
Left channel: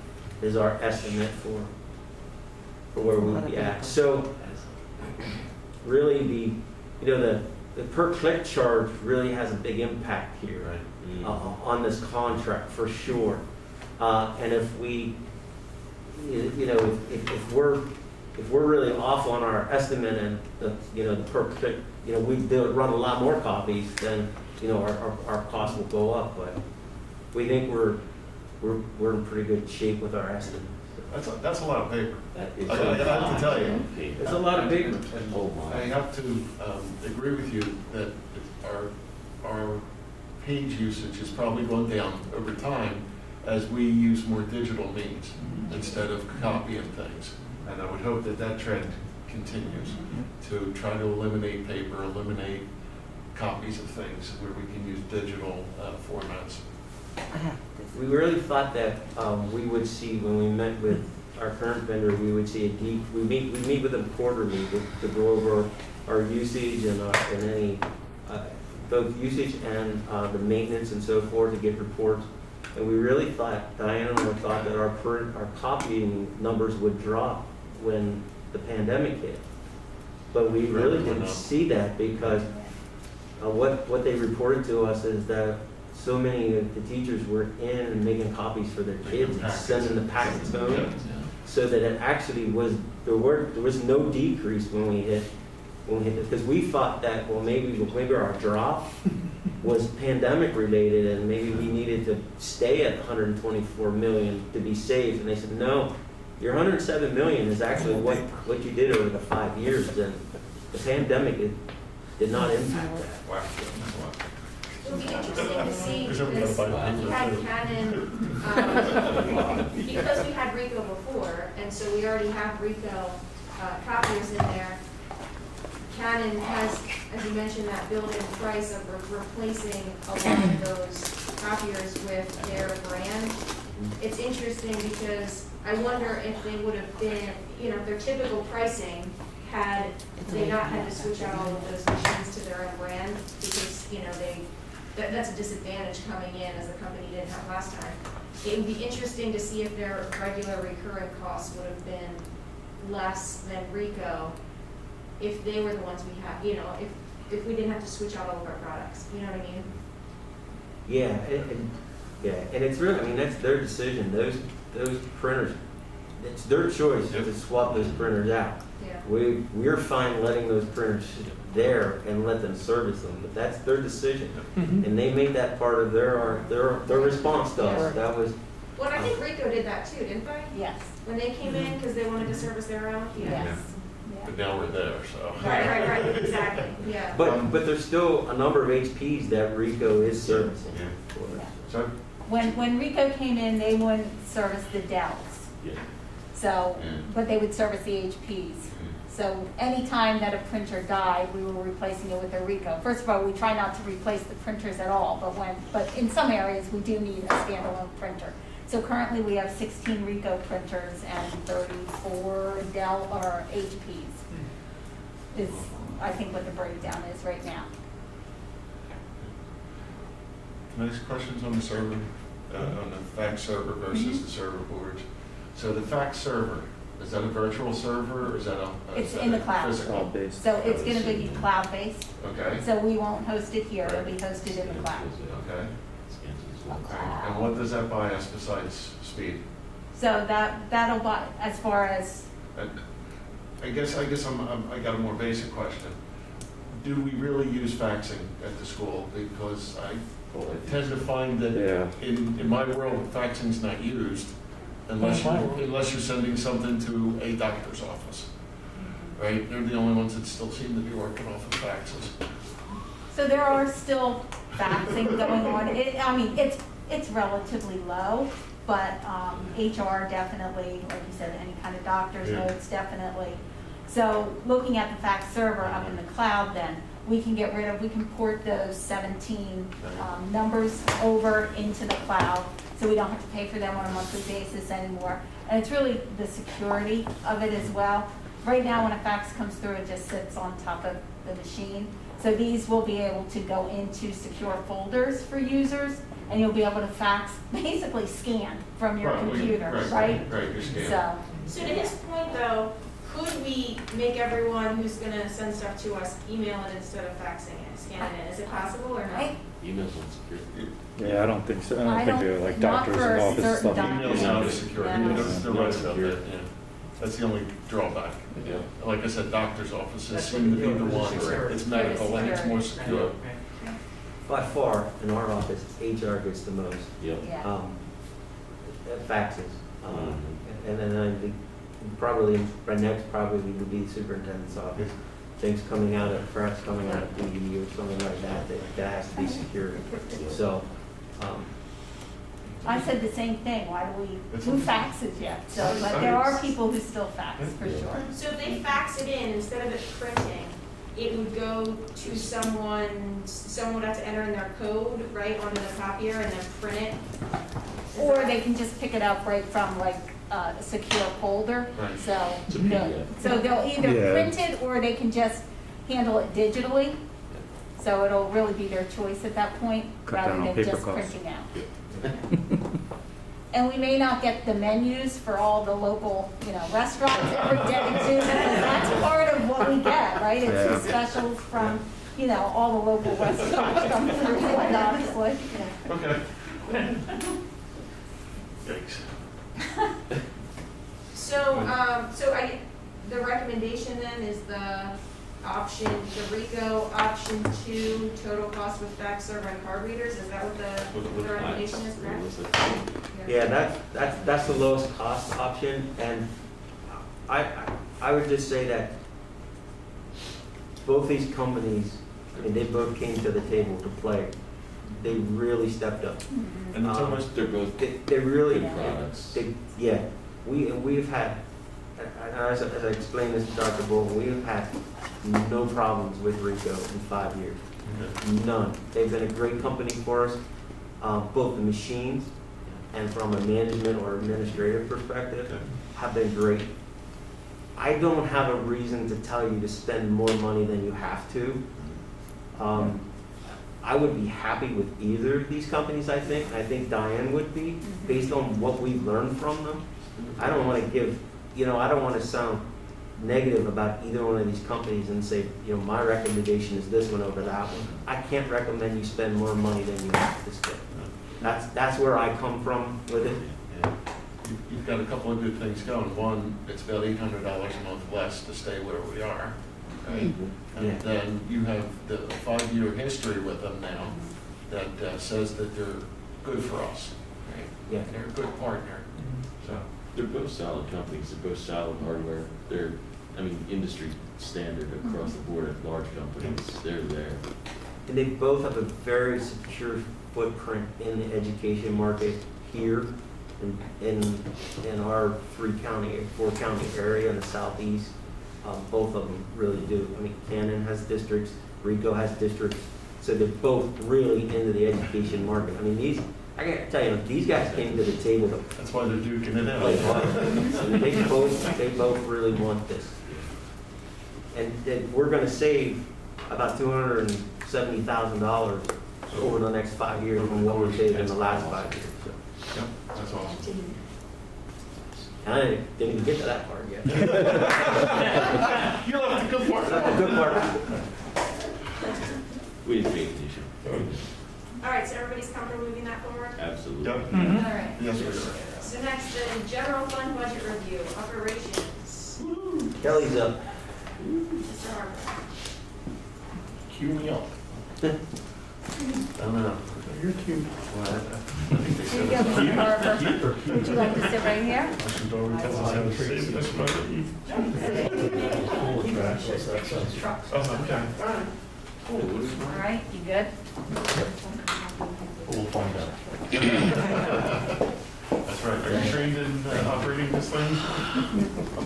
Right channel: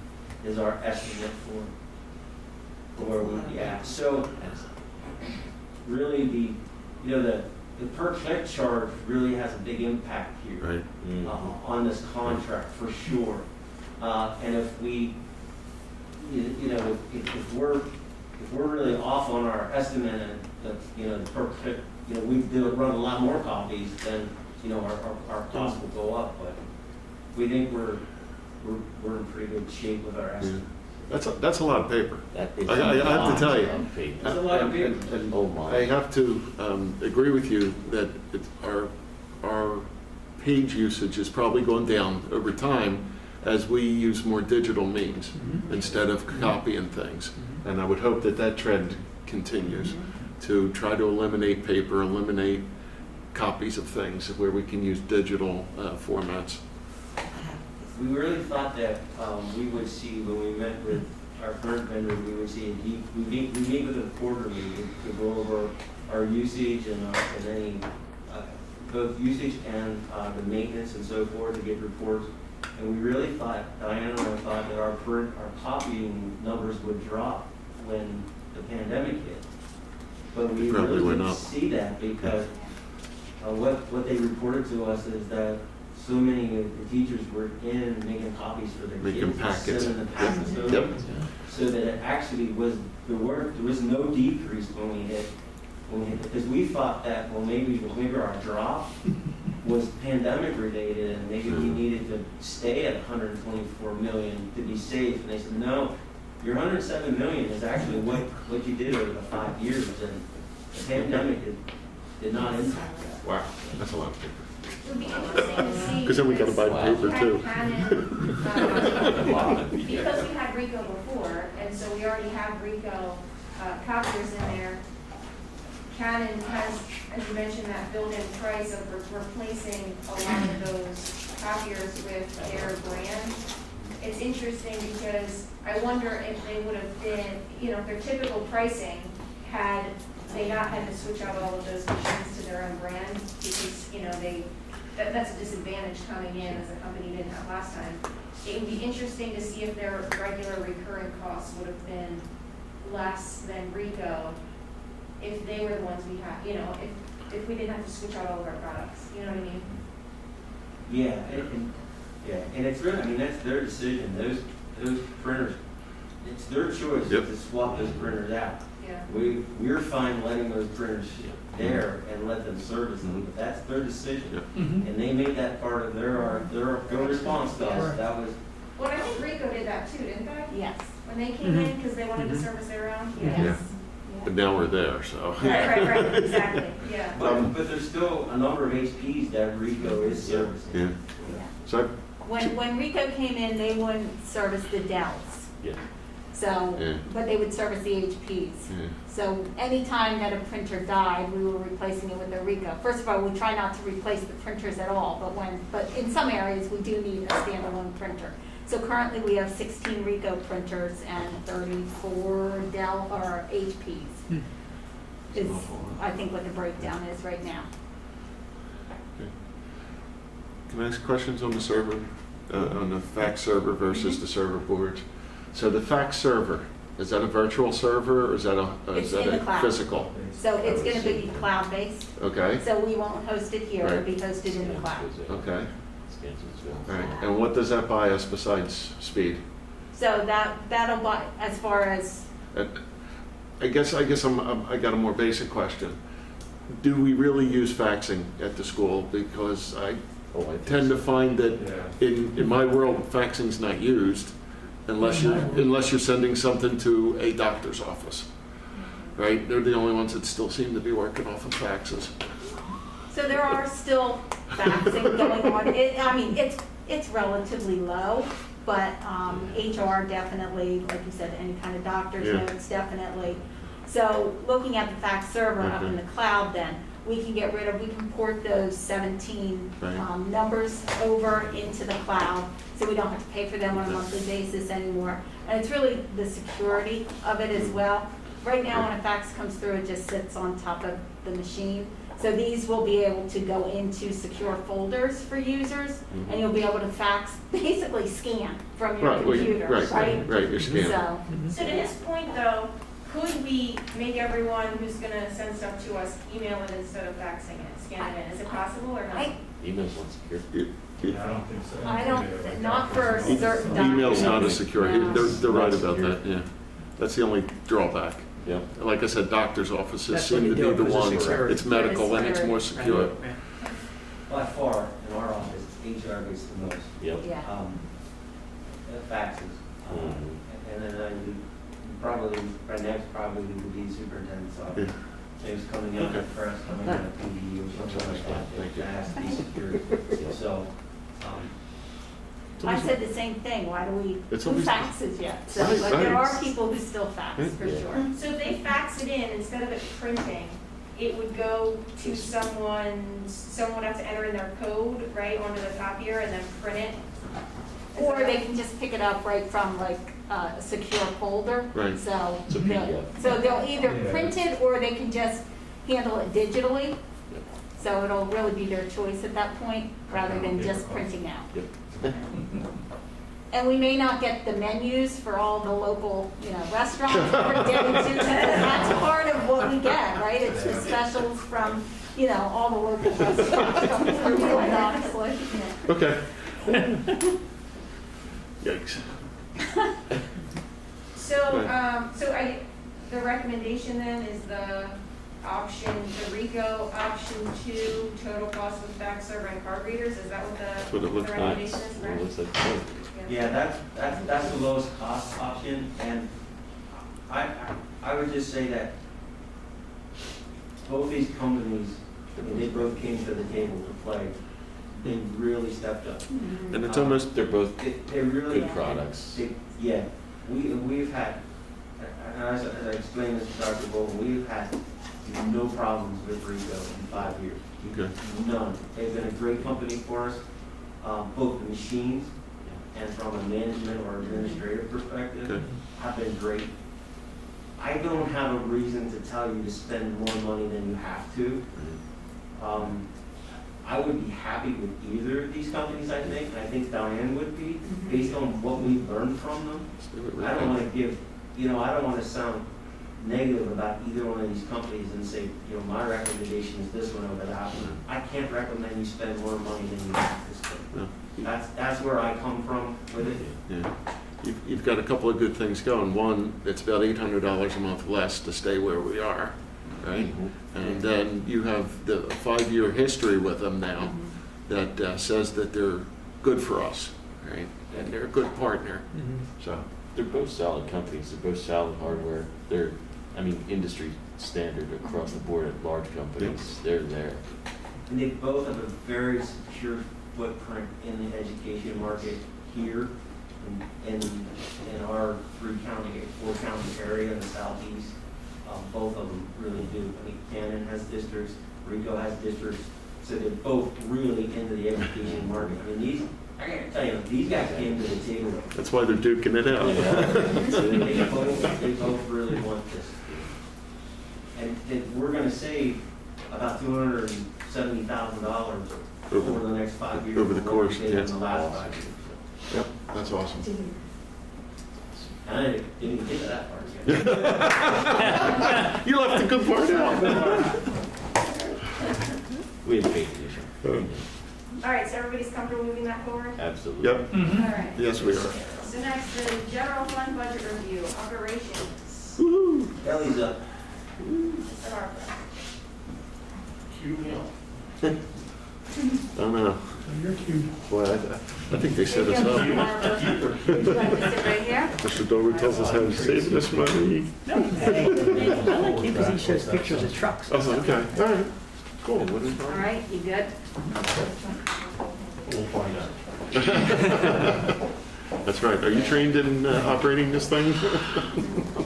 is our estimate where we'd be at. So really the per click charge really has a big impact here. Right. On this contract for sure. And if we, if we're really off on our estimate and the per click, we'd be able to run a lot more copies, then our costs will go up. But we think we're in pretty good shape with our estimate. That's a lot of paper. It's I have to tell you. It's a lot of paper. I have to agree with you that our page usage is probably going down over time as we use more digital means instead of copying things. And I would hope that trend continues to try to eliminate paper, eliminate copies of things where we can use digital formats. We really thought that we would see, when we met with our current vendor, we would see we meet with them quarterly to go over our usage and any both usage and the maintenance and so forth, to get reports. And we really thought, Diana and I thought that our copying numbers would drop when the pandemic hit. But we really didn't see that, because what they reported to us is that so many of the teachers were in and making copies for their kids and sending the packets home, so that it actually was, there was no decrease when we hit because we thought that, well, maybe our drop was pandemic related and maybe we needed to stay at 124 million to be safe. And they said, no, your 107 million is actually what you did over the 5 years. And the pandemic did not impact that. Wow, that's a lot. It would be interesting to see. Because then we gotta buy the paper too. Because we had Rico before, and so we already have Rico copiers in there. Canon has, as you mentioned, that built-in price of replacing a lot of those copiers with their brand. It's interesting because I wonder if they would have been, their typical pricing had they not had to switch out all of those machines to their own brand, because, that's a disadvantage coming in as the company didn't have last time. It would be interesting to see if their regular recurring costs would have been less than Rico if they were the ones we had, if we didn't have to switch out all of our products, you know what I mean? Yeah, and it's really, that's their decision. Those printers, it's their choice to swap those printers out. Yeah. We're fine letting those printers there and let them service them, but that's their decision, and they make that part of their response to us. That was. Well, I think Rico did that too, didn't they? Yes. When they came in, because they wanted to service their own. Yes. But now we're there, so. Right, exactly, yeah. But there's still a number of HPs that Rico is servicing. Yeah. So When Rico came in, they wouldn't service the Dells. Yeah. So, Yeah. but they would service the HPs. So anytime that a printer died, we were replacing it with a Rico. First of all, we try not to replace the printers at all, but in some areas, we do need a standalone printer. So currently, we have 16 Rico printers and 34 Dell or HPs. Is, I think, what the breakdown is right now. can I ask questions on the server, on the fax server versus the server boards? So the fax server, is that a virtual server or is that It's in the cloud. physical? So it's going to be cloud-based. Okay. So we won't host it here. It'll Right. be hosted in the cloud. Okay. All right. And what does that buy us besides speed? So that'll buy, as far as, I guess I got a more basic question. Do we really use faxing at the school? Because I tend to find that in my world, faxing's not used unless you're sending something to a doctor's office, right? They're the only ones that still seem to be working off of faxes. so there are still faxing going on. It's relatively low, but HR definitely, like you said, any kind of doctor's notes, definitely. So looking at the fax server up in the cloud, then we can port those 17 numbers over into the cloud, so we don't have to pay for them on a monthly basis anymore. And it's really the security of it as well. Right now, when a fax comes through, it just sits on top of the machine. So these will be able to go into secure folders for users, and you'll be able to fax, basically scan from your computer, right? Right, you're scanning. So to his point though, could we make everyone who's gonna send stuff to us email it instead of faxing it, scanning it? Is it possible or not? Email's unsecure. Yeah, I don't think so. I don't- Like not doctors for and office certain stuff. Email's not documents. as secure. No. They're right Not about secure. that, yeah. That's the only drawback. Yeah. Like I said, doctor's offices That's what seem to you be the do, is ones, secure. it's medical and it's more secure. By far, in our office, HR gets the most, Yep. Yeah. faxes. And then I think probably, right next probably would be the superintendent's office. Things coming out of press, coming out of PDU, something like that has to be secured. So, I said the same thing, why do we, It's who always- faxes yet? So, Right, but there right. are people who still fax, for sure. so if they fax it in, instead of it printing, it would go to someone would have to enter in their code, right, onto the copier and then print it? Or they can just pick it up right from like a secure folder. Right. So, It's a PDF. so they'll either Yeah. print it or they can just handle it digitally. So it'll really be their choice at that point, Cut rather down on than paper just costs. printing out. Yep. And we may not get the menus for all the local, restaurants every day too. That's part of what we get, right? It's just specials from, all the local restaurants from Purdue, obviously. Okay. Yikes. The recommendation then is the RICO option 2, total cost with fax server and card readers, is that what what it the looks like. recommendation is, correct? Unless they- yeah, that's the lowest cost option, and I would just say that both these companies, and they both came to the table to play, they really stepped up. And it's almost, They're both They really, good products. yeah, we've had, and as I explained this to Dr. Bolton, we've had no problems with RICO in 5 years. okay. None. They've been a great company for us, both the machines and from a management or administrative perspective, Okay. have been great. I don't have a reason to tell you to spend more money than you have to. I would be happy with either of these companies, I think. I think Diane would be, based on what we've learned from them. I don't want to give, I don't want to sound negative about either one of these companies and say, my recommendation is this one over that one. I can't recommend you spend more money than you have to spend. No. That's where I come from with it. Yeah. You've got a couple of good things going. One, it's about $800 a month less to stay where we are, right? And then you have the 5-year history with them now that says that they're good for us, right? Yeah. And they're a good partner, so. They're both solid companies, they're both solid hardware, they're, industry standard across the board at large companies, they're there. And they both have a very secure footprint in the education market here in our 4-county area in the southeast. Both of them really do. Cannon has districts, RICO has districts, so they're both really into the education market. I gotta tell you, these guys came to the table. That's why they're duking it out. They both really want this. And we're gonna save about $270,000 over the next 5 years. Over the than what we course, saved yeah. in the last 5 years. So. Yep, that's awesome. I didn't even get to that part yet. You left the good part out. Good part. We had faith in you. All right, so everybody's comfortable moving that forward? Absolutely. Yep, All right. yes, we are. So next, the general fund budget review, operations. Kelly's up. Mr. Harper. Cue me up. I don't know. You're cute. Boy, I think they set us Mr. up. Harper, would you like to sit right here? Mr. Dover tells us how to save this money. I like it because he shows pictures of trucks. Oh, okay, all right, cool. All right, you good? We'll find out. That's right. Are you trained in operating this thing?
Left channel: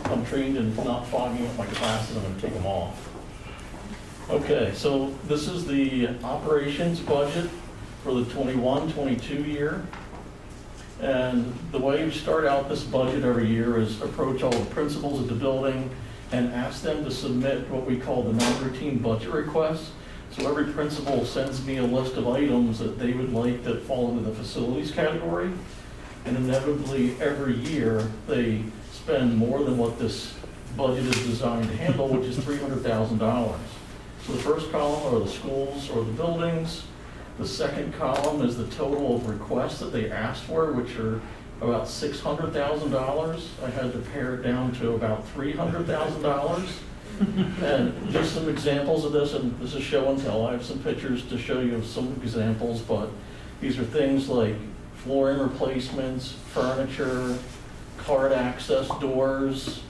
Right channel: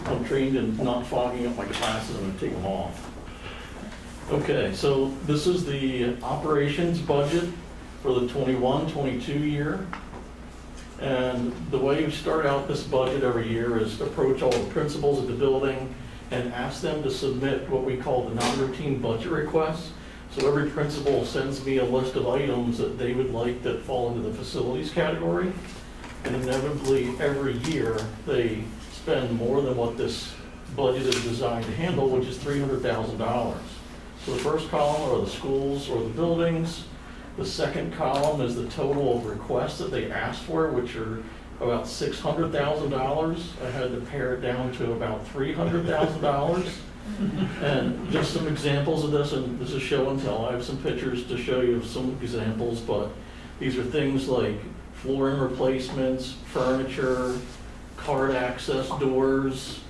I'm trained in not fogging up my glasses, I'm gonna take them off. Okay, so this is the operations budget for the 21-22 year. And the way we start out this budget every year is approach all the principals at the building and ask them to submit what we call the non-routine budget requests. So every principal sends me a list of items that they would like that fall into the facilities category. And inevitably, every year, they spend more than what this budget is designed to handle, which is $300,000. So the first column are the schools or the buildings. The second column is the total of requests that they asked for, which are about $600,000. I had to pare it down to about $300,000. And just some examples of this, and this is show and tell. I have some pictures to show you of some examples, but these are things like flooring replacements, furniture, card access doors,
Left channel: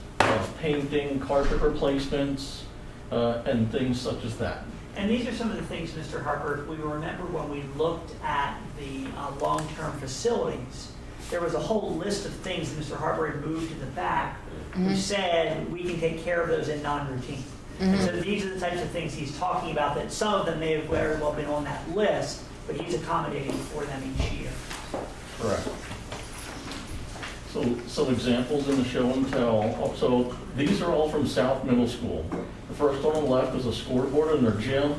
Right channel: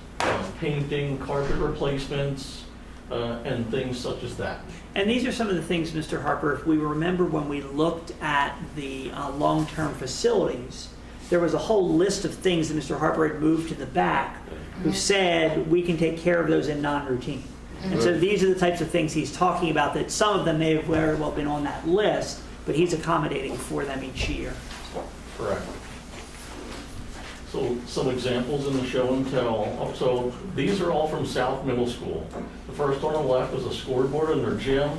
painting, carpet replacements, and things such as that. And these are some of the things, Mr. Harper, if we remember when we looked at the long-term facilities, there was a whole list of things that Mr. Harper had moved to the back who said we can take care of those in non-routine. And so these are the types of things he's talking about, that some of them may have very well been on that list, but he's accommodating for them each year. Correct. So some examples in the show and tell. So these are all from South Middle School. The first on the left is a scoreboard in their gym.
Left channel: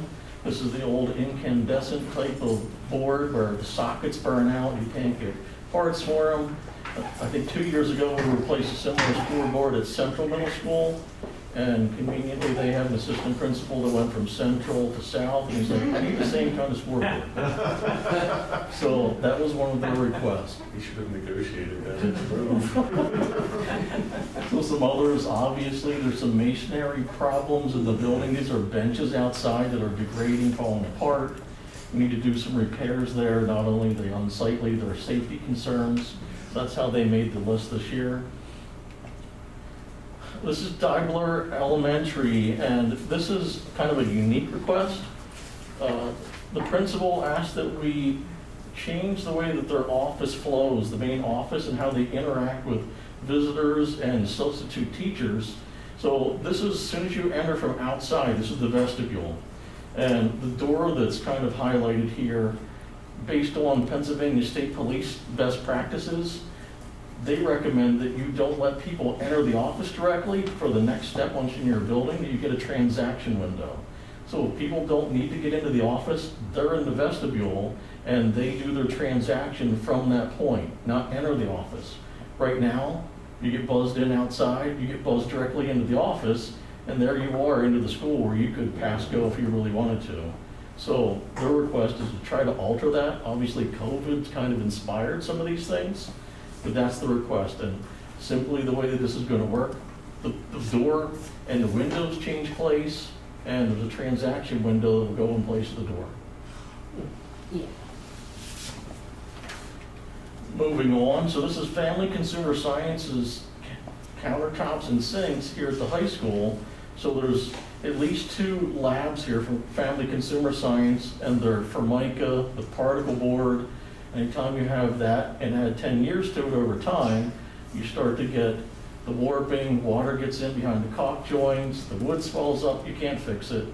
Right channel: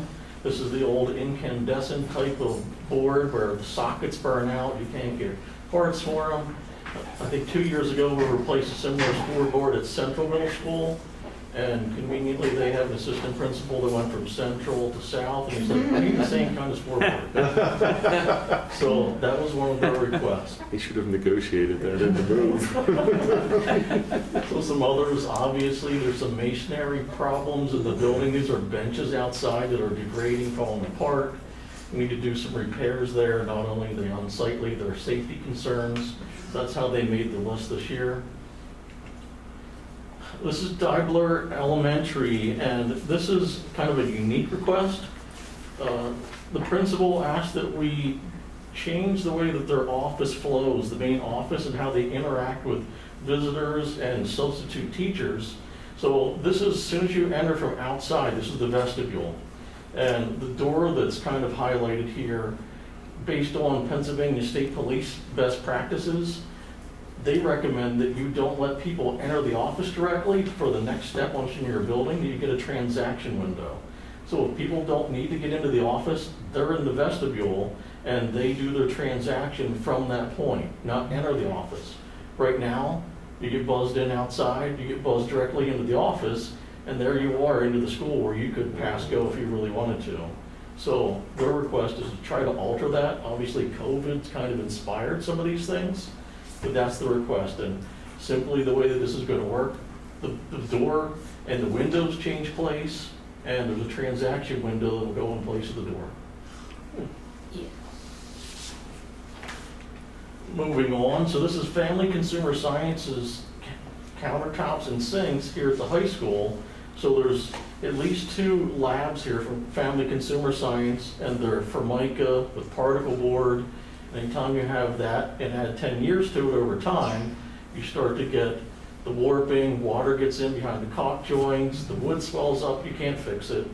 This is the old incandescent type of board where the sockets burn out. You can't get parts for them. I think 2 years ago we replaced a similar scoreboard at Central Middle School. And conveniently, they have an assistant principal that went from Central to South, and he's like, I need the same kind of scoreboard. So that was one of their requests. He should have negotiated that in the move. So some others, obviously, there's some masonry problems in the building. These are benches outside that are degrading, falling apart. We need to do some repairs there. Not only are they unsightly, they're safety concerns. So that's how they made the list this year. This is Daibler Elementary, and this is kind of a unique request. The principal asked that we change the way that their office flows, the main office, and how they interact with visitors and substitute teachers. So this is, as soon as you enter from outside, this is the vestibule. And the door that's kind of highlighted here, based on Pennsylvania State Police best practices, they recommend that you don't let people enter the office directly. For the next step, once you're in your building, that you get a transaction window. So if people don't need to get into the office, they're in the vestibule and they do their transaction from that point, not enter the office. Right now, you get buzzed in outside, you get buzzed directly into the office, and there you are into the school where you could pass go if you really wanted to. So their request is to try to alter that. Obviously, COVID's kind of inspired some of these things. But that's the request, and simply the way that this is going to work, the door and the windows change place, and there's a transaction window that will go in place of the door. Yeah. Moving on, so this is Family Consumer Sciences countertops and sinks here at the high school. So there's at least 2 labs here from Family Consumer Science, and they're Formica with particle board. Anytime you have that and add 10 years to it over time, you start to get the warping, water gets in behind the caulk joints, the wood swells up, you can't fix it.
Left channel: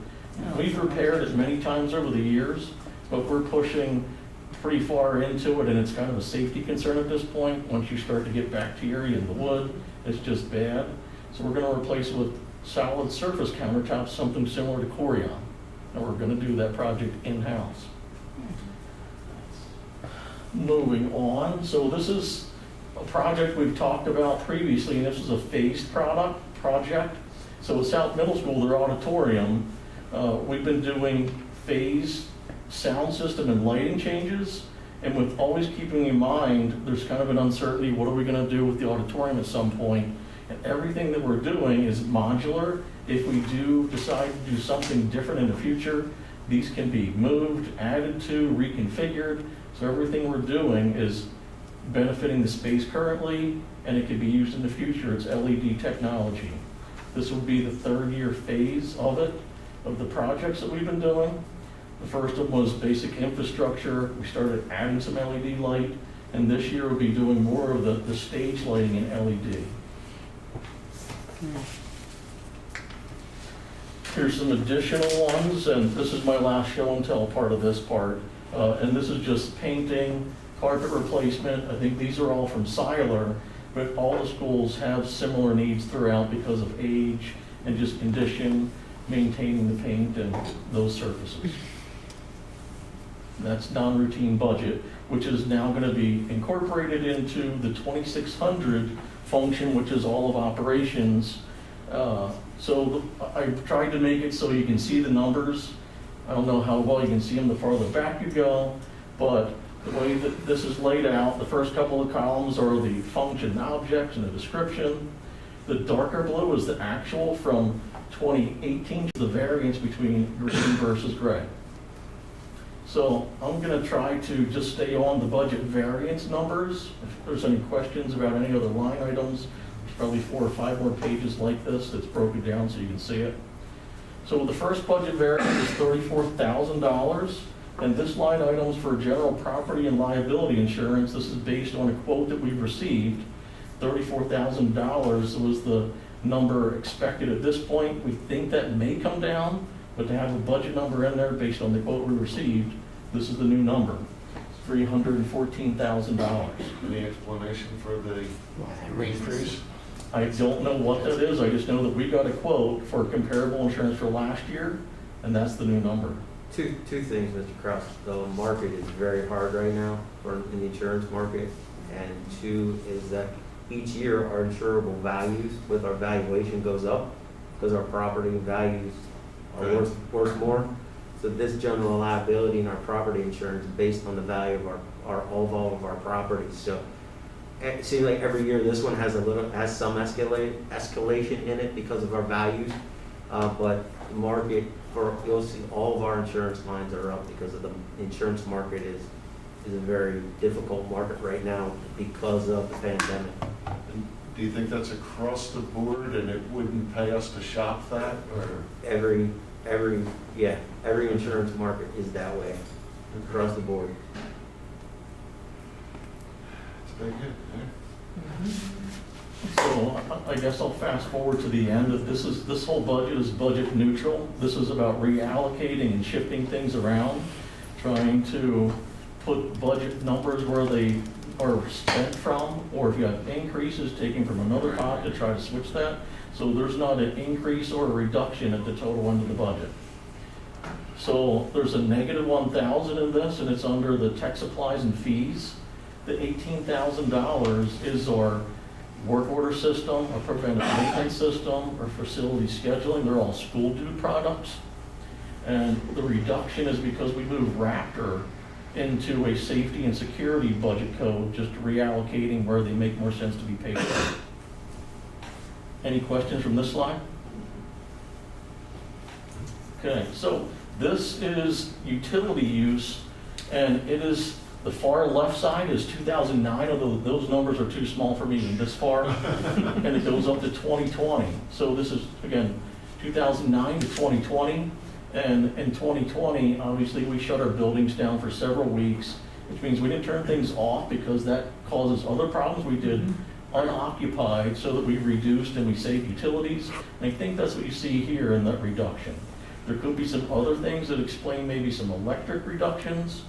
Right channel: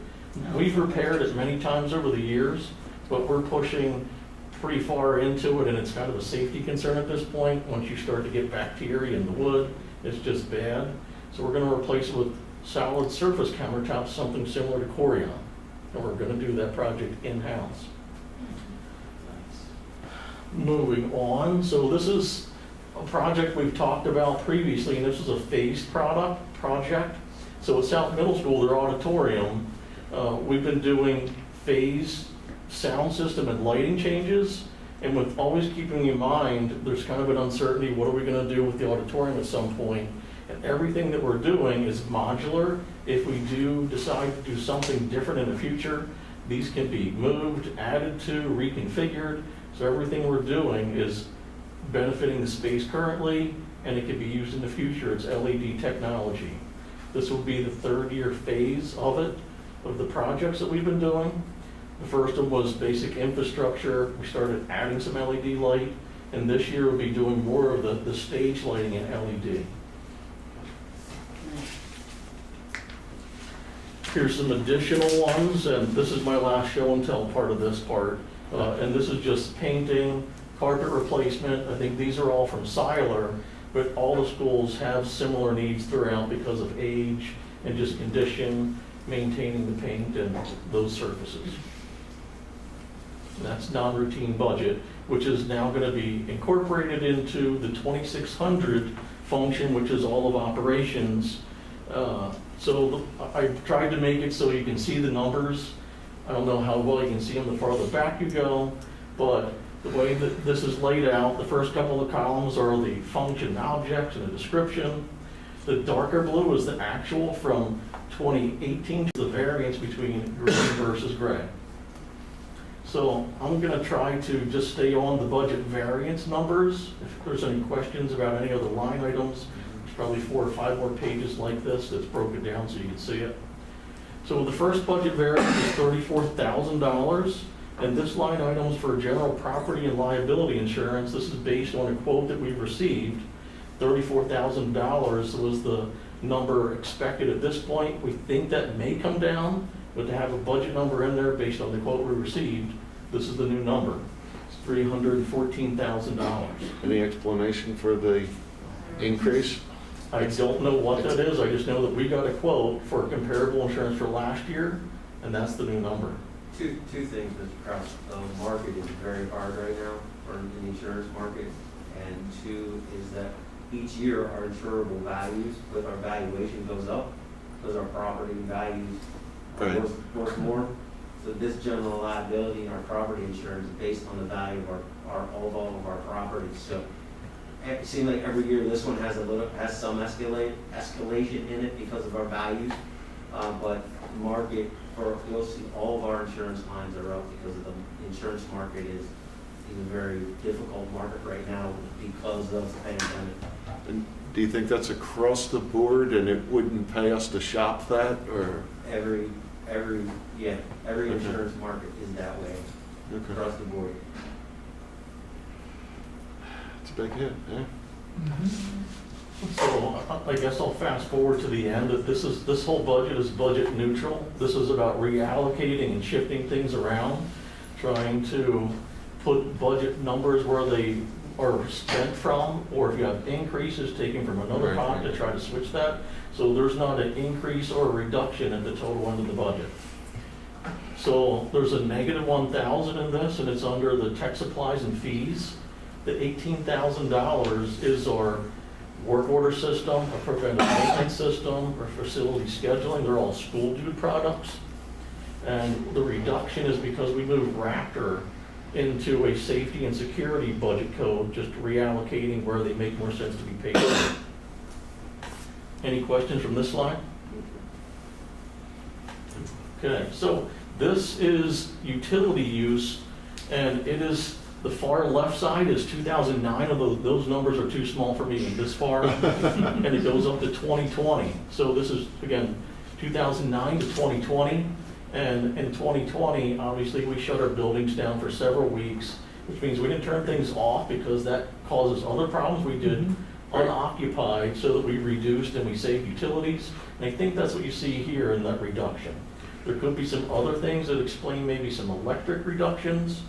We've repaired it many times over the years, but we're pushing pretty far into it, and it's kind of a safety concern at this point. Once you start to get bacteria in the wood, it's just bad. So we're gonna replace it with solid surface countertops, something similar to Corian. And we're gonna do that project in-house. Moving on, so this is a project we've talked about previously, and this is a phased project. So at South Middle School, their auditorium, we've been doing phased sound system and lighting changes, and with always keeping in mind, there's kind of an uncertainty, what are we gonna do with the auditorium at some point? And everything that we're doing is modular. If we do decide to do something different in the future, these can be moved, added to, reconfigured. So everything we're doing is benefiting the space currently, and it can be used in the future. It's LED technology. This will be the 3rd-year phase of it, of the projects that we've been doing. The first one was basic infrastructure. We started adding some LED light, and this year we'll be doing more of the stage lighting in LED. Here's some additional ones, and this is my last show and tell part of this part. And this is just painting, carpet replacement. I think these are all from Seiler, but all the schools have similar needs throughout because of age and just condition, maintaining the paint and those surfaces. That's non-routine budget, which is now going to be incorporated into the 2600 function, which is all of operations. So I've tried to make it so you can see the numbers. I don't know how well you can see them the farther back you go, but the way that this is laid out, the first couple of columns are the function objects and the description. The darker blue is the actual from 2018 to the variance between green versus gray. So I'm going to try to just stay on the budget variance numbers. If there's any questions about any other line items, there's probably 4 or 5 more pages like this that's broken down so you can see it. So the first budget variance is $34,000, and this line item is for general property and liability insurance. This is based on a quote that we received. $34,000 was the number expected at this point. We think that may come down, but to have a budget number in there based on the quote we received, this is the new number. It's $314,000. Any explanation for the increase? I don't know what that is. I just know that we got a quote for comparable insurance for last year, and that's the new number. Two things, Mr. Kraus. The market is very hard right now in the insurance market. And two is that each year our insurable values with our valuation goes up because our property values are worth more. So this general liability and our property insurance is based on the value of all of our properties. So it seems like every year this one has some escalation in it because of our values. But the market you'll see all of our insurance lines are up because of the insurance market is a very difficult market right now because of the pandemic. And do you think that's across the board and it wouldn't pay us to shop that, or? Every insurance market is that way across the board. It's a big hit, eh? So I guess I'll fast forward to the end. This whole budget is budget neutral. This is about reallocating and shifting things around, trying to put budget numbers where they are spent from, or if you have increases, taking from another pot to try to switch that. So there's not an increase or a reduction in the total end of the budget. So there's a negative 1,000 in this, and it's under the tech supplies and fees. The $18,000 is our work order system, our preventive maintenance system, our facility scheduling. They're all school dude products. And the reduction is because we moved Raptor into a safety and security budget code, just reallocating where they make more sense to be paid. Any questions from this slide? Okay, so this is utility use, and it is, the far left side is 2009, although those numbers are too small for me this far, and it goes up to 2020. So this is, again, 2009 to 2020, and in 2020, obviously, we shut our buildings down for several weeks, which means we didn't turn things off because that causes other problems. We did unoccupied so that we reduced and we saved utilities, and I think that's what you see here in that reduction. There could be some other things that explain maybe some electric reductions,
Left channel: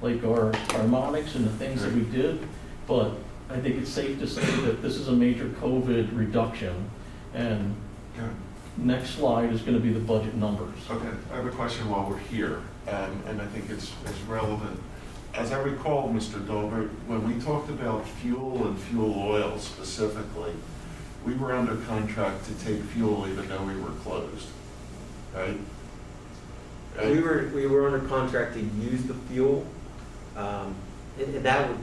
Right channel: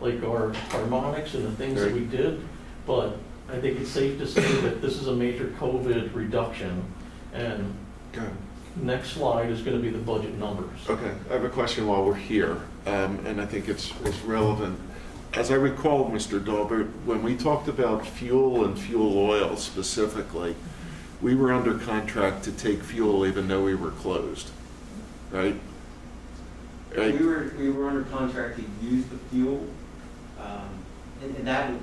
like our harmonics and the things that we did, but I think it's safe to say that this is a major COVID reduction. And next slide is going to be the budget numbers. Okay, I have a question while we're here, and I think it's relevant. As I recall, Mr. Daibler, when we talked about fuel and fuel oil specifically, we were under contract to take fuel even though we were closed, right? We were under contract to use the fuel. And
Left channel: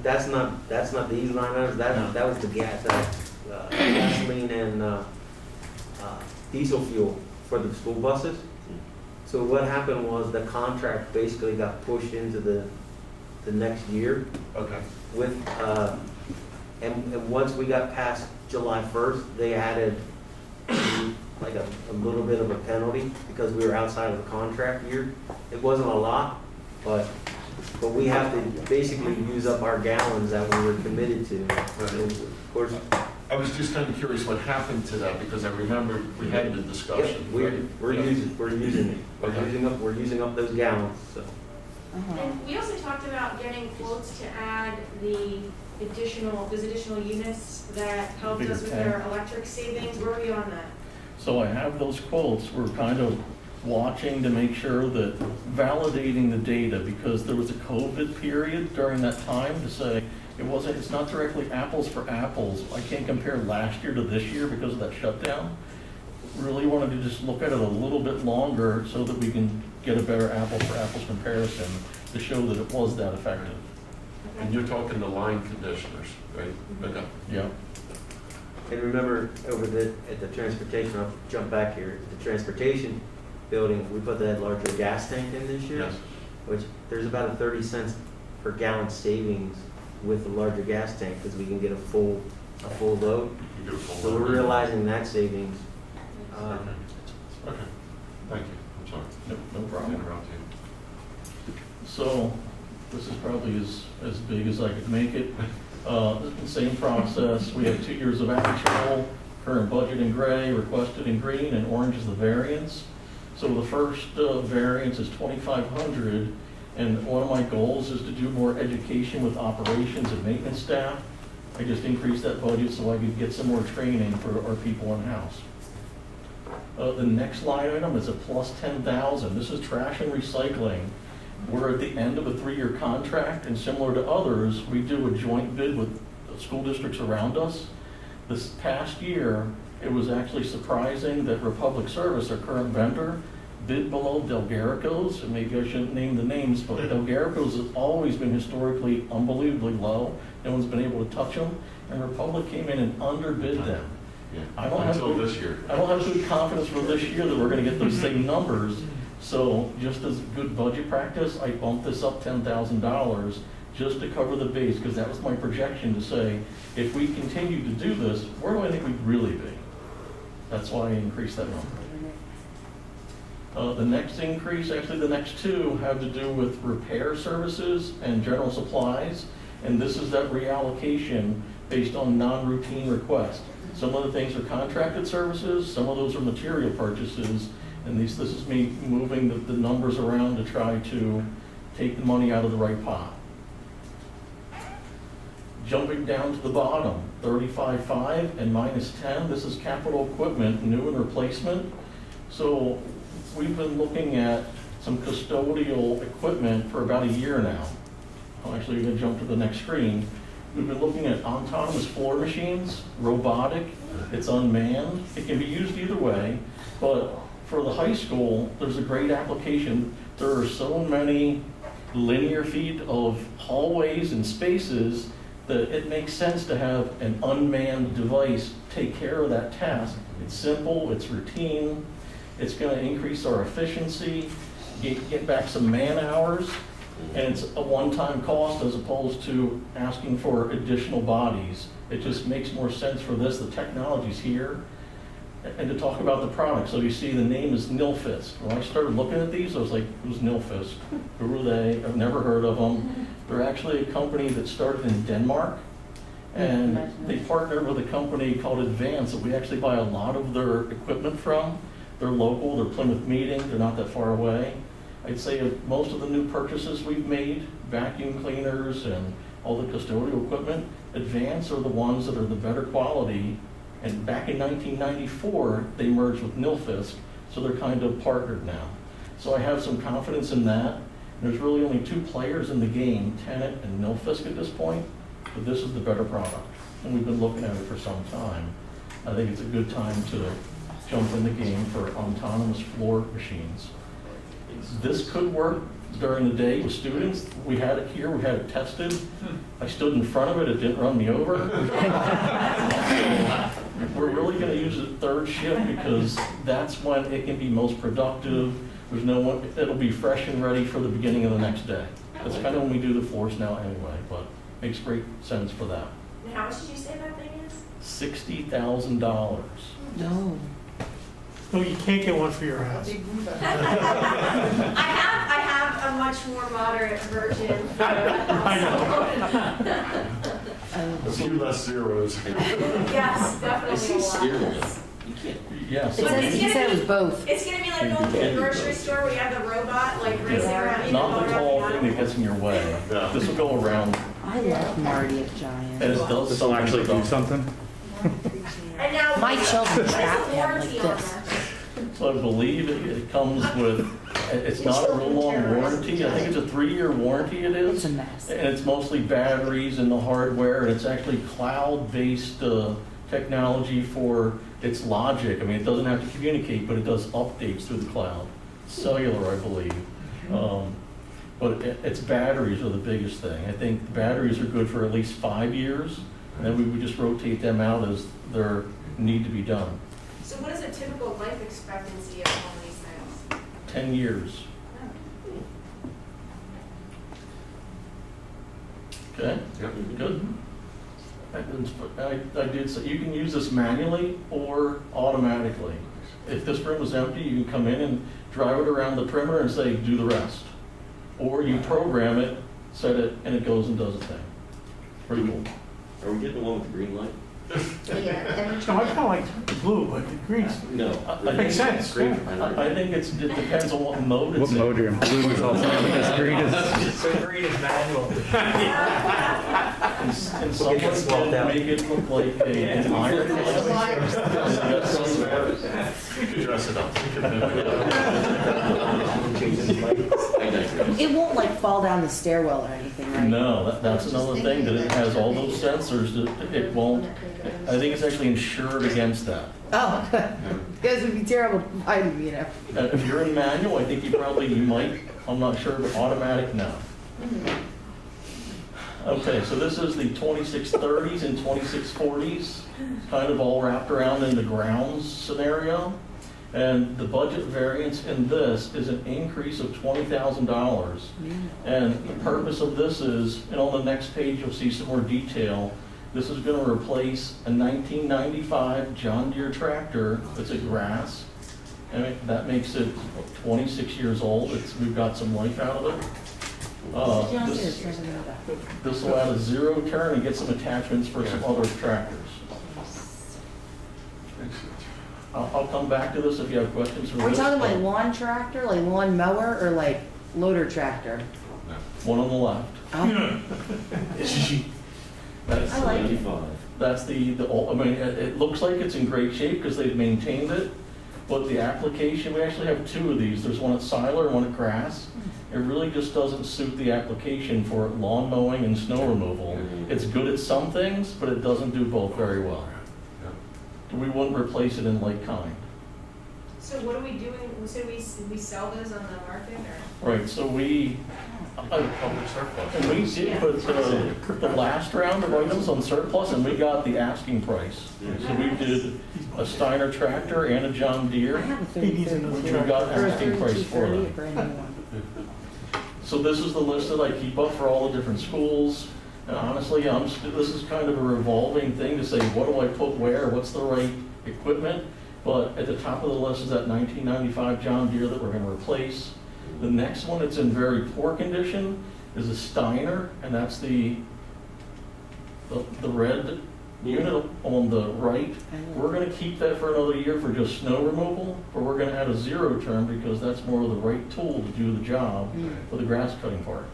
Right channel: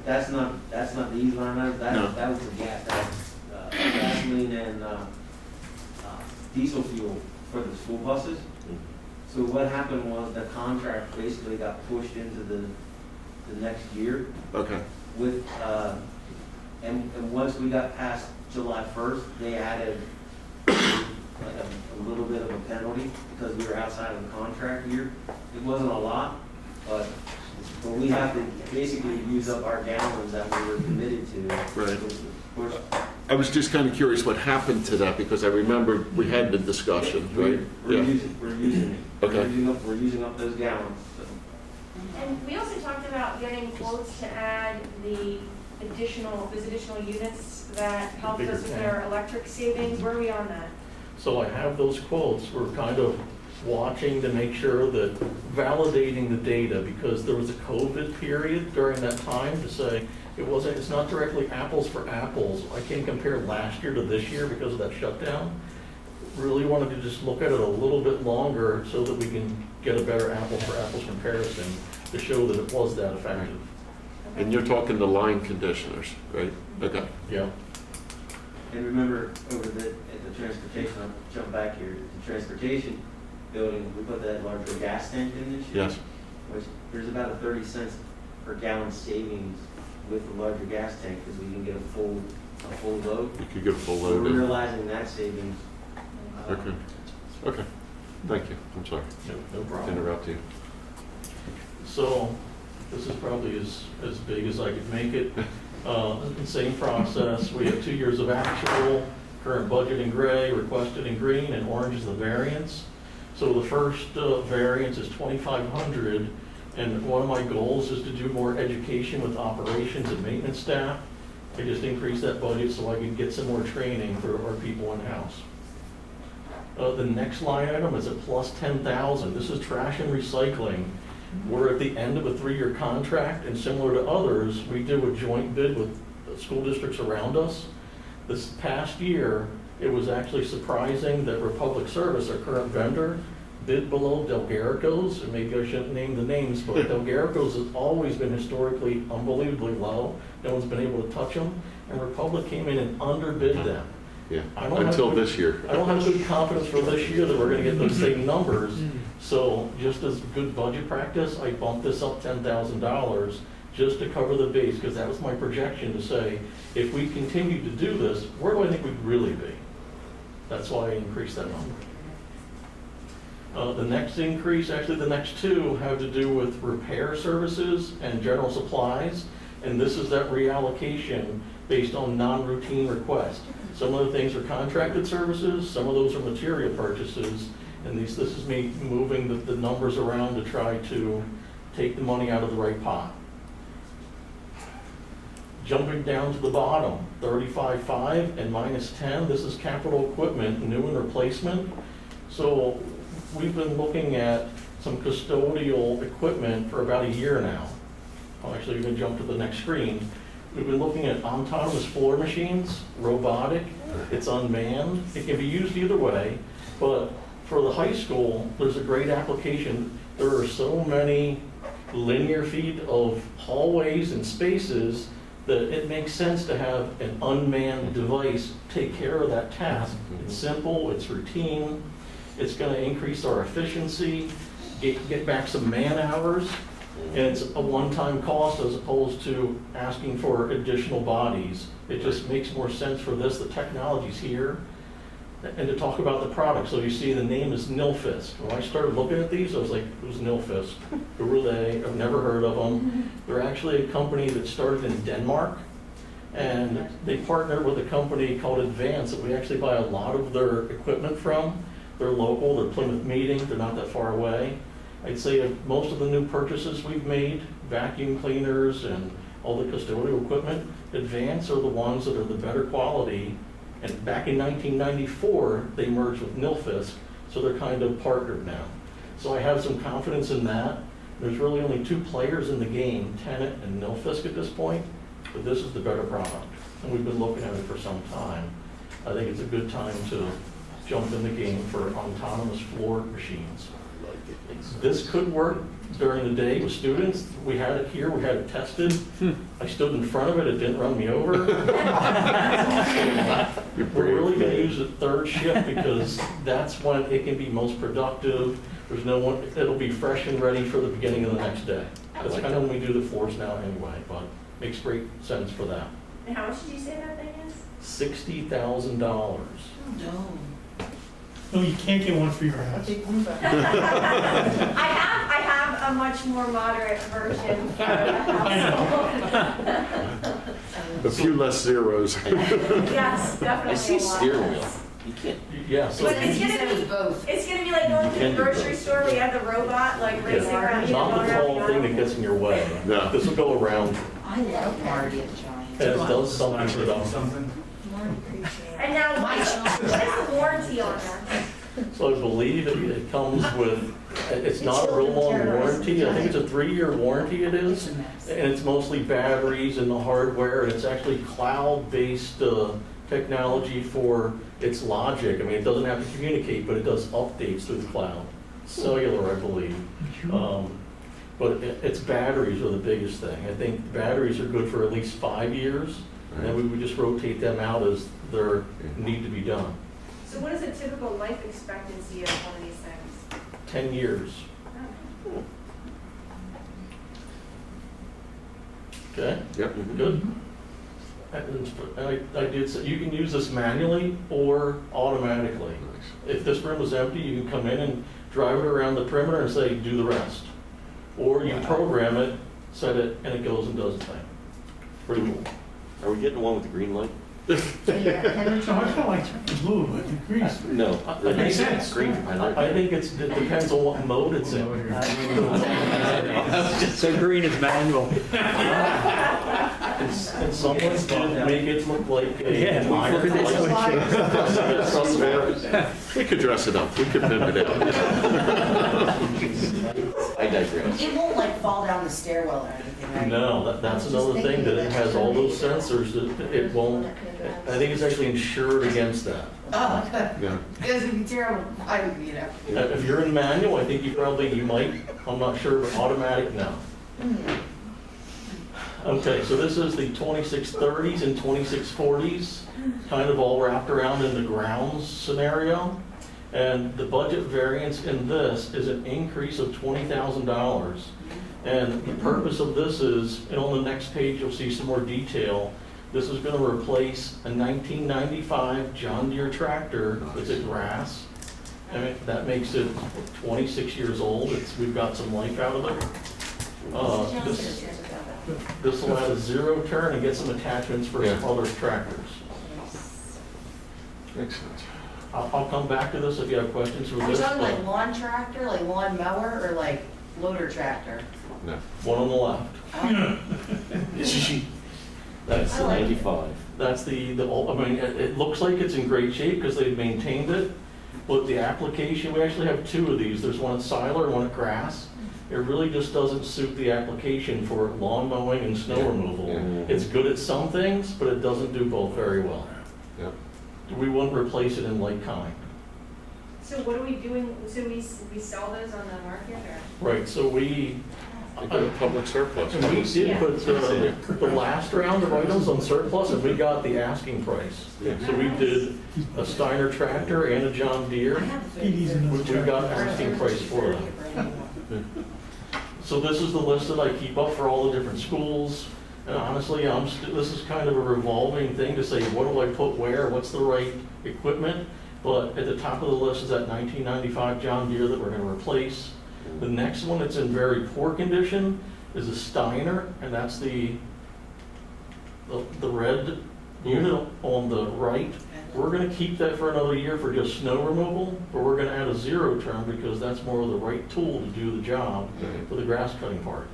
that's not these line items. That was the gasoline and diesel fuel for the school buses. So what happened was the contract basically got pushed into the next year. Okay. With and once we got past July 1st, they added like a little bit of a penalty because we were outside of the contract year. It wasn't a lot, but we have to basically use up our gallons that we were committed to. Right. Of course, I was just kind of curious what happened to that, because I remember we had the discussion. we're using it. Okay. We're using up those gallons. So. And we also talked about getting quotes to add those additional units that helped us with our electric savings. Where are we on that? So I have those quotes. We're kind of watching to make sure that validating the data, because there was a COVID period during that time to say it's not directly apples for apples. I can't compare last year to this year because of that shutdown. really wanted to just look at it a little bit longer so that we can get a better apples for apples comparison to show that it was that effective. And you're talking the line conditioners, right? Okay. Yeah. And remember, at the transportation, I'll jump back here, the transportation building, we put that larger gas tank in this year. Yes. Which, there's about a 30 cents per gallon savings with the larger gas tank, because we can get a full load. You could get a full We're load. realizing that savings. Okay. Okay. Thank you. I'm sorry. Yep, no problem. Interrupt you. So, this is probably as big as I could make it. Same process, we have 2 years of actual, current budget in gray, requested in green, and orange is the variance. So the first variance is 2,500, and one of my goals is to do more education with operations and maintenance staff. I just increased that budget so I could get some more training for our people in-house. The next line item is a plus 10,000. This is trash and recycling. We're at the end of a 3-year contract, and similar to others, we do a joint bid with school districts around us. This past year, it was actually surprising that Republic Service, our current vendor, bid below Delgarico's, and maybe I shouldn't name the names, but Delgarico's has always been historically unbelievably low. No one's been able to touch them, and Republic came in and underbid them. Yeah, I don't until have good- this year. I don't have good confidence for this year that we're gonna get those same numbers. So just as good budget practice, I bumped this up $10,000 just to cover the base, because that was my projection to say, if we continue to do this, where do I think we'd really be? That's why I increased that number. The next increase, actually the next two, have to do with repair services and general supplies. And this is that reallocation based on non-routine requests. Some of the things are contracted services, some of those are material purchases. And this is me moving the numbers around to try to take the money out of the right pot. Jumping down to the bottom, 35.5 and minus 10, this is capital equipment, new and replacement. So we've been looking at some custodial equipment for about a year now. Actually, we're gonna jump to the next screen. We've been looking at autonomous floor machines, robotic, it's unmanned. It can be used either way, but for the high school, there's a great application. There are so many linear feet of hallways and spaces that it makes sense to have an unmanned device take care of that task. It's simple, it's routine, it's gonna increase our efficiency, get back some man hours, and it's a one-time cost as opposed to asking for additional bodies. It just makes more sense for this, the technology's here. And to talk about the product, so you see the name is Nilfisk. When I started looking at these, I was like, who's Nilfisk? Who are they? I've never heard of them. They're actually a company that started in Denmark, and they partnered with a company called Advance that we actually buy a lot of their equipment from. They're local, they're Plymouth Meeting, they're not that far away. I'd say of most of the new purchases we've made, vacuum cleaners and all the custodial equipment, Advance are the ones that are the better quality. And back in 1994, they merged with Nilfisk, so they're kind of partnered now. So I have some confidence in that. There's really only two players in the game, Tenet and Nilfisk at this point, but this is the better product. And we've been looking at it for some time. I think it's a good time to jump in the game for autonomous floor machines. This could work during the day with students. We had it here, we had it tested. I stood in front of it, it didn't run me over. We're really gonna use it third shift because that's when it can be most productive. There's no one, it'll be fresh and ready for the beginning of the next day. That's kind of when we do the floors now anyway, but makes great sense for that. And how much did you say that thing is? $60,000. No. No, you can't get one for your house. I have a much more moderate version for the house. A few less zeros. Yes, I definitely see a lot. steering wheel. You can't. Yeah, so But it's He said it was gonna both. be, it's gonna be like going to the grocery store where you have the robot like racing around. it's you not know, the tall around thing the that gets in your way. No. This will go around. I love Marty at Giant. And it's I'll actually do something. And now, My children there's trap a him warranty with on this. there. So I believe it comes with, it's not a real long warranty. I think it's a 3-year warranty it It's is. a mess. And it's mostly batteries and the hardware, and it's actually cloud-based technology for its logic. I mean, it doesn't have to communicate, but it does updates through the cloud. Cellular, I believe. But its batteries are the biggest thing. I think batteries are good for at least 5 years, and then we would just rotate them out as they need to be done. So what is a typical life expectancy of one of these things? 10 years. Okay? Yep. Good. And I did say, you can use this manually or automatically. If this room is empty, you can come in and drive it around the perimeter and say, do the rest. Or you program it, set it, and it goes and does the thing. Pretty cool. Are we getting the one with the green light? Yeah, Kevin, So I kind of like the blue, but the green's. No. Makes sense. Green. I think it depends on what mode it's What in. mode you're in? Blue is also, green is, so green is manual. And someone did make it look like a iron. We could dress it up, we could pimp it up. I digress. It won't like fall down the stairwell or anything, right? No, that's another thing, that it has all those sensors that it won't, I think it's actually insured against that. Oh, Yeah. because it'd be terrible, you know. If you're in manual, I think you might, I'm not sure, but automatic, no. Okay, so this is the 2630s and 2640s, kind of all wrapped around in the grounds scenario. And the budget variance in this is an increase of $20,000. And the purpose of this is, and on the next page, you'll see some more detail. This is going to replace a 1995 John Deere tractor that's a grass. And that makes it 26 years old. We've got some life out of it. This will add a zero turn and get some attachments for some other tractors. Excellent. I'll come back to this if you have questions for Are we this. talking like but lawn tractor, like lawn mower, or like loader tractor? One on the left. Oh, That's I like it. 95. That's I mean, it looks like it's in great shape because they've maintained it, but the application, we actually have two of these. There's one at Siler and one at Grass. It really just doesn't suit the application for lawn mowing and snow removal. It's good at some things, but it doesn't do both very well. We wouldn't replace it in like kind. So what are we doing, so we sell those on the market, or? Right, so we Put a public surplus. And we did put the last round of items on surplus, and we got the asking price. So we did a Steiner tractor and a John Deere, which we got asking price for them. So this is the list that I keep up for all the different schools. And honestly, this is kind of a revolving thing to say, what do I put where? What's the right equipment? But at the top of the list is that 1995 John Deere that we're going to replace. The next one that's in very poor condition is a Steiner, and that's the red unit on the right. We're going to keep that for another year for just snow removal, but we're going to add a zero turn because that's more of the right tool to do the job for the grass cutting part.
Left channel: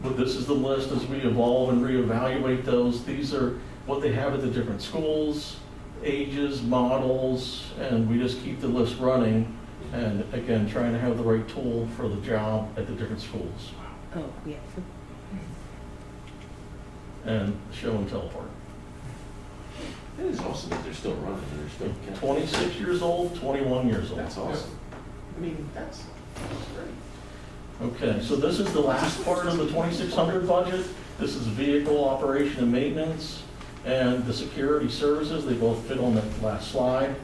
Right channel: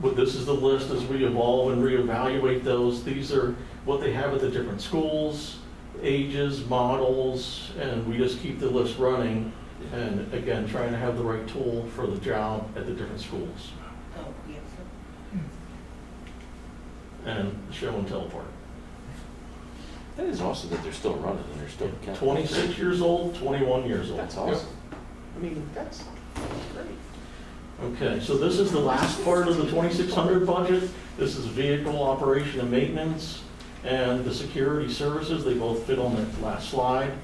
But this is the list as we evolve and reevaluate those. These are what they have at the different schools, ages, models, and we just keep the list running. And again, trying to have the right tool for the job at the different schools. Oh, yeah. And show and tell part. That is awesome that they're still running and they're still. 26 years old, 21 years old. That's awesome. I mean, that's great. Okay, so this is the last part of the 2600 budget. This is vehicle operation and maintenance and the security services. They both fit on that last slide.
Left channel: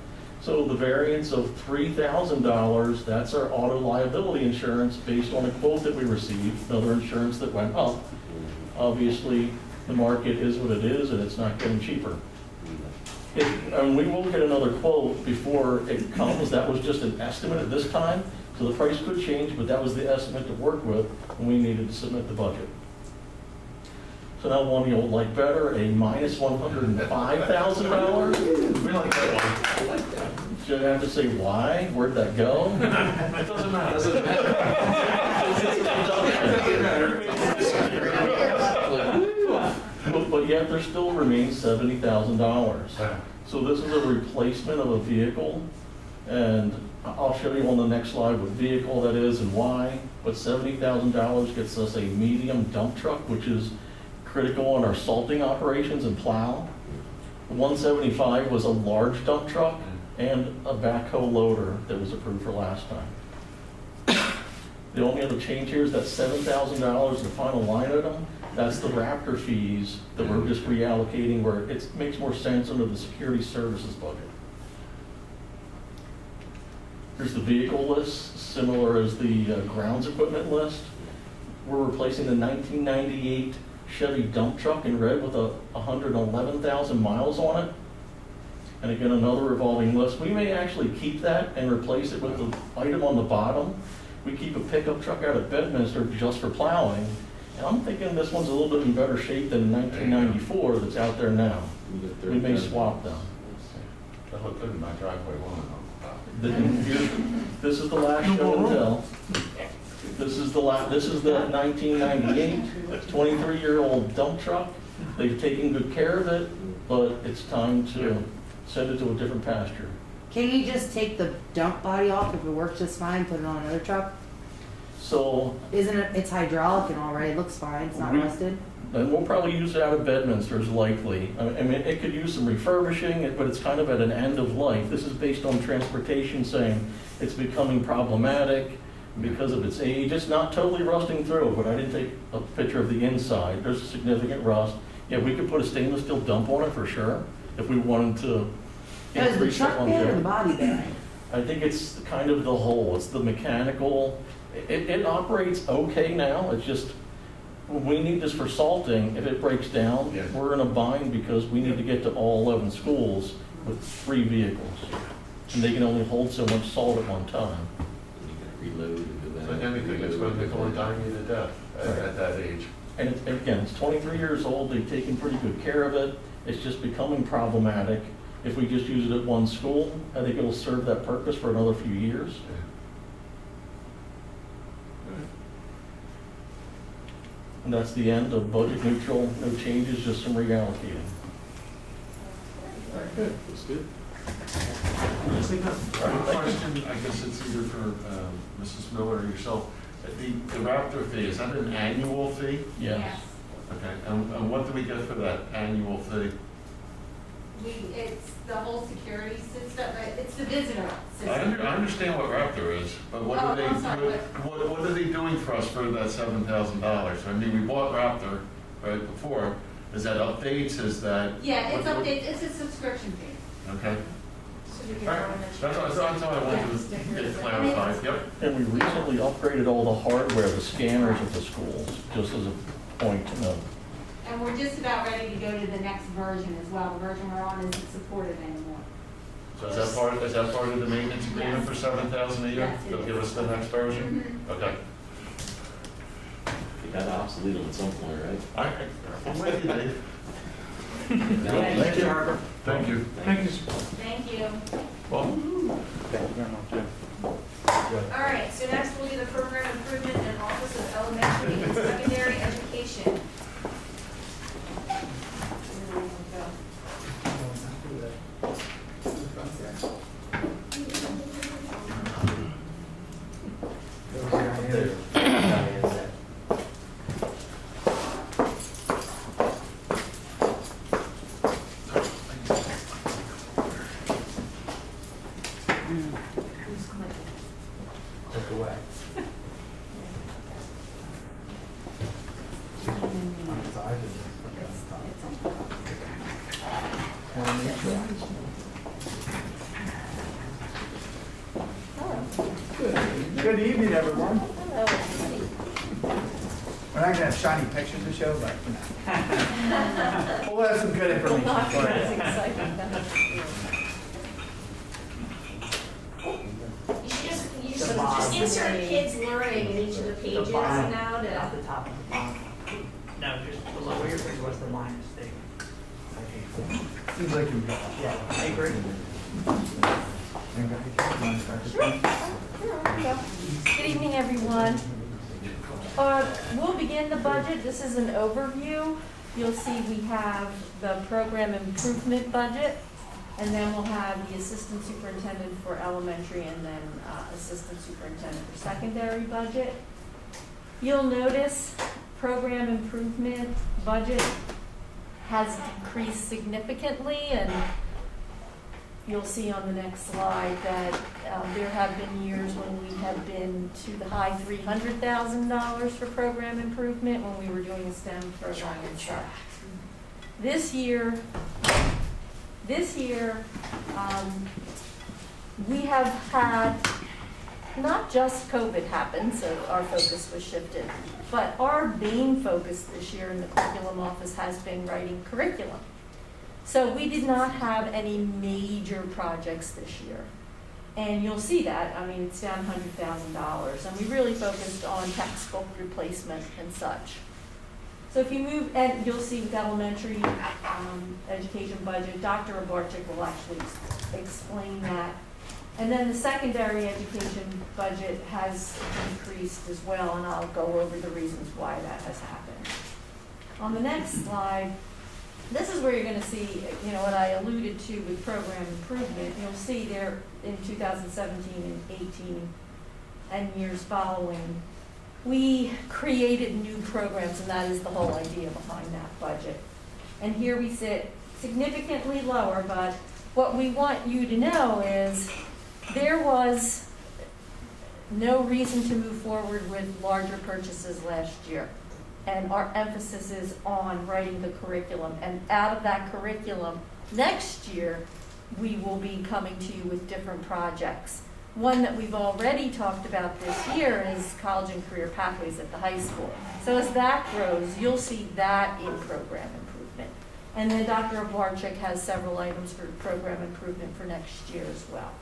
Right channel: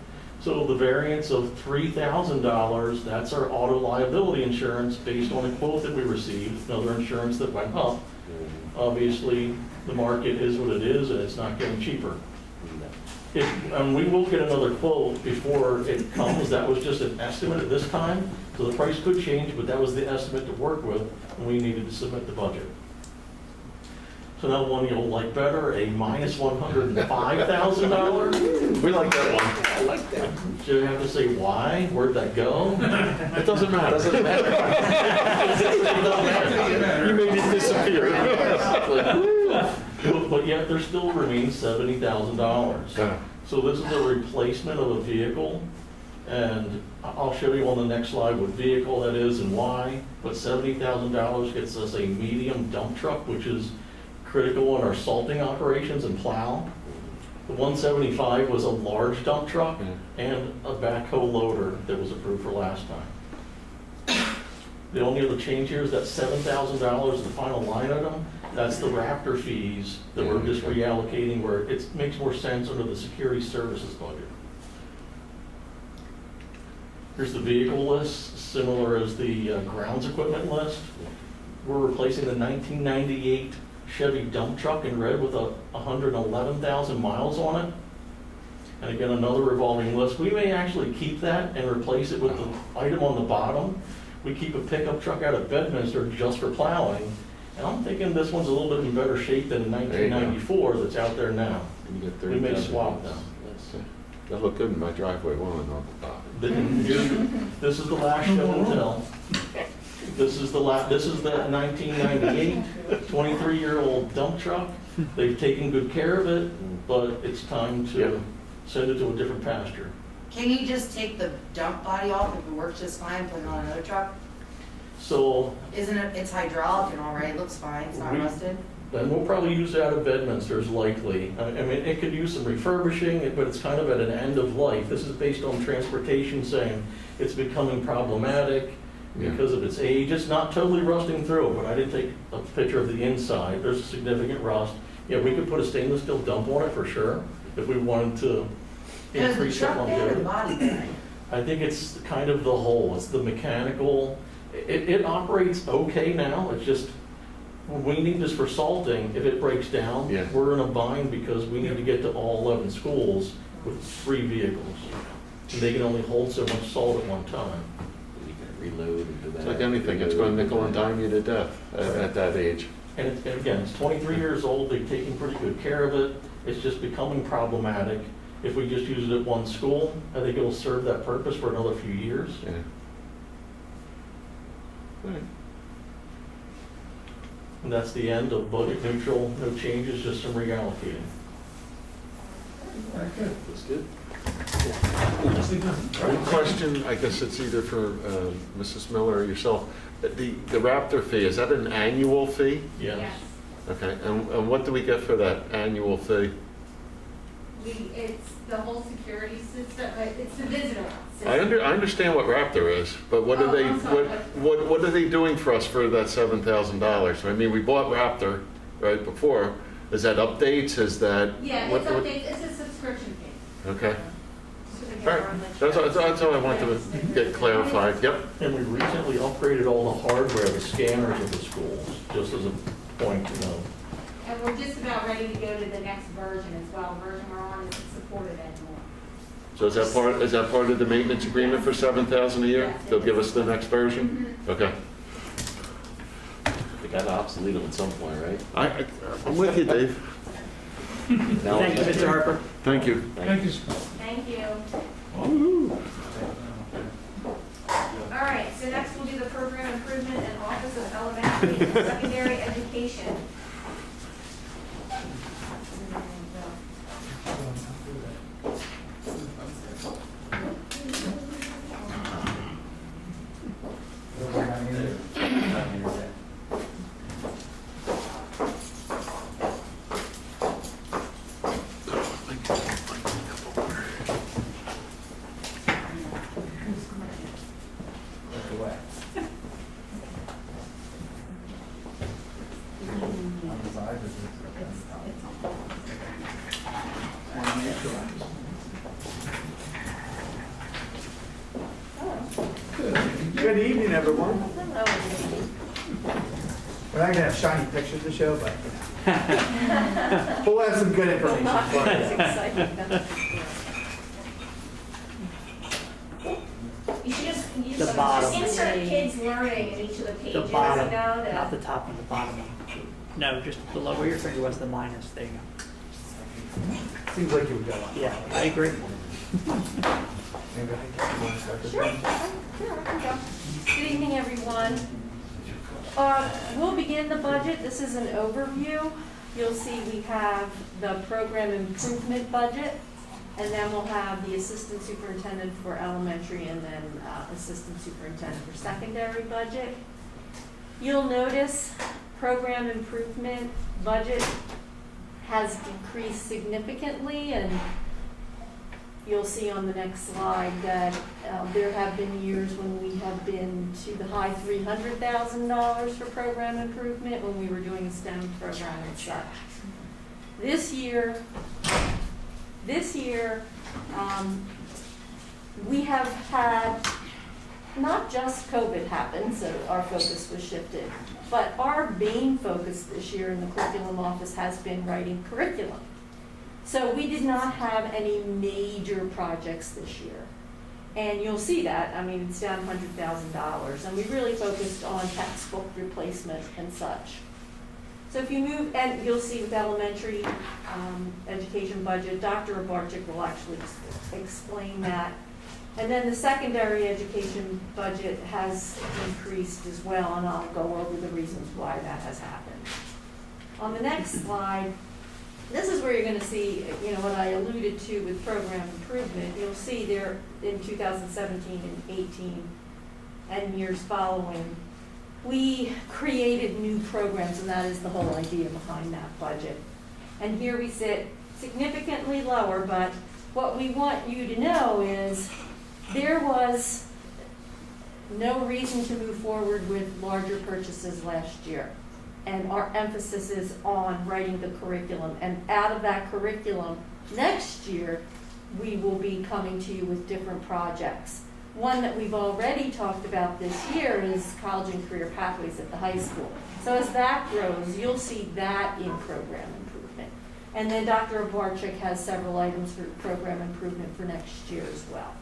So the variance of $3,000, that's our auto liability insurance based on a quote that we received, another insurance that went up. Obviously, the market is what it is and it's not getting cheaper. And we will get another quote before it comes. That was just an estimate at this time. So the price could change, but that was the estimate to work with when we needed to submit the budget. So now one you'll like better, a minus $105,000. We like that one. I like that. So you have to say why, where'd that go? It doesn't matter. You made it disappear. But yet there still remains $70,000. So this is a replacement of a vehicle, and I'll show you on the next slide what vehicle that is and why. But $70,000 gets us a medium dump truck, which is critical in our salting operations and plow. The 175 was a large dump truck and a backhoe loader that was approved for last time. The only other change here is that $7,000 is the final line item. That's the Raptor fees that we're just reallocating where it makes more sense under the security services budget. Here's the vehicle list, similar as the grounds equipment list. We're replacing the 1998 Chevy dump truck in red with 111,000 miles on it. And again, another revolving list. We may actually keep that and replace it with the item on the bottom. We keep a pickup truck out of Bedminster just for plowing. And I'm thinking this one's a little bit in better shape than 1994 that's out there now. We may swap them. That looked good in my driveway one on the top. This is the last show and tell. This is the 1998, 23-year-old dump truck. They've taken good care of it, but it's time to send it to a different pasture. Can you just take the dump body off if it works just fine, put it on another truck? So Isn't it, it's hydraulic and all right, it looks fine, it's not rusted? then we'll probably use it out of Bedminster's likely. I mean, it could use some refurbishing, but it's kind of at an end of life. This is based on transportation saying it's becoming problematic because of its age. It's not totally rusting through, but I did take a picture of the inside. There's a significant rust. Yeah, we could put a stainless steel dump on it for sure if we wanted to Is the increase that truck one there or the there. body there? I think it's kind of the whole. It's the mechanical. It operates okay now. It's just we need this for salting. If it breaks down, Yeah. we're in a bind because we need to get to all 11 schools with 3 vehicles. And they can only hold so much salt at one time. You can reload and do It's that. like anything, it's going to nickel and dime you to death at that age. And again, it's 23 years old. They've taken pretty good care of it. It's just becoming problematic. If we just use it at one school, I think it'll serve that purpose for another few years. Yeah. And that's the end of budget neutral, no changes, just some reallocating. Looks good. One question, I guess it's either for Mrs. Miller or yourself. The Raptor fee, is that an annual fee? Yes. Okay, and what do we get for that annual fee? It's the whole security system, it's the visitor system. I understand what Raptor is, but what are Oh, they, I'm sorry. what are they doing for us for that $7,000? I mean, we bought Raptor, right, before. Is that updates, is that? Yeah, what- it's update, it's a subscription fee. Okay. So we All get right, our that's all I wanted to get clarified, yep. And we recently upgraded all the hardware, the scanners of the schools, just as a point to know. And we're just about ready to go to the next version as well. The version we're on isn't supported anymore. So is that part of the maintenance agreement for $7,000 a year? Yes, it They'll is. give us the next version? Okay. They got obsolete at some point, right? I'm with you, Dave. Now- Thank you, Mr. Harper. Thank you. Thank you. All right, so next we'll do the program improvement and Office of Elementary and Secondary Education. Good evening, everyone. We're not gonna have shiny pictures to show, but we'll have some good information for you. You should The just bottom. insert kids learning in each of the The pages bottom, now not to. the top and the bottom. No, just below where your finger was, the minus, there you go. Seems like you've got. Yeah, I agree. Good evening, everyone. We'll begin the budget. This is an overview. You'll see we have the program improvement budget, and then we'll have the assistant superintendent for elementary and then assistant superintendent for secondary budget. You'll notice program improvement budget has decreased significantly, and you'll see on the next slide that there have been years when we have been to the high $300,000 for program improvement when we were doing a STEM program and such. This year, we have had not just COVID happen, so our focus was shifted, but our main focus this year in the curriculum office has been writing curriculum. So we did not have any major projects this year. And you'll see that, I mean, it's down $100,000, and we really focused on textbook replacement and such. So if you move, and you'll see with the elementary education budget, Dr. Abarczyk will actually explain that. And then the secondary education budget has increased as well, and I'll go over the reasons why that has happened. On the next slide, this is where you're going to see, you know, what I alluded to with program improvement. You'll see there in 2017 and 18 and years following, we created new programs, and that is the whole idea behind that budget. And here we sit significantly lower, but what we want you to know is there was no reason to move forward with larger purchases last year. And our emphasis is on writing the curriculum. And out of that curriculum, next year, we will be coming to you with different projects. One that we've already talked about this year is college and career pathways at the high school. So as that grows, you'll see that in program improvement. And then Dr. Abarczyk has several items for program improvement for next year as well.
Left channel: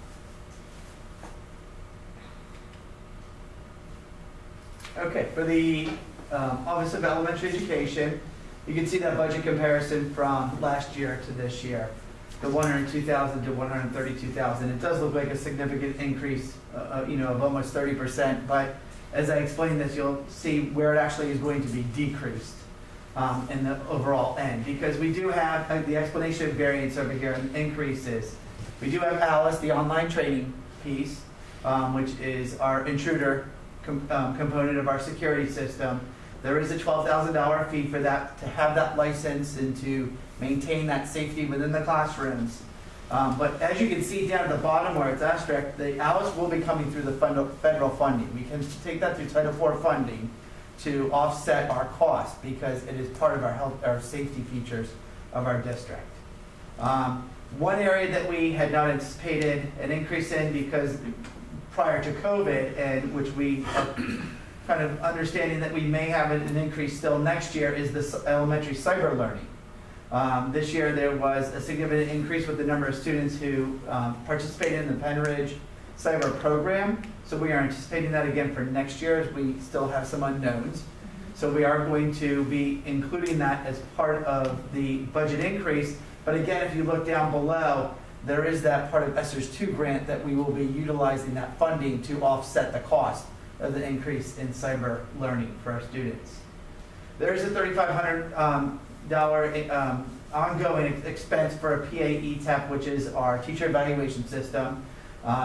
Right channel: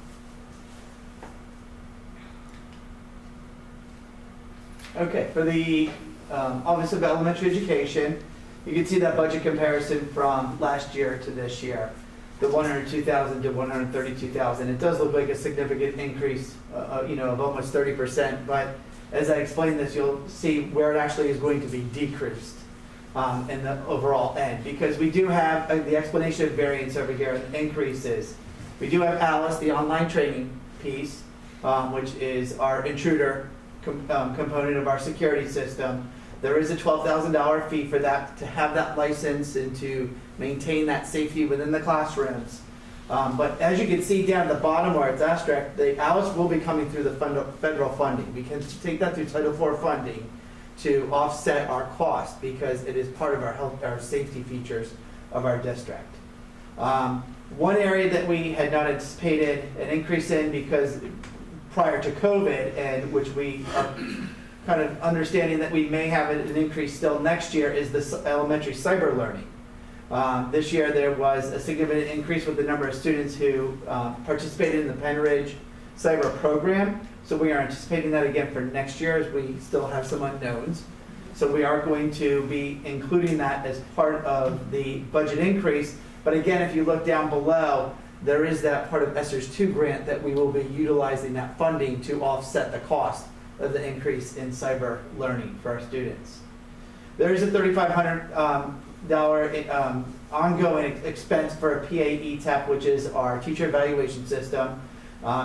Okay, for the Office of Elementary Education, you can see that budget comparison from last year to this year, the 102,000 to 132,000. It does look like a significant increase, of almost 30%. But as I explain this, you'll see where it actually is going to be decreased in the overall end, because we do have the explanation of variance over here and increases. We do have Alice, the online training piece, which is our intruder component of our security system. There is a $12,000 fee for that, to have that license and to maintain that safety within the classrooms. But as you can see down at the bottom where it's asterisk, the Alice will be coming through the federal funding. We can take that through Title IV funding to offset our cost, because it is part of our safety features of our district. One area that we had not anticipated an increase in, because prior to COVID, and which we are kind of understanding that we may have an increase still next year, is the elementary cyber learning. This year there was a significant increase with the number of students who participated in the Penn cyber program. So we are anticipating that again for next year, as we still have some unknowns. So we are going to be including that as part of the budget increase. But again, if you look down below, there is that part of ESSER's 2 grant that we will be utilizing that funding to offset the cost of the increase in cyber learning for our students. There is a $3,500 ongoing expense for a PAE-TEP, which is our teacher evaluation system.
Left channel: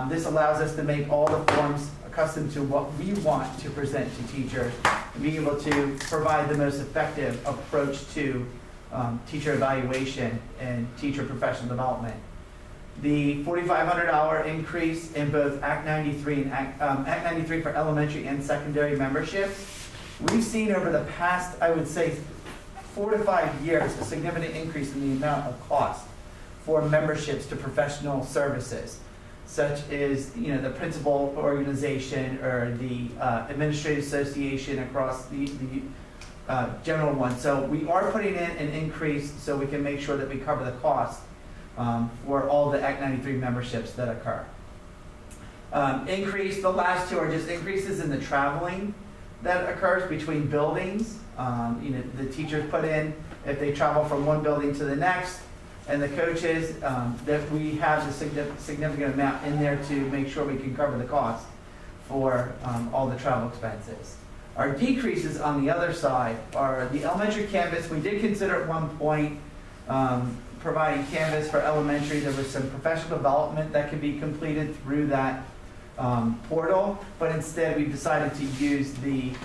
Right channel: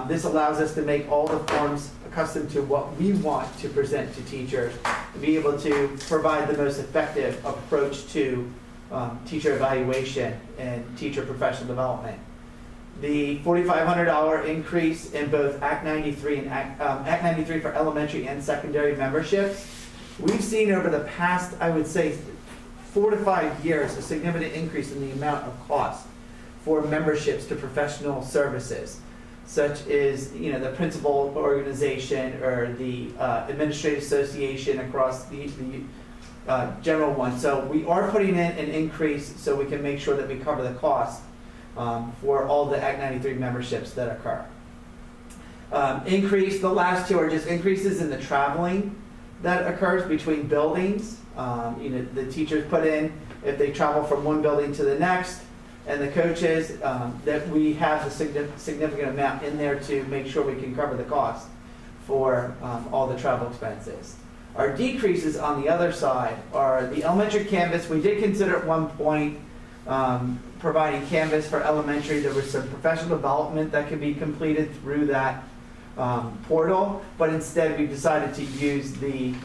This allows us to make all the forms accustomed to what we want to present to teachers, to be able to provide the most effective approach to teacher evaluation and teacher professional development. The $4,500 increase in both Act 93 and Act 93 for elementary and secondary memberships. We've seen over the past, I would say, 4 to 5 years, a significant increase in the amount of cost for memberships to professional services, such as the principal organization or the administrative association across the general one. So we are putting in an increase so we can make sure that we cover the cost for all the Act 93 memberships that occur. The last 2 are just increases in the traveling that occurs between buildings. The teachers put in, if they travel from one building to the next, and the coaches, that we have a significant amount in there to make sure we can cover the cost for all the travel expenses. Our decreases on the other side are the elementary canvas. We did consider at one point providing canvas for elementary. There was some professional development that could be completed through that portal, but instead we decided to use the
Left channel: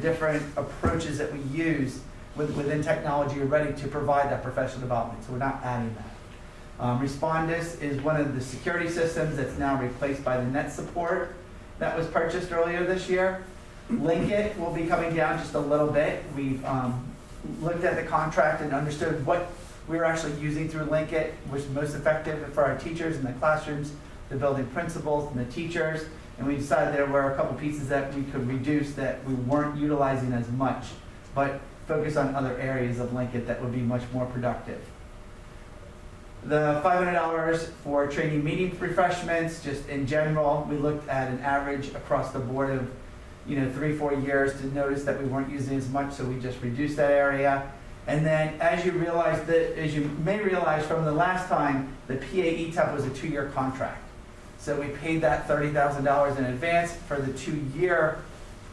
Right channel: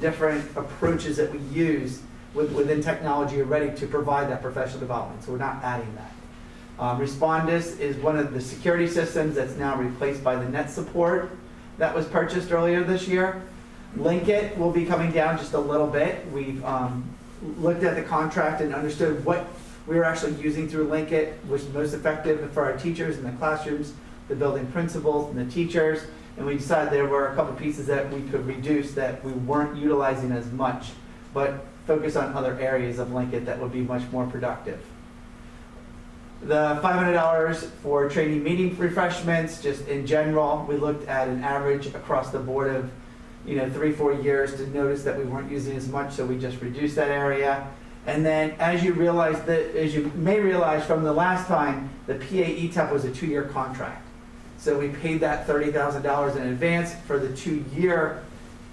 different approaches that we use within technology are ready to provide that professional development, so we're not adding that. Respondus is one of the security systems that's now replaced by the net support that was purchased earlier this year. Linkit will be coming down just a little bit. We've looked at the contract and understood what we were actually using through Linkit, which is most effective for our teachers in the classrooms, the building principals, and the teachers. And we decided there were a couple pieces that we could reduce that we weren't utilizing as much, but focus on other areas of Linkit that would be much more productive. The $500 for training meeting refreshments, just in general, we looked at an average across the board of 3-4 years to notice that we weren't using as much, so we just reduced that area. And then as you may realize from the last time, the PA ETAP was a 2-year contract. So we paid that $30,000 in advance for the 2-year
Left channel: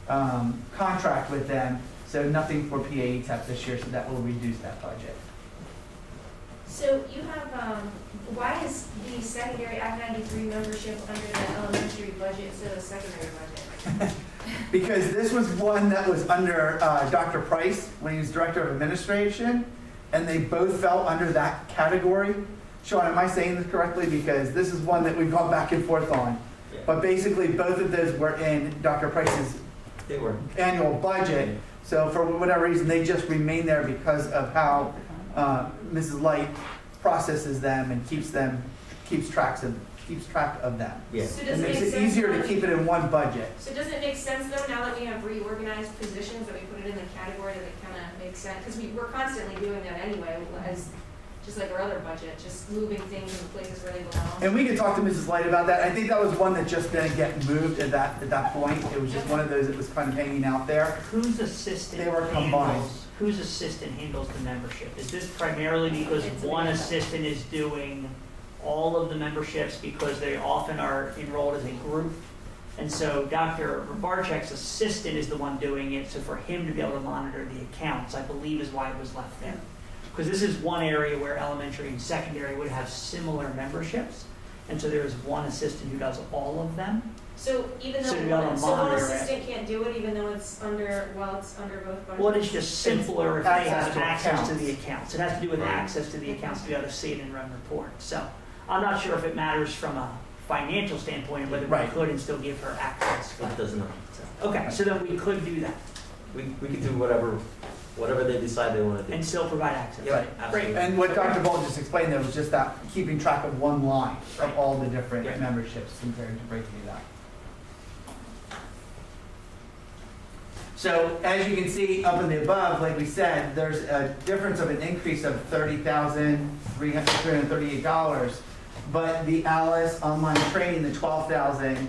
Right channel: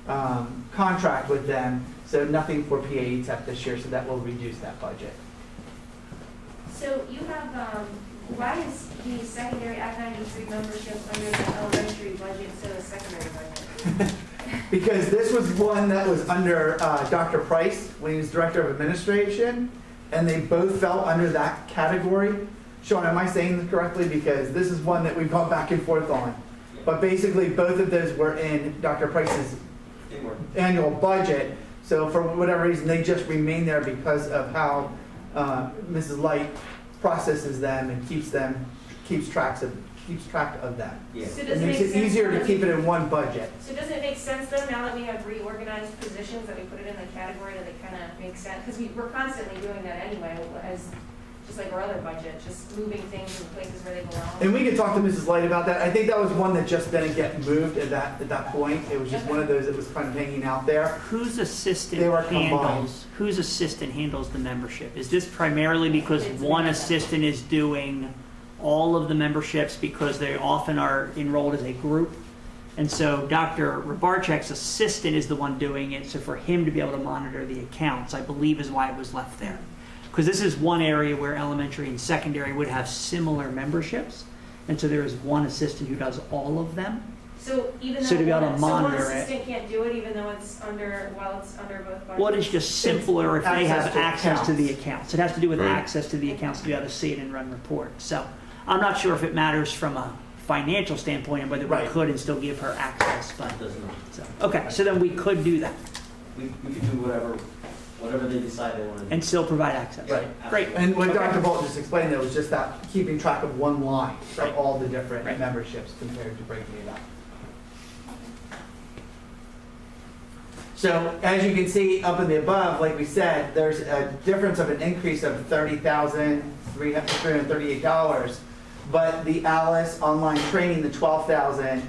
contract with them. So nothing for PA ETAP this year, so that will reduce that budget. So you have, why is the secondary Act 93 membership under the elementary budget instead of the secondary budget? Because this was one that was under Dr. Price when he was Director of Administration, and they both fell under that category. Sean, am I saying this correctly? Because this is one that we've gone back and forth on. Yeah. But basically, both of those were in Dr. Price's They were. annual budget. So for whatever reason, they just remain there because of how Mrs. Light processes them and keeps track of that. Yeah. So It does it makes make it sense easier to for- keep it in one budget. So doesn't it make sense though, now that we have reorganized positions, that we put it in the category that it kind of makes sense? Because we're constantly doing that anyway, as, just like our other budget, just moving things in places where they belong. And we could talk to Mrs. Light about that. I think that was one that just didn't get moved at that point. It was just one of those that was kind of hanging out there. Whose assistant They were combined. handles the membership? Is this primarily because It's one Amanda. assistant is doing all of the memberships because they often are enrolled as a group? And so Dr. Rabarchek's assistant is the one doing it, so for him to be able to monitor the accounts, I believe is why it was left there. Because this is one area where elementary and secondary would have similar memberships, and so there is one assistant who does all of them. So even So to be though able to one monitor it. assistant can't do it, even though it's under, while it's under both budgets? Well, it's just simpler if they have Access to access to the accounts. accounts. It has to do with Right. access to the accounts to be able to see it and run reports. So I'm not sure if it matters from a financial standpoint of whether we Right. could and still give her access, but, It does not. so, okay, so then we could do that We could do whatever they decide they want to do. and still provide access. Yeah, Great. And what Okay. Dr. Bolton just explained there was just that keeping track of one line of all the different Right. memberships compared to breaking it up. So as you can see up in the above, like we said, there's a difference of an increase of $30,338. But the Alice online training, the $12,000,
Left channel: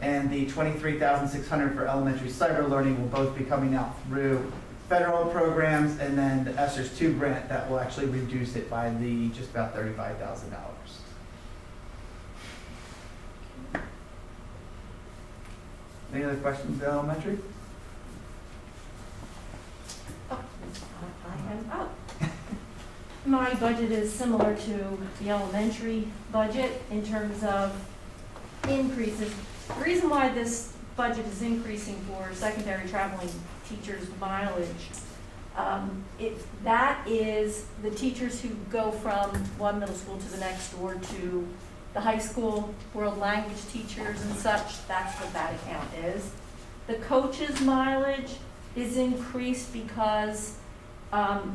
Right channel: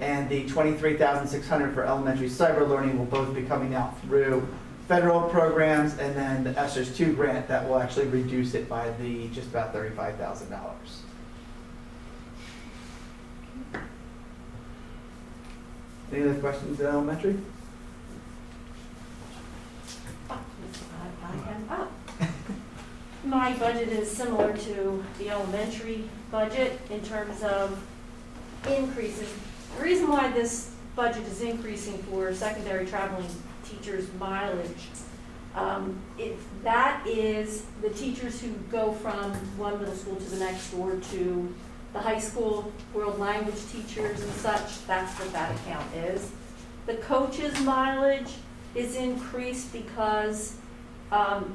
and the $23,600 for elementary cyber learning will both be coming out through federal programs, and then the ESSERS 2 grant that will actually reduce it by just about $35,000. Any other questions about elementary? My budget is similar to the elementary budget in terms of increases. The reason why this budget is increasing for secondary traveling teachers' mileage, that is the teachers who go from one middle school to the next or to the high school, world language teachers and such, that's what that account is. The coaches' mileage is increased because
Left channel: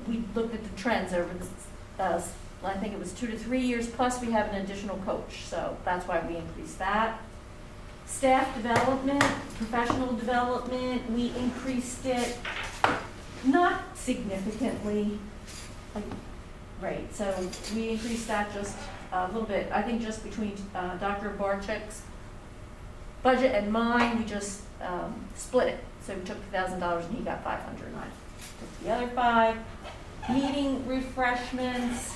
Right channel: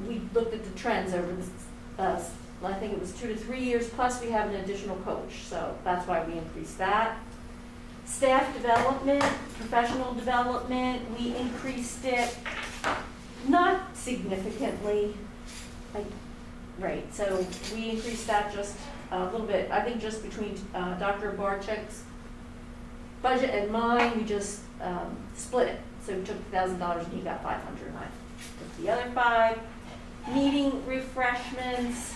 we looked at the trends over the, I think it was 2 to 3 years, plus we have an additional coach, so that's why we increased that. Staff development, professional development, we increased it not significantly, right, so we increased that just a little bit, I think just between Dr. Barchek's budget and mine, we just split it. So we took $1,000 and he got $500, and I took the other $5. Meeting refreshments,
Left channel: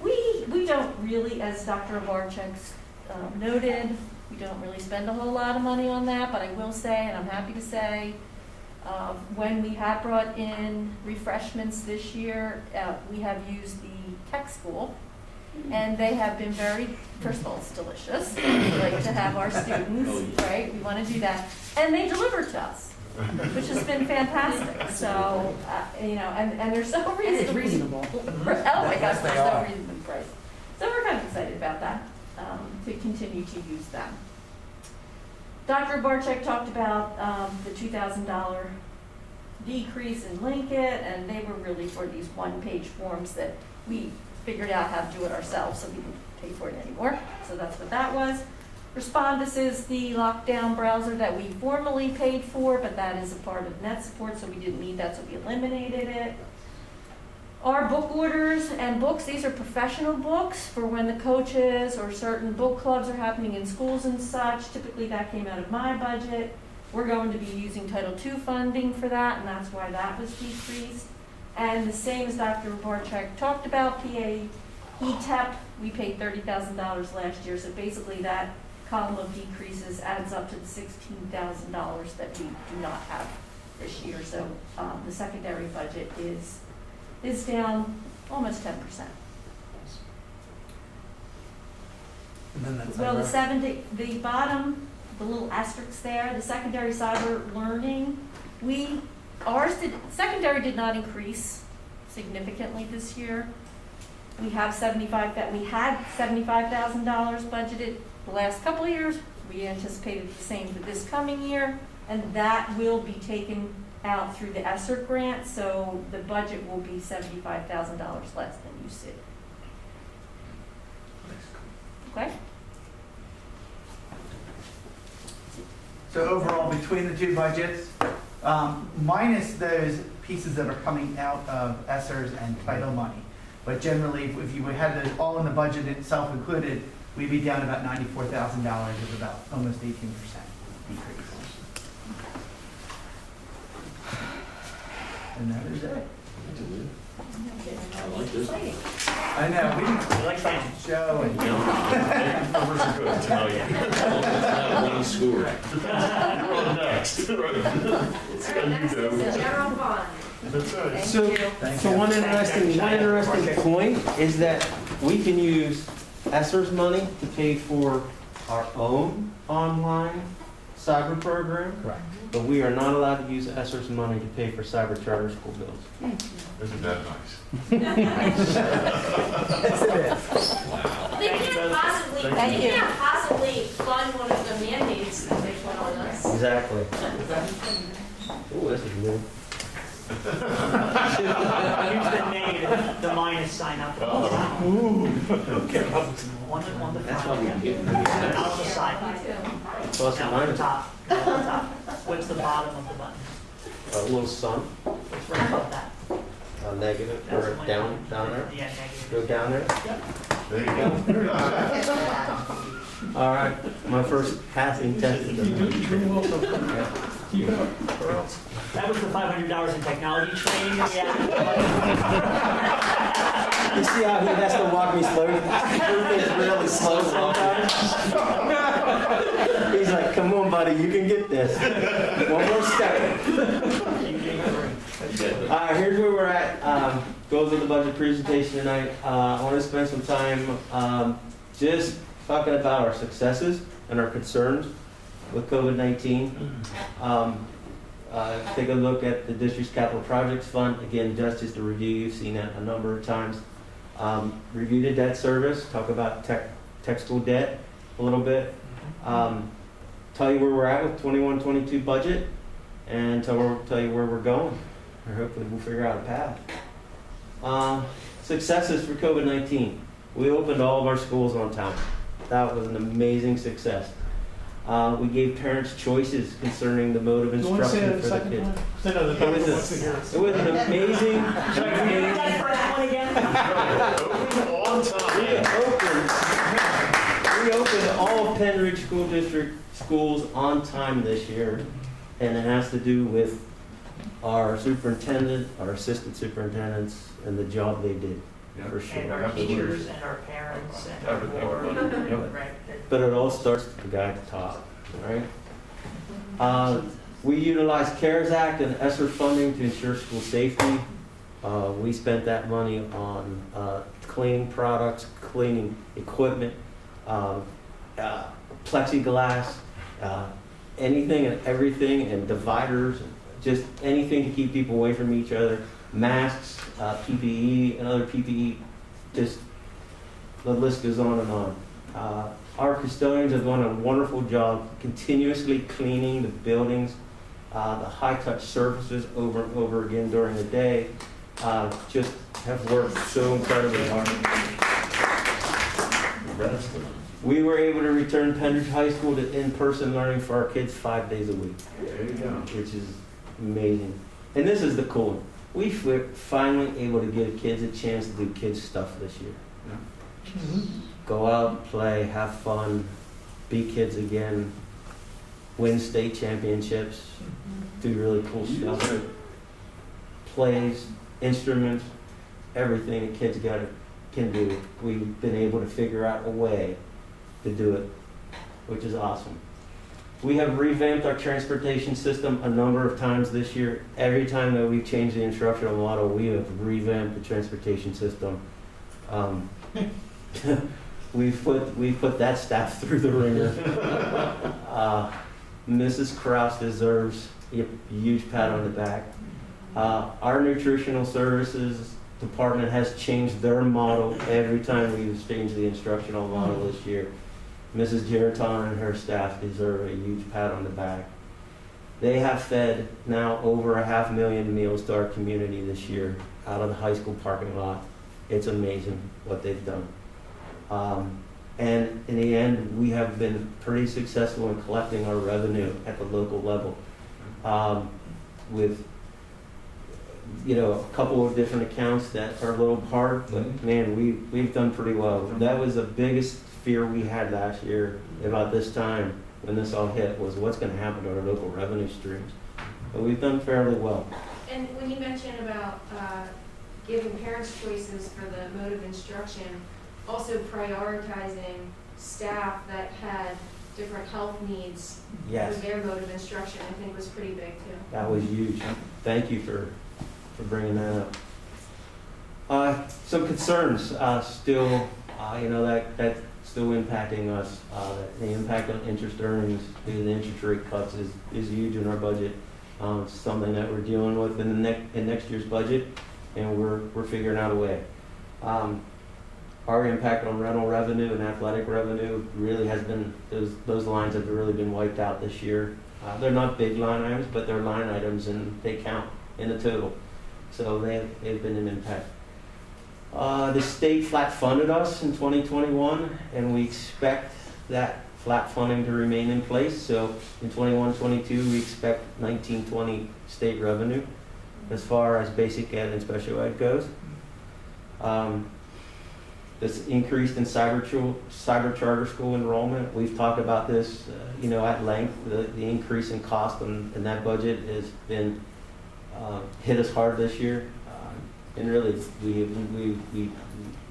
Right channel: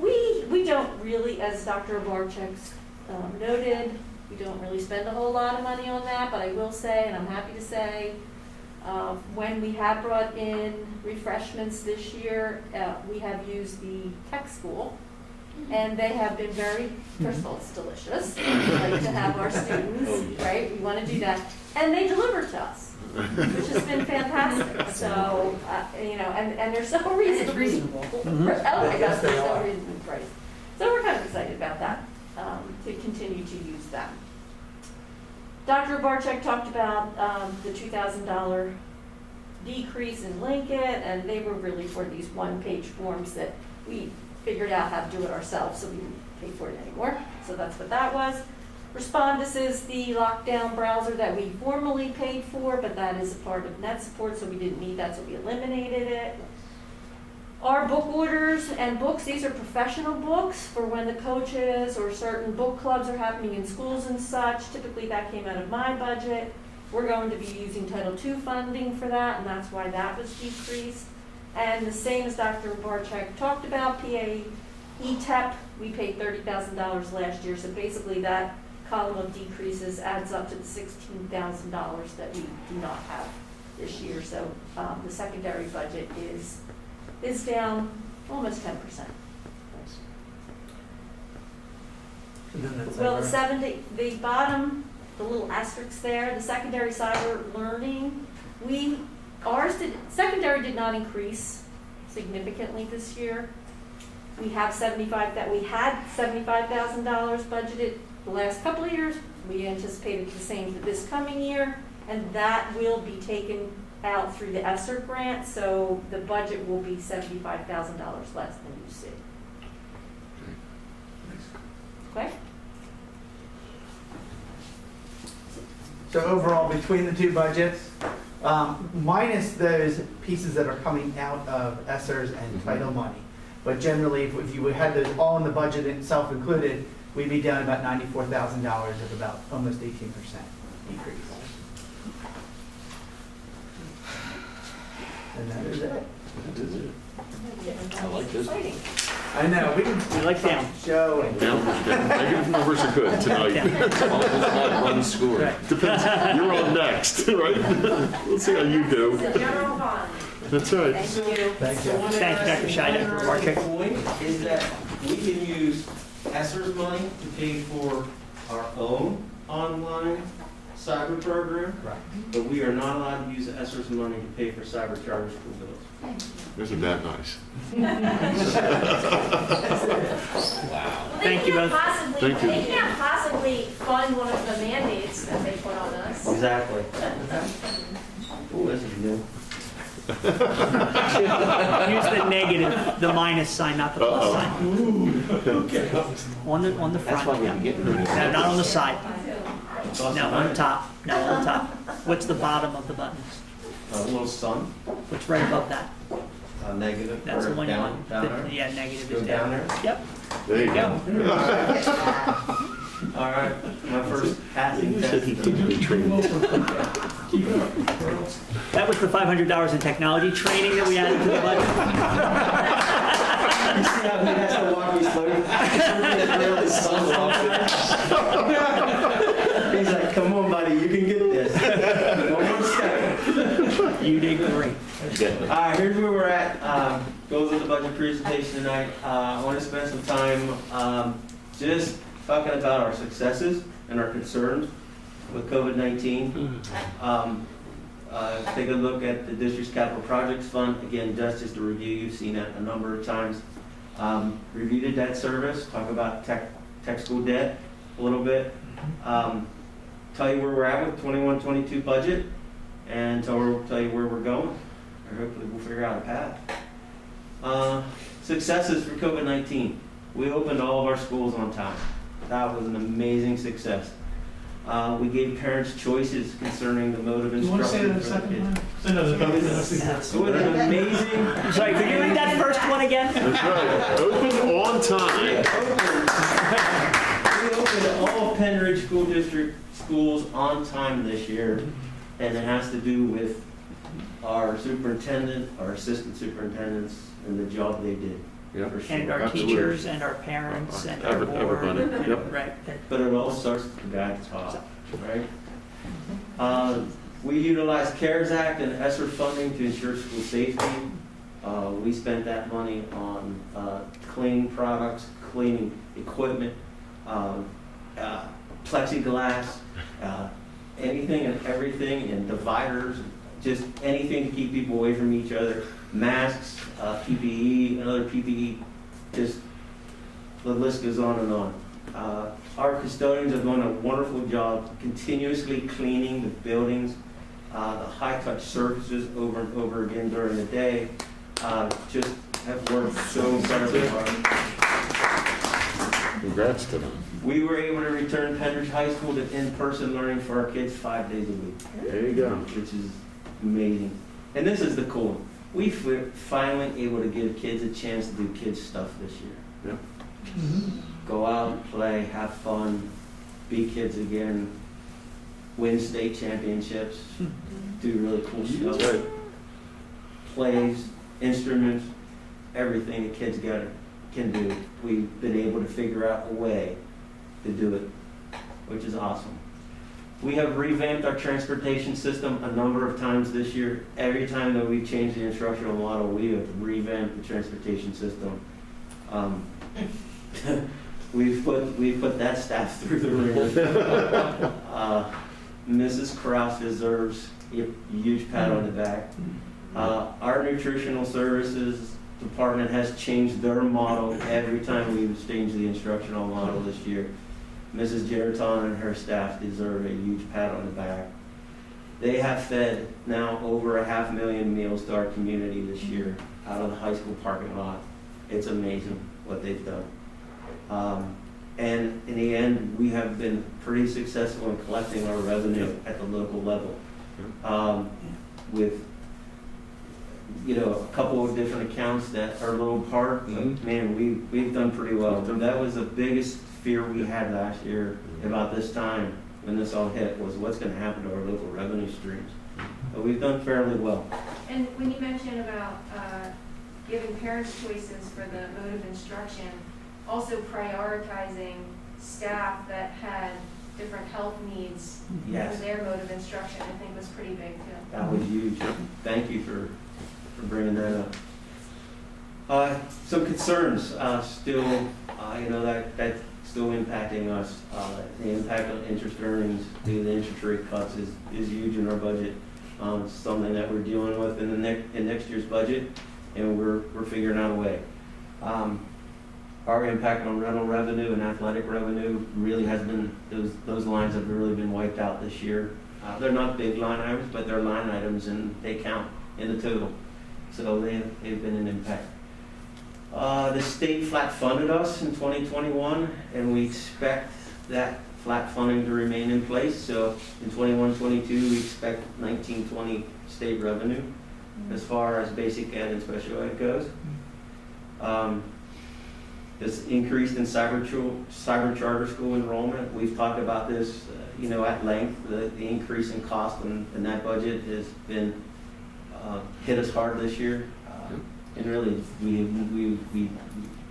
we don't really, as Dr. Barchek's noted, we don't really spend a whole lot of money on that, but I will say, and I'm happy to say, when we have brought in refreshments this year, we have used the tech school, and they have been very, first of all, it's delicious. We like to have our students, right? We want to do that. And they deliver to us. which has been fantastic. So, and there's no reason to Reasonable. Oh my gosh, there's no reason to price. So we're kind of excited about that, to continue to use them. Dr. Barczyk talked about the $2,000 decrease in Linkit, and they were really for these one-page forms that we figured out how to do it ourselves, so we didn't pay for it anymore. So that's what that was. Respondus is the lockdown browser that we formerly paid for, but that is a part of net support, so we didn't need that, so we eliminated it. Our book orders and books, these are professional books for when the coaches or certain book clubs are happening in schools and such. Typically that came out of my budget. We're going to be using Title II funding for that, and that's why that was decreased. And the same as Dr. Barczyk talked about, PA ETEP, we paid $30,000 last year, so basically that column of decreases adds up to the $16,000 that we do not have this year. So the secondary budget is down almost 10%. And then that's Well, the bottom, the little asterisks there, the secondary cyber learning, secondary did not increase significantly this year. We had $75,000 budgeted the last couple of years. We anticipated the same for this coming year, and that will be taken out through the ESSER grant, so the budget will be $75,000 less than you see. Okay? So overall, between the two budgets, minus those pieces that are coming out of ESSERS and title money, but generally, if you had those all in the budget itself included, we'd be down about $94,000, of about almost 18% decrease. And that is it. I like this. I know, we can like that. show and. Negative numbers are good tonight. Run the school. Depends, you're on next, right? Let's see how you do. General fund. That's right. So one interesting point is that we can use ESSER's money to pay for our own online cyber program, but we are not allowed to use ESSER's money to pay for cyber charter school bills. Isn't that nice? Thank you both. They can't possibly fund one of the mandates that they put on us. Exactly. Ooh, this is new. Use the negative, the minus sign, not the plus sign. On the That's front. why we Yeah. get pretty. No, not on the side. No, on the top. No, on the top. What's the bottom of the button? A little sun, What's right above that? negative, That's the or one. down there. Yeah, negative Go is down down. there. Yep. There you go. All right, my first passing test. That was the $500 in technology training that we had. You see how he has to walk me slowly? He's like, come on, buddy, you can get this. One more step. You did great. All right, here's where we're at. Goes with the budget presentation tonight. I want to spend some time just talking about our successes and our concerns with COVID-19. Take a look at the district's capital projects fund. Again, just to review, you've seen that a number of times. Review the debt service, talk about tech school debt a little bit. Tell you where we're at with 21-22 budget, and tell you where we're going. Or hopefully we'll figure out a path. Successes for COVID-19. We opened all of our schools on time. That was an amazing success. We gave parents choices concerning the mode of instruction for the kids. It was an amazing. Sorry, could you read that first one again? Open on time. We opened all of Penn Ridge School District schools on time this year, and it has to do with our superintendent, our assistant superintendents, and the job they did. Yeah. For sure. And our teachers and our parents and our board. Everybody. Yep. Right. But it all starts with the guy at the top, right? We utilized CARES Act and ESSER funding to ensure school safety. We spent that money on cleaning products, cleaning equipment, plexiglass, anything and everything, and dividers, just anything to keep people away from each other. Masks, PPE, and other PPE, just the list goes on and on. Our custodians have done a wonderful job continuously cleaning the buildings, the high-touch surfaces over and over again during the day. Just have worked so incredibly hard. Congrats to them. We were able to return Penn High School to in-person learning for our kids 5 days a week. There you go. Which is amazing. And this is the cool one. We were finally able to give kids a chance to do kids stuff this year. Yeah. Go out and play, have fun, be kids again, win state championships, do really cool stuff. Plays, instruments, everything that kids can do. We've been able to figure out a way to do it, which is awesome. We have revamped our transportation system a number of times this year. Every time that we change the instructional model, we have revamped the transportation system. We've put that staff through the ringer. Mrs. Krause deserves a huge pat on the back. Our nutritional services department has changed their model every time we've changed the instructional model this year. Mrs. Geraton and her staff deserve a huge pat on the back. They have fed now over 500,000 meals to our community this year out of the high school parking lot. It's amazing what they've done. And in the end, we have been pretty successful in collecting our revenue at the local level. With a couple of different accounts that are a little apart, but man, we've done pretty well. That was the biggest fear we had last year about this time when this all hit, was what's going to happen to our local revenue streams. But we've done fairly well. And when you mentioned about giving parents choices for the mode of instruction, also prioritizing staff that had different health needs Yes. for their mode of instruction, I think was pretty big too. That was huge. Thank you for bringing that up. Some concerns still, that's still impacting us. The impact on interest earnings due to the interest rate cuts is huge in our budget. It's something that we're dealing with in next year's budget, and we're figuring out a way. Our impact on rental revenue and athletic revenue really has been, those lines have really been wiped out this year. They're not big line items, but they're line items and they count in the total. So they've been an impact. The state flat funded us in 2021, and we expect that flat funding to remain in place. So in 21-22, we expect 19-20 state revenue as far as basic ed and special ed goes. This increase in cyber charter school enrollment, we've talked about this, at length. The increase in cost in that budget has been hit us hard this year, and really,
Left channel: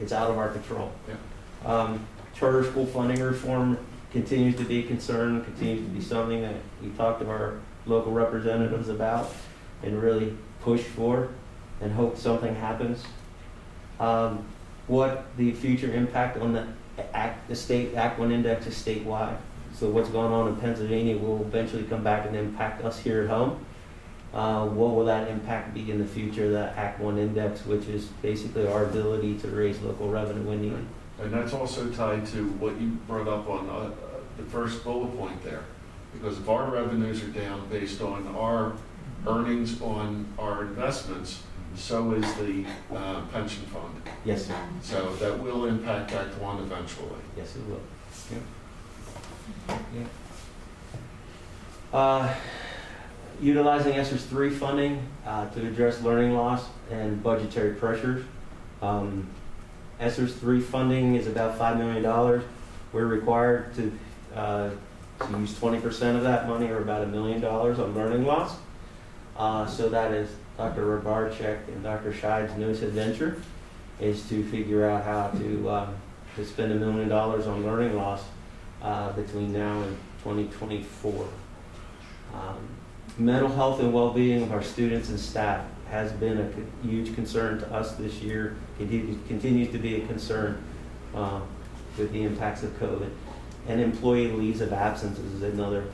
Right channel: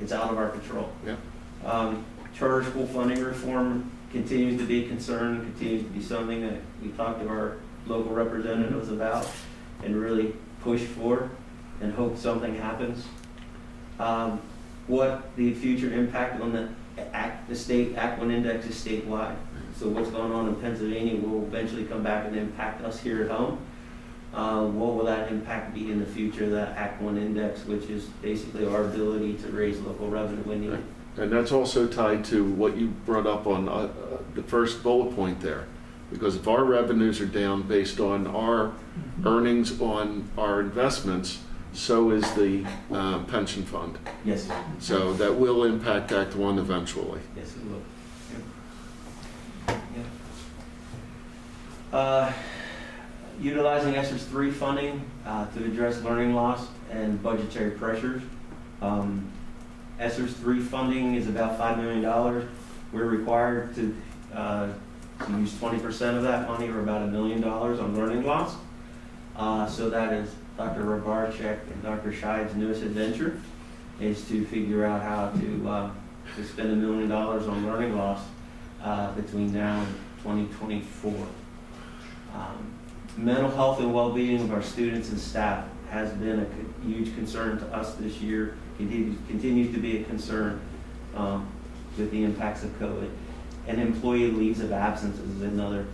it's out of our control. Yeah. Charter school funding reform continues to be a concern, continues to be something that we talked to our local representatives about, and really push for, and hope something happens. What the future impact on the state Act 1 index is statewide. So what's going on in Pennsylvania will eventually come back and impact us here at home. What will that impact be in the future, that Act 1 index, which is basically our ability to raise local revenue when needed. And that's also tied to what you brought up on the first bullet point there. Because if our revenues are down based on our earnings on our investments, so is the pension fund. Yes. So that will impact Act 1 eventually. Yes, it will. Utilizing ESSER's 3 funding to address learning loss and budgetary pressures. ESSER's 3 funding is about $5 million. We're required to use 20% of that money, or about $1 million, on learning loss. So that is Dr. Rabarchek and Dr. Scheid's newest adventure, is to figure out how to spend $1 million on learning loss between now and 2024. Mental health and well-being of our students and staff has been a huge concern to us this year. Continues to be a concern with the impacts of COVID. And employee leaves of absence is another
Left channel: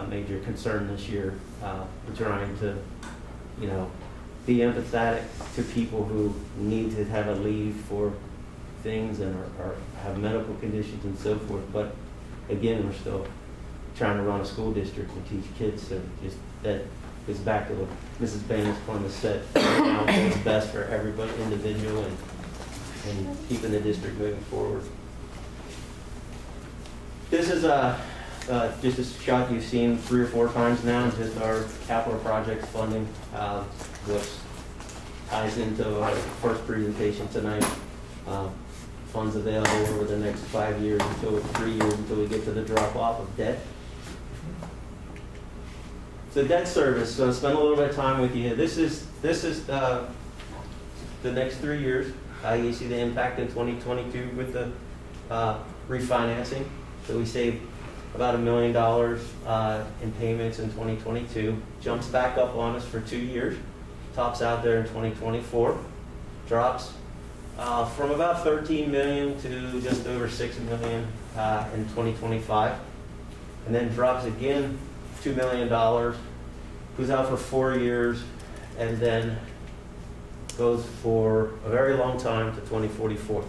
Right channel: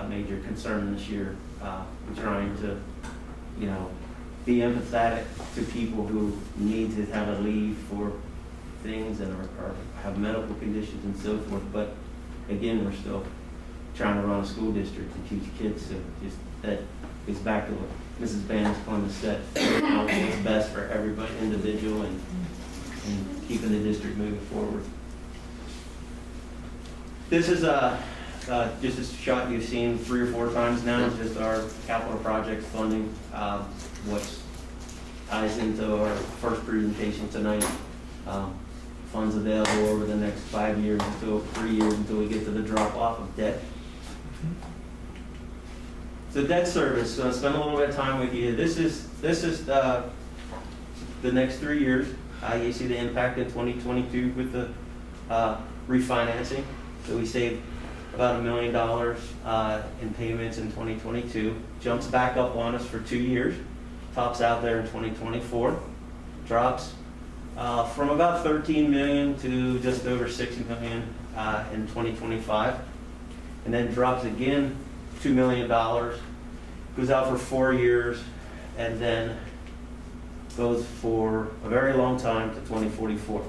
major concern this year. We're trying to, be empathetic to people who need to have a leave for things and or have medical conditions and so forth. But again, we're still trying to run a school district and teach kids. So just that goes back to what Mrs. Bannis said. Now what's best for everybody, individual, and keeping the district moving forward. This is just a shot you've seen 3 or 4 times now, just our capital project funding, which ties into our first presentation tonight. Funds available over the next 5 years until 3 years until we get to the drop off of debt. So debt service, so spend a little bit of time with you. This is the next 3 years. You see the impact in 2022 with the refinancing. So we saved about $1 million in payments in 2022. Jumps back up on us for 2 years. Tops out there in 2024. Drops from about 13 million to just over 6 million in 2025. And then drops again $2 million. Goes out for 4 years and then goes for a very long time to 2044.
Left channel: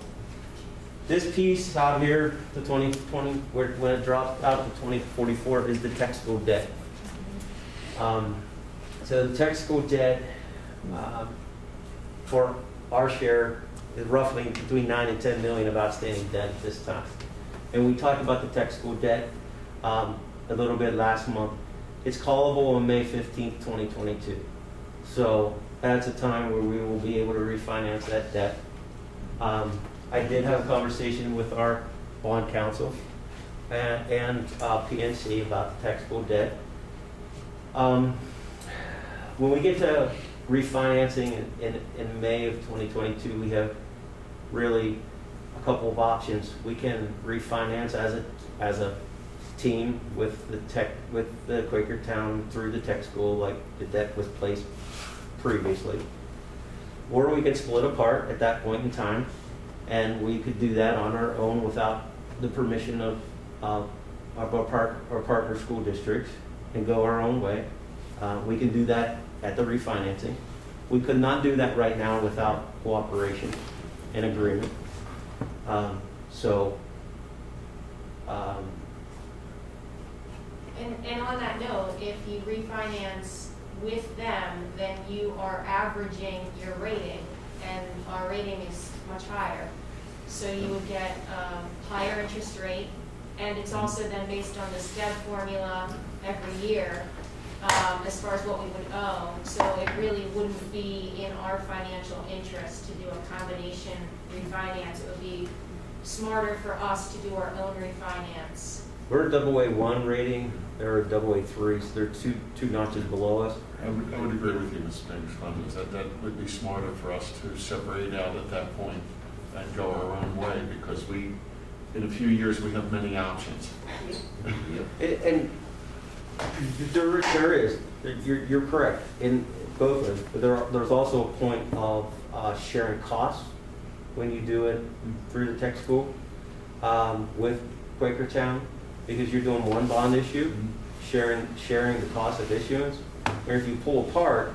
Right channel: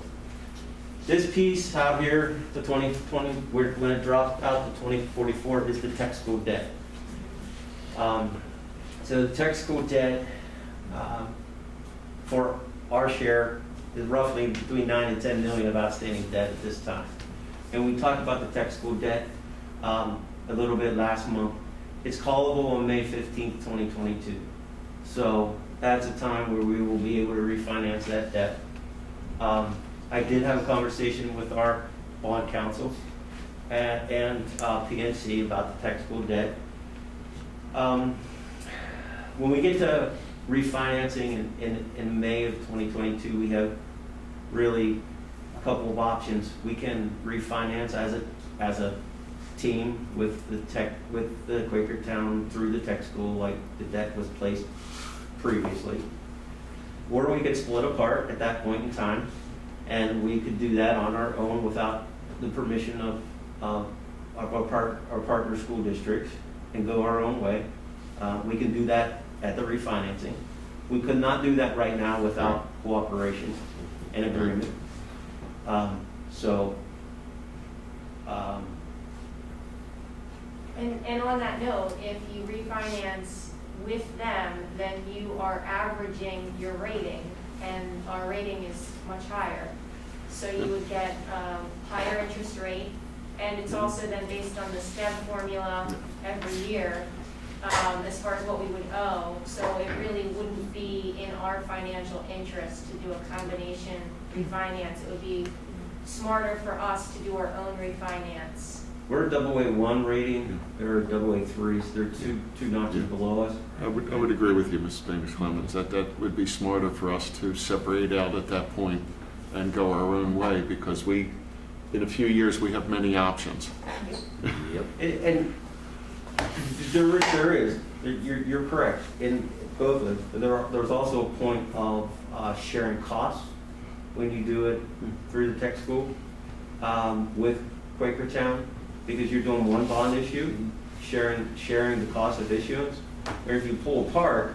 This piece out here, the 2020, when it drops out to 2044, is the tech school debt. So the tech school debt for our share is roughly between 9 and 10 million of outstanding debt at this time. And we talked about the tech school debt a little bit last month. It's callable on May 15th, 2022. So that's a time where we will be able to refinance that debt. I did have a conversation with our bond counsel and PNC about the tech school debt. When we get to refinancing in May of 2022, we have really a couple of options. We can refinance as a team with the Quakertown through the tech school, like the debt was placed previously, or we could split apart at that point in time, and we could do that on our own without the permission of our partner school districts and go our own way. We can do that at the refinancing. We could not do that right now without cooperation and agreement. And on that note, if you refinance with them, then you are averaging your rating, and our rating is much higher. So you would get higher interest rate, and it's also then based on the STEP formula every year as far as what we would owe. So it really wouldn't be in our financial interest to do a combination refinance. It would be smarter for us to do our own refinance. We're a AA1 rating, they're a AA3, so they're two notches below us. I would agree with you, Mrs. Banks-Clemens, that would be smarter for us to separate out at that point and go our own way, because in a few years, we have many options. And there is, you're correct in both ways. There's also a point of sharing costs when you do it through the tech school with Quakertown, because you're doing one bond issue, sharing the cost of issuance. Or if you pull apart,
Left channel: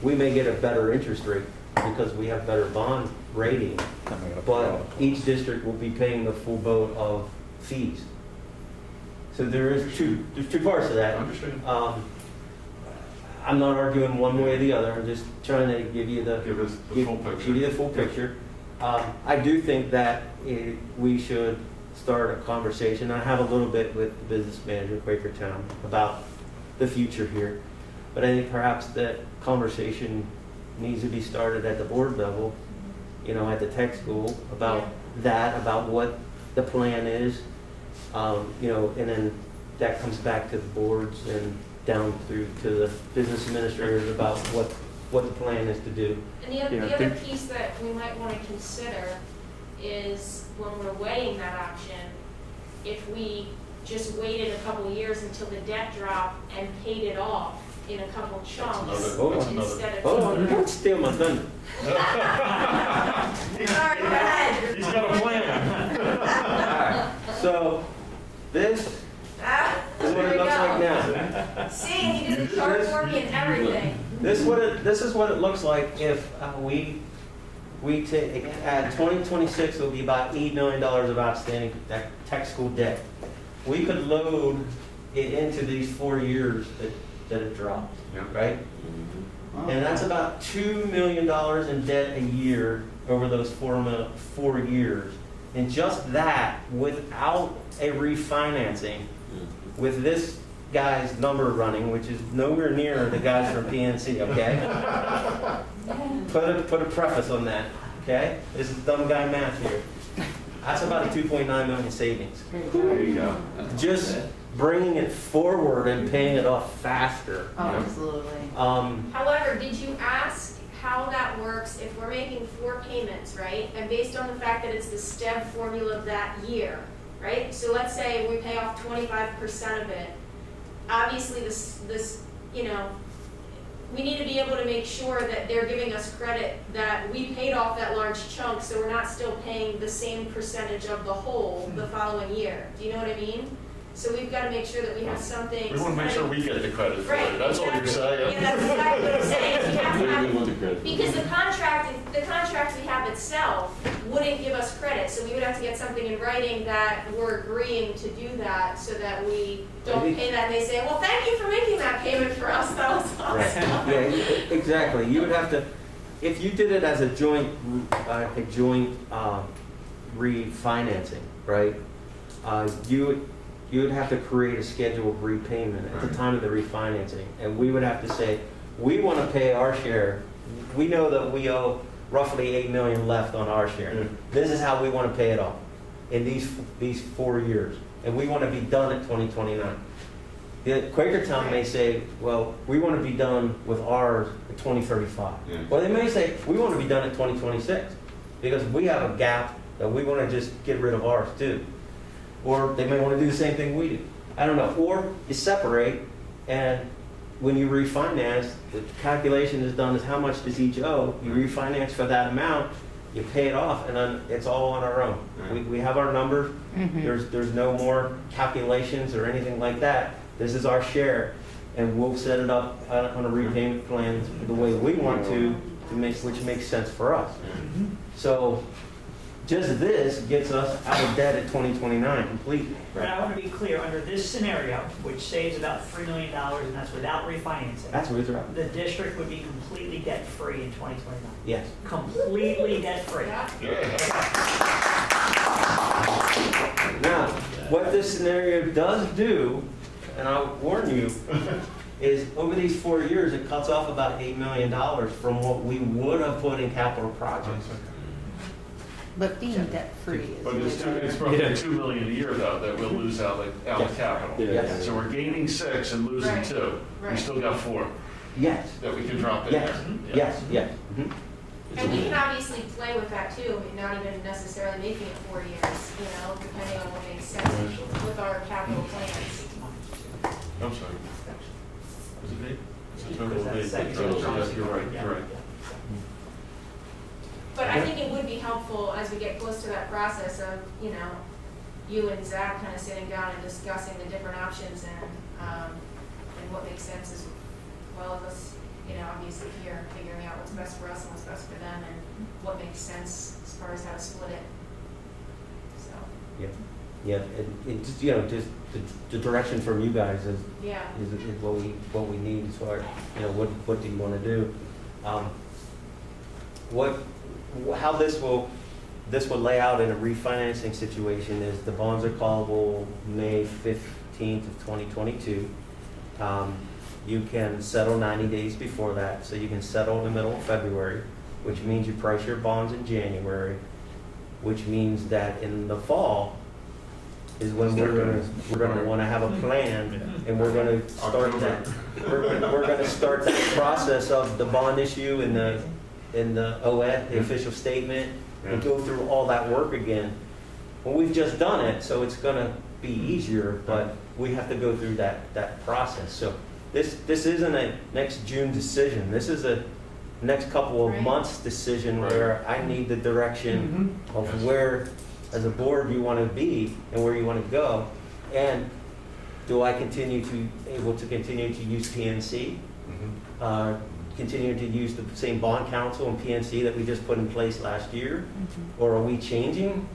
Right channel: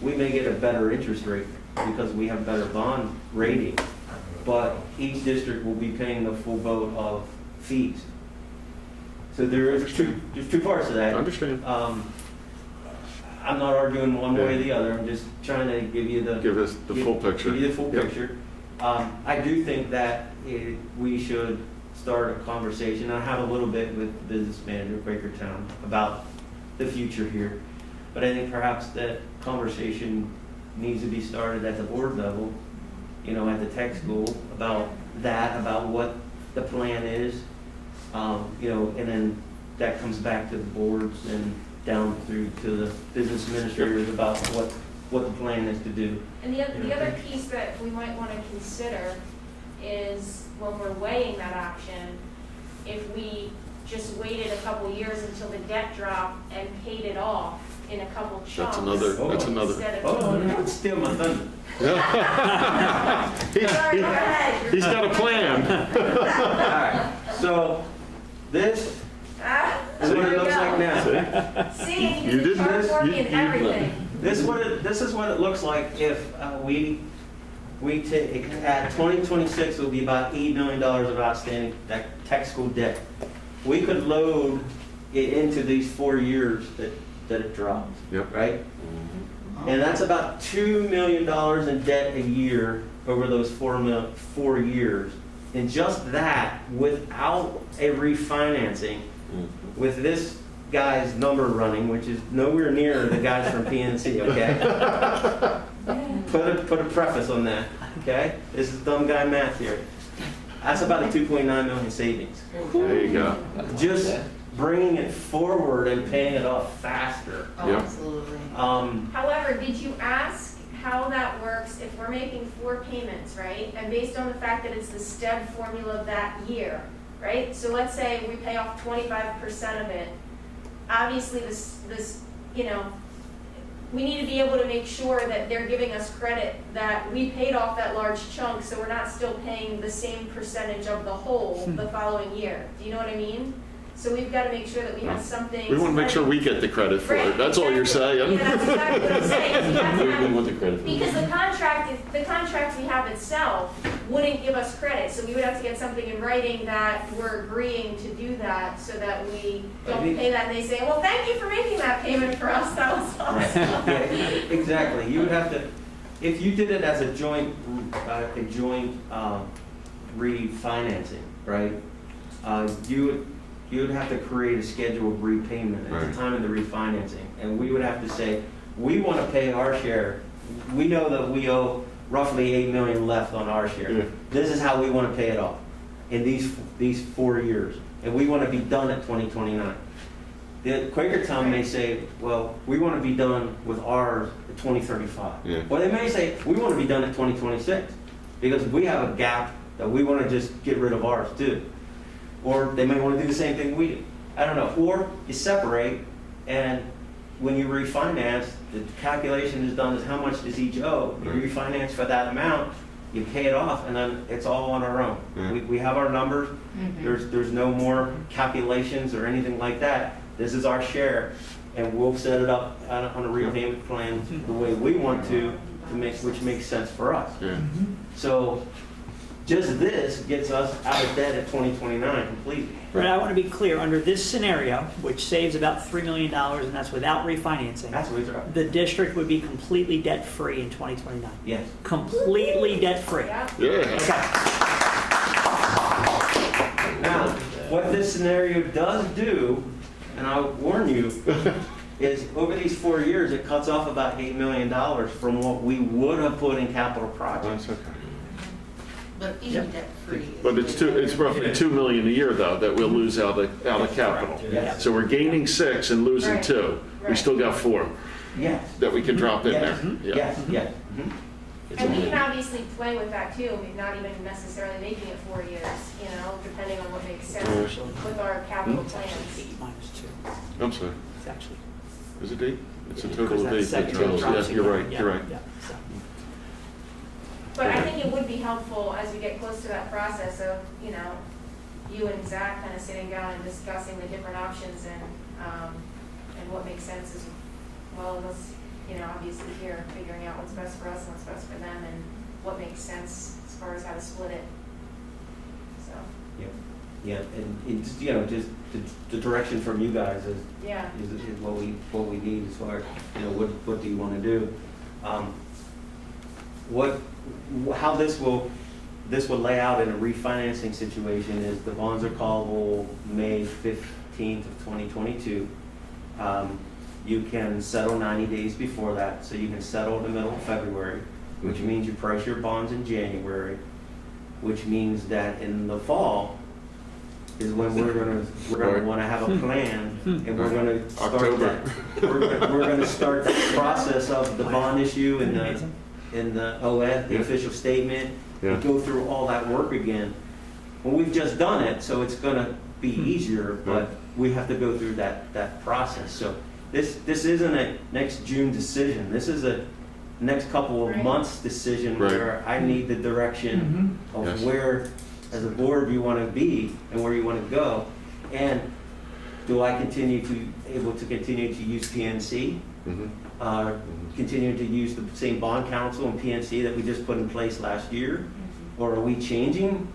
we may get a better interest rate because we have better bond rating, but each district will be paying the full boat of fees. So there's two parts to that. I understand. I'm not arguing one way or the other. I'm just trying to give you the full picture. Give you the full picture. I do think that we should start a conversation. I have a little bit with the business manager of Quakertown about the future here, but I think perhaps that conversation needs to be started at the board level, at the tech school, about that, about what the plan is, and then that comes back to the boards and down through to the business administrators about what the plan is to do. And the other piece that we might want to consider is when we're weighing that option, if we just waited a couple years until the debt dropped and paid it off in a couple chunks. Instead of Hold on, don't steal my thunder. Sorry, go ahead. He's got a plan. All right, so this is what it looks like now. This is what it looks like if we take, at 2026, it'll be about $8 million of outstanding tech school debt. We could load it into these 4 years that it drops, Yep. right? And that's about $2 million in debt a year over those 4 years. And just that, without a refinancing, with this guy's number running, which is nowhere near the guys from PNC, okay? Put a preface on that, okay? This is dumb guy math here. That's about a 2.9 million savings. There you go. Just bringing it forward and paying it off faster. Oh, Yeah. absolutely. However, did you ask how that works if we're making 4 payments, right? And based on the fact that it's the STEB formula of that year, right? So let's say we pay off 25% of it. Obviously, this, you know, we need to be able to make sure that they're giving us credit that we paid off that large chunk, so we're not still paying the same percentage of the whole the following year. Do you know what I mean? So we've got to make sure that we have something. We want to make sure we get the credit for it. That's all you're saying. Yeah, that's exactly what I'm saying. You have to have- Everything with the credit for Because it. the contract we have itself wouldn't give us credit, so we would have to get something in writing that we're agreeing to do that, so that we don't pay that, and they say, well, thank you for making that payment for us, that was awesome. Yeah, exactly. You would have to, if you did it as a joint refinancing, right? You would have to create a schedule of repayment at the time of the refinancing, and we would have to say, we want to pay our share. We know that we owe roughly $8 million left on our share. Yeah. This is how we want to pay it off in these 4 years, and we want to be done at 2029. The Quaker Town may say, well, we want to be done with ours at 2035. Yeah. Or they may say, we want to be done at 2026, because we have a gap that we want to just get rid of ours too. Or they may want to do the same thing we do. I don't know. Or you separate, and when you refinance, the calculation is done as how much does each owe. You refinance for that amount, you pay it off, and then it's all on our own. We have our numbers. There's no more calculations or anything like that. This is our share, and we'll set it up on a repayment plan the way we want to which makes sense for us. Yeah. So just this gets us out of debt at 2029 completely. And I want to be clear, under this scenario, which saves about $3 million, and that's without refinancing, That's what he's right. the district would be completely debt-free in 2029. Yes. Completely debt-free. Yeah. Yeah. Now, what this scenario does do, and I'll warn you, is over these 4 years, it cuts off about $8 million from what we would have put in capital projects. That's okay. But being debt-free. But it's roughly $2 million a year though that we'll lose out of capital. Yes. So we're gaining 6 and losing Right. 2. We Right. still got 4 Yes. that we can drop in Yes. there. Yeah. Yes, yes. And we can obviously play with that too, I mean, not even necessarily making it 4 years, you know, depending on what makes sense with our capital plans. I'm sorry. It's actually- Is it 8? It's a Because total of 8. that's second Yes, you're right. Yeah, You're right. yeah, so. But I think it would be helpful as we get close to that process of, you know, you and Zach kind of sitting down and discussing the different options and what makes sense as well as us, you know, obviously here figuring out what's best for us and what's best for them and what makes sense as far as how to split it. So, Yeah, and it's, you know, just the direction from you guys is yeah. what we need as far as, you know, what do you want to do? How this will lay out in a refinancing situation is the bonds are callable May 15th of 2022. You can settle 90 days before that, so you can settle in the middle of February, which means you price your bonds in January, which means that in the fall is when we're gonna want to have a plan, and we're gonna start October. we're gonna start the process of the bond issue and the OED, the official statement, and go through all that work again. Well, we've just done it, so it's gonna be easier, but we have to go through that process. So this isn't a next June decision. This is a next couple of Right. months decision Right. where I need the direction of Yes. where, as a board, you want to be and where you want to go. And do I able to continue to use PNC? Mhm. continuing to use the same bond counsel and PNC that we just put in place last year? Or are we changing?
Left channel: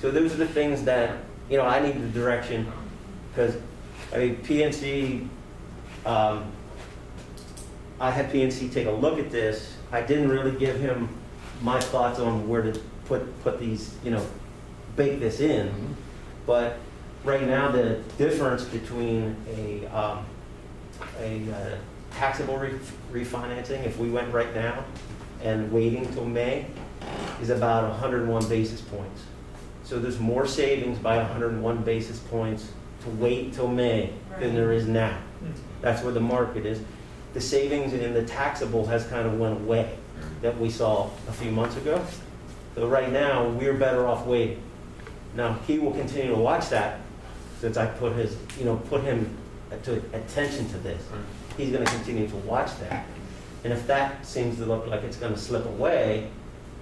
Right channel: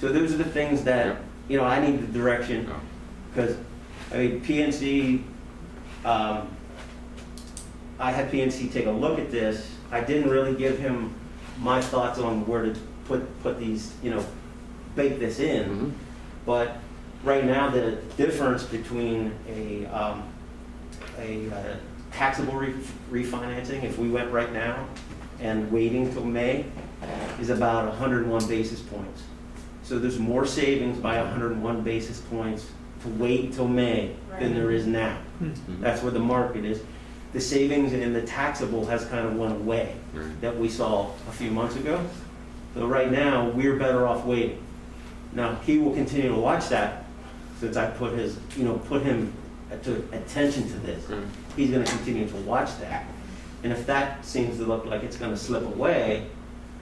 So those are the things that, you know, I need the direction, because, I mean, PNC, I had PNC take a look at this. I didn't really give him my thoughts on where to put these, you know, bake this in. But right now, the difference between a taxable refinancing, if we went right now, and waiting till May, is about 101 basis points. So there's more savings by 101 basis points to wait till May than there is now. That's where the market is. The savings in the taxable has kind of went away that we saw a few months ago. So right now, we're better off waiting. Now, he will continue to watch that since I put him to attention to this. He's going to continue to watch that. And if that seems to look like it's going to slip away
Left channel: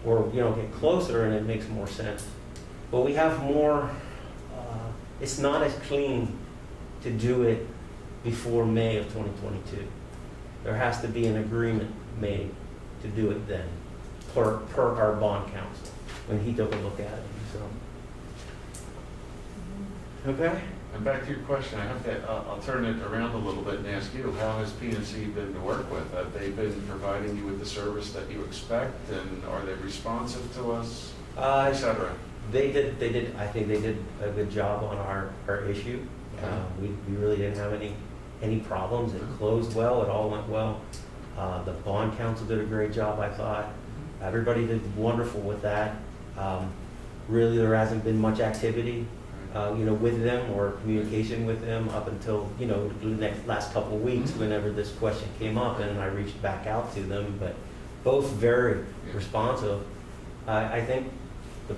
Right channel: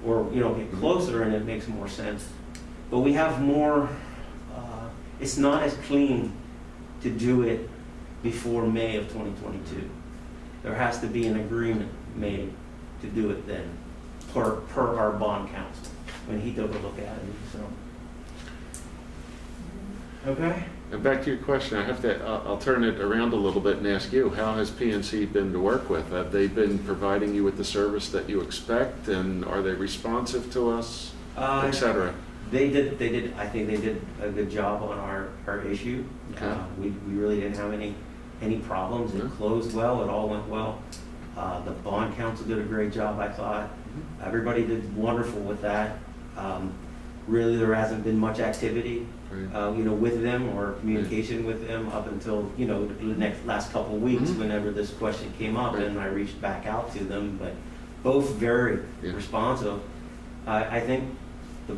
or, you know, get closer and it makes more sense. But we have more, it's not as clean to do it before May of 2022. There has to be an agreement made to do it then, per our bond counsel, when he took a look at it, so. Okay? And back to your question, I'll turn it around a little bit and ask you, how has PNC been to work with? Have they been providing you with the service that you expect, and are they responsive to us, et cetera? They did, I think they did a good job on our issue. Okay. We really didn't have any problems. It closed well, it all went well. The bond counsel did a great job, I thought. Everybody did wonderful with that. Really, there hasn't been much activity, you know, with them or communication with them up until, you know, the last couple of weeks, whenever this question came up, and I reached back out to them, but both very responsive. I think the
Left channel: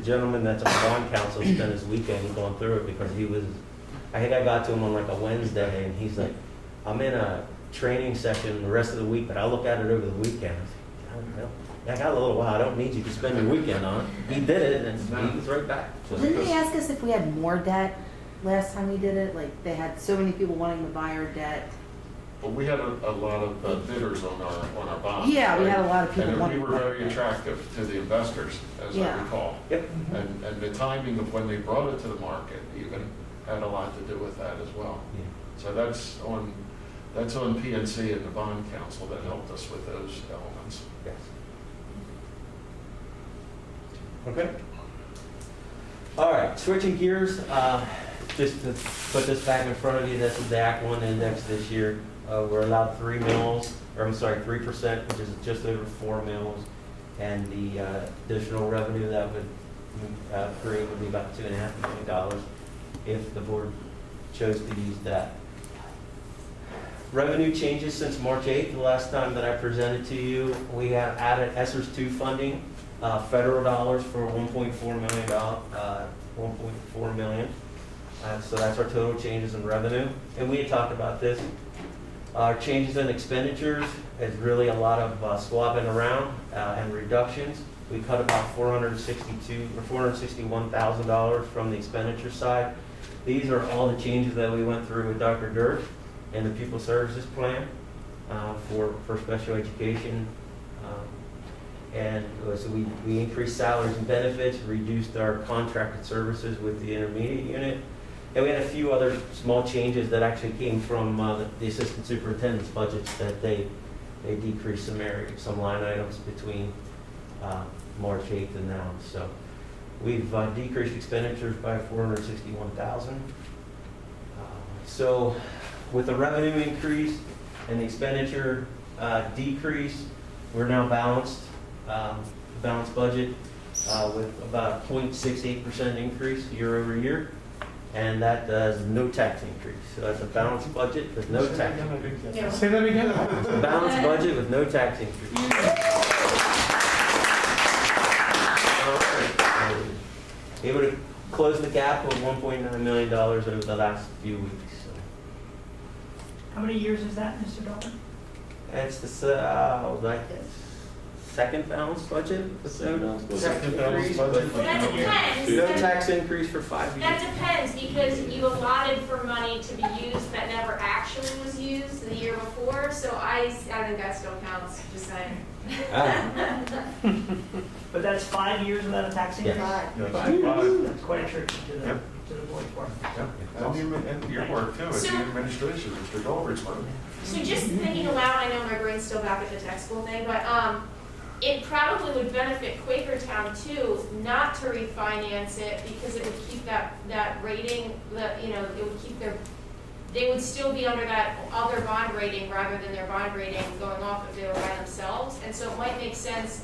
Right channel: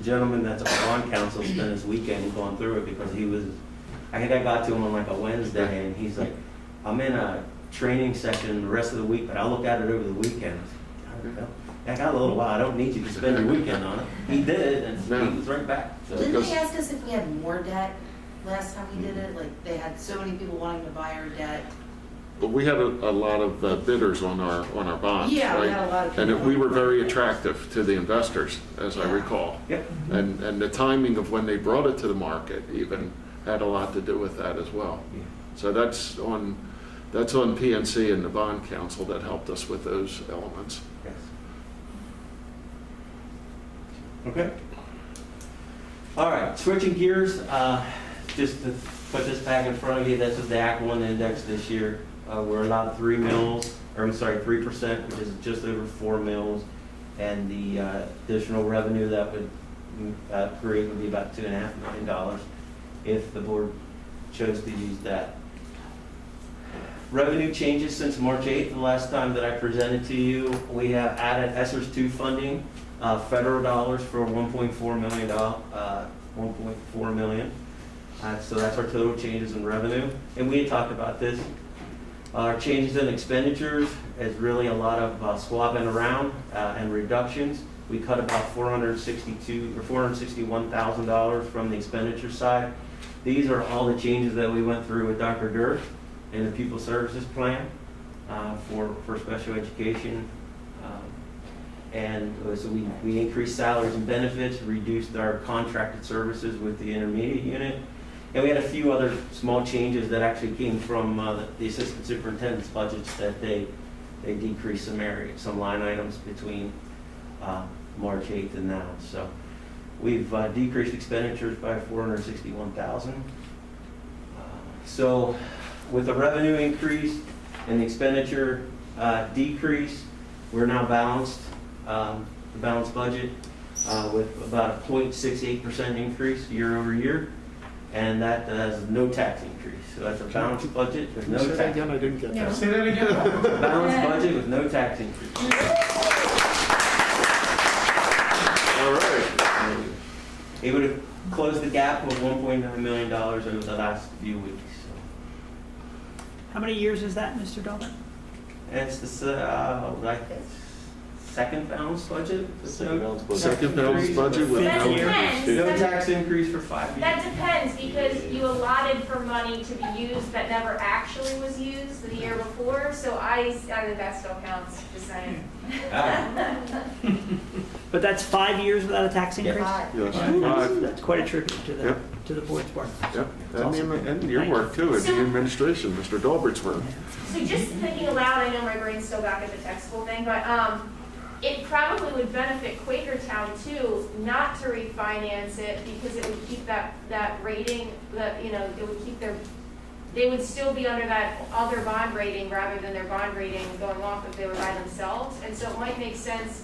gentleman that's on bond counsel spent his weekend going through it, because I think I got to him on like a Wednesday, and he's like, I'm in a training session the rest of the week, but I'll look at it over the weekend. I got a little while, I don't need you to spend your weekend on it. He did it, and he was right back. So Didn't they ask us if we had more debt last time we did it? Like, they had so many people wanting to buy our debt. But we had a lot of bidders on our bonds. Yeah, we right? had a lot of people. And we were very attractive to the investors, as I Yeah. recall. Yep. And the timing of when they brought it to the market even had a lot to do with that as well. Yeah. So that's on PNC and the bond counsel that helped us with those elements. Yes. Okay. All right, switching gears, just to put this back in front of you, this is the Act 1 index this year. We're allowed 3%, which is just over 4 mils, and the additional revenue that would create would be about $2.5 million if the board chose to use that. Revenue changes since March 8th, the last time that I presented to you. We have added ESSERS 2 funding, federal dollars for $1.4 million. So that's our total changes in revenue. And we had talked about this. Our changes in expenditures is really a lot of swapping around and reductions. We cut about $461,000 from the expenditure side. These are all the changes that we went through with Dr. Dirk in the pupil services plan for special education. And so we increased salaries and benefits, reduced our contracted services with the intermediate unit. And we had a few other small changes that actually came from the assistant superintendent's budgets, that they decreased some line items between March 8th and now. So we've decreased expenditures by $461,000. So with the revenue increase and the expenditure decrease, we're now balanced, the balanced budget with about a 0.68% increase year over year. And that does no tax increase. So that's a balanced budget with no tax. Say that again, I didn't get that. Say that again. It's a balanced budget with no tax increase. All right. Able to close the gap of $1.9 million over the last few weeks. So. How many years is that, Mr. Delbert? It's the second balanced budget with no Second balanced budget with That's no 10, No tax increase for 5 years. That depends, because you allotted for money to be used that never actually was used the year before, so I think that still counts, just saying. But that's 5 years without a tax increase? Yes. That's quite a tribute to Yep. to the board's work. Yep. And your work too, as the administration, Mr. Dolbert's work. So just thinking aloud, I know my brain's still back at the tech school thing, but it probably would benefit Quakertown too, not to refinance it, because it would keep that rating, it would keep they would still be under that other bond rating rather than their bond rating going off if they were by themselves. And so it might make sense,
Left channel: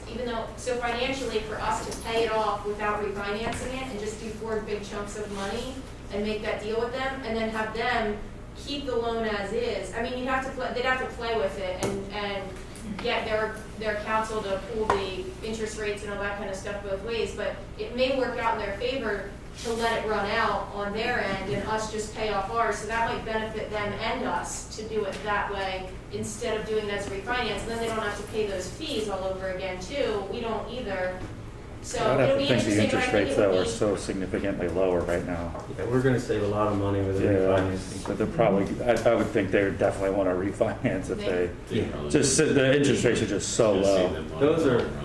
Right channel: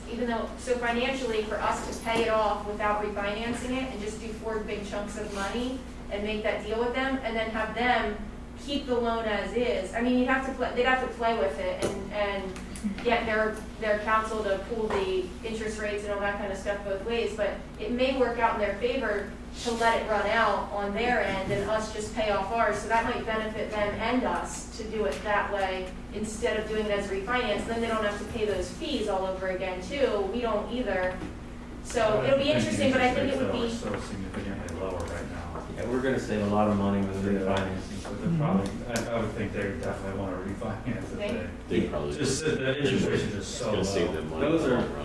so financially for us to pay it off without refinancing it and just do 4 big chunks of money and make that deal with them, and then have them keep the loan as is. I mean, they'd have to play with it and get their counsel to pool the interest rates and all that kind of stuff both ways, but it may work out in their favor to let it run out on their end and us just pay off ours, so that might benefit them and us to do it that way instead of doing it as a refinance. Then they don't have to pay those fees all over again too. We don't either. So it'll be interesting, but I think it would are be. so significantly lower right now. Yeah, we're gonna save a lot of money with the refinancing. But they're probably, I would think they definitely want to refinance if they, Yeah. the interest rates are just so It's gonna save low. them money.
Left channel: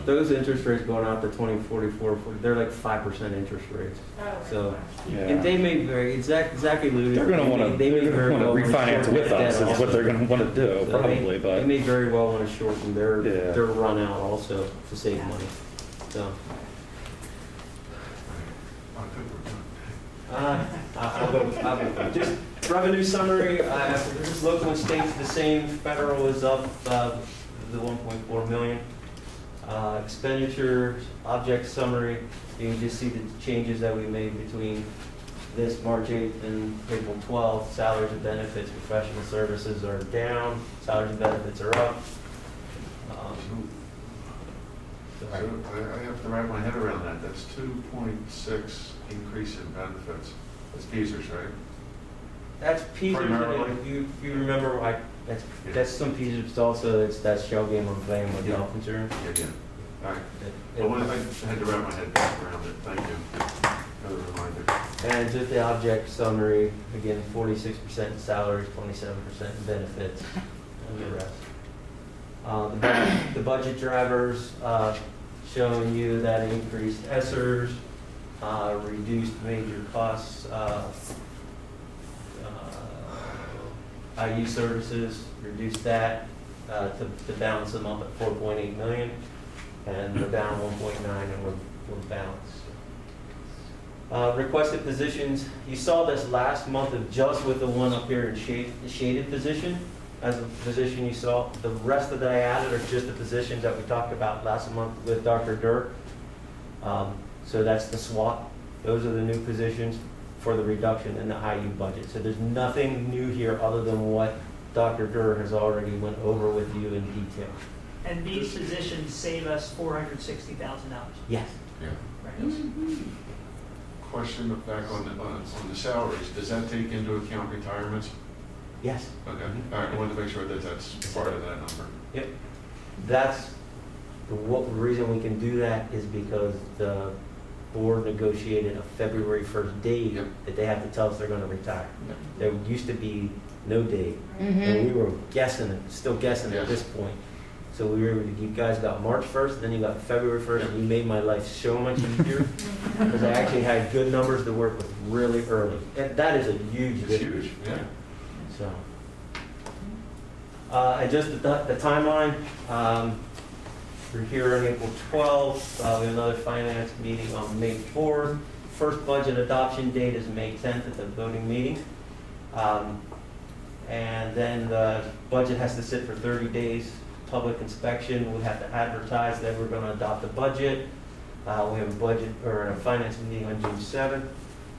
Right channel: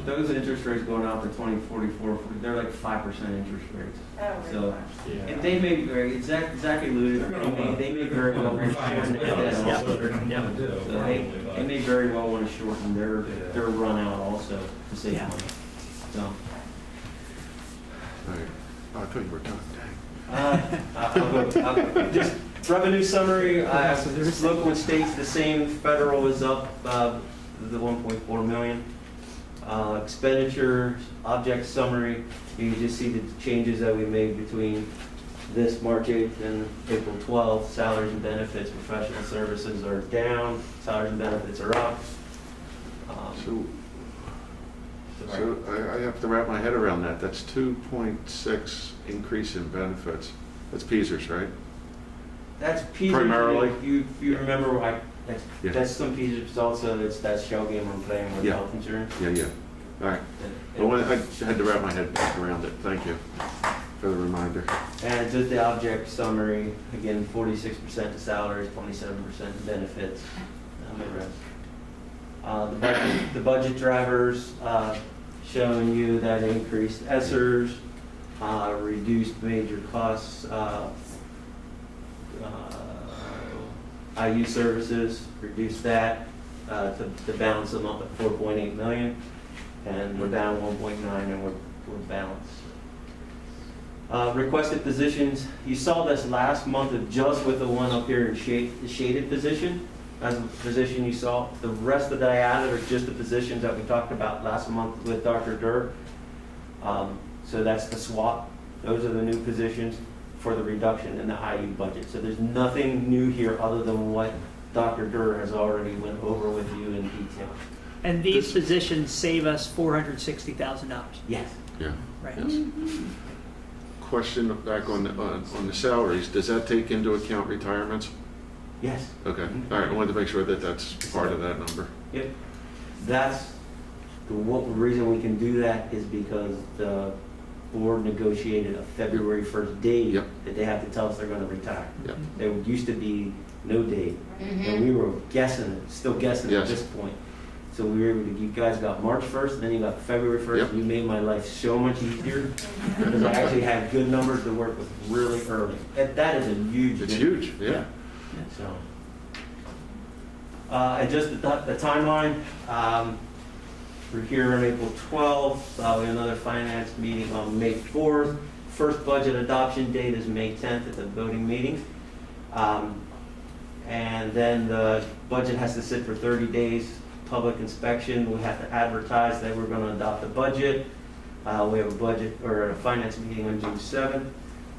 Those interest rates going out to 2044, they're like 5% interest rates. Oh, So, Yeah. and they may very, exactly alluded. They're gonna want they may very well to wanna refinance shorten with it us, down. is what they're gonna want to do, So probably, They but. may very well want to shorten their run out also to save Yeah. money. So, I think we're done. I'll go. Just revenue summary, local and state's the same, federal is up, the 1.4 million. Expenditures, object summary, you can just see the changes that we made between this March 8th and April 12th. Salaries and benefits, professional services are down, salaries and benefits are up. So I have to wrap my head around that. That's 2.6 increase in benefits. That's Peasers, right? That's Peter's. Primarily? You remember, that's some Peter's also, that's shell game I'm playing with Yeah. health insurance. Yeah. All right. Well, I had to wrap my head back around it. Thank you for the reminder. And just the object summary, again, 46% in salaries, 27% in benefits, and the rest. The budget drivers, showing you that increased ESSERs, reduced major costs, IU services, reduced that to balance them up at 4.8 million, and we're down 1.9 and we're balanced. Requested positions, you saw this last month of just with the one up here in the shaded position as a position you saw. The rest of that I added are just the positions that we talked about last month with Dr. Durr. So that's the SWAT. Those are the new positions for the reduction in the IU budget. So there's nothing new here other than what Dr. Durr has already went over with you in detail. And these positions save us $460,000. Yes. Yeah. Right. Yes. Question back on the salaries. Does that take into account retirements? Yes. Okay. All right. I wanted to make sure that that's part of that number. Yep. That's the reason we can do that is because the board negotiated a February 1st date that they have to tell us they're going to retire. Yep. There used to be no date, and we were guessing it, still guessing at Yes. this point. So we were able to, you guys got March 1st, and then you got February 1st, Yep. and you made my life so much easier because I actually had good numbers to work with really early. That is a huge It's difference. huge. Yeah. So, and just the timeline, we're here on April 12th, we have another finance meeting on May 4th. First budget adoption date is May 10th at the voting meeting. And then the budget has to sit for 30 days, public inspection, we have to advertise that we're gonna adopt the budget. We have a budget, or a finance meeting on June 7th,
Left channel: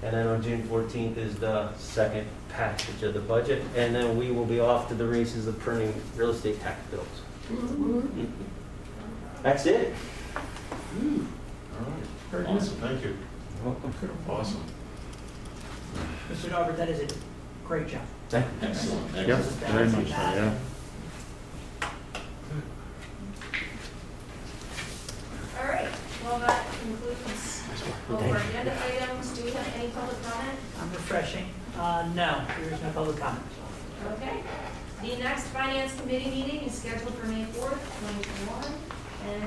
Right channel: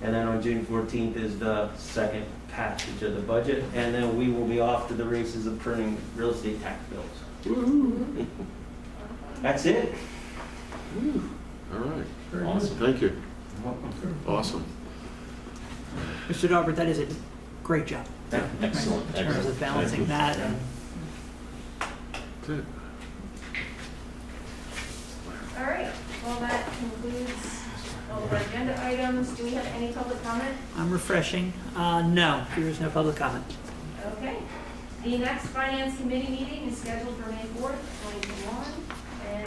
and then on June 14th is the second passage of the budget, and then we will be off to the races of printing real estate tax bills. That's it. All right. Awesome. Thank you. You're welcome. Awesome. Mr. Daubert, that is a great job. Excellent. In terms of balancing that. That's it. All right, well, that concludes All of our agenda items, do we have any public comment? I'm refreshing. No, there is no public comment. Okay. The next finance committee meeting is scheduled for May 4th, 2021.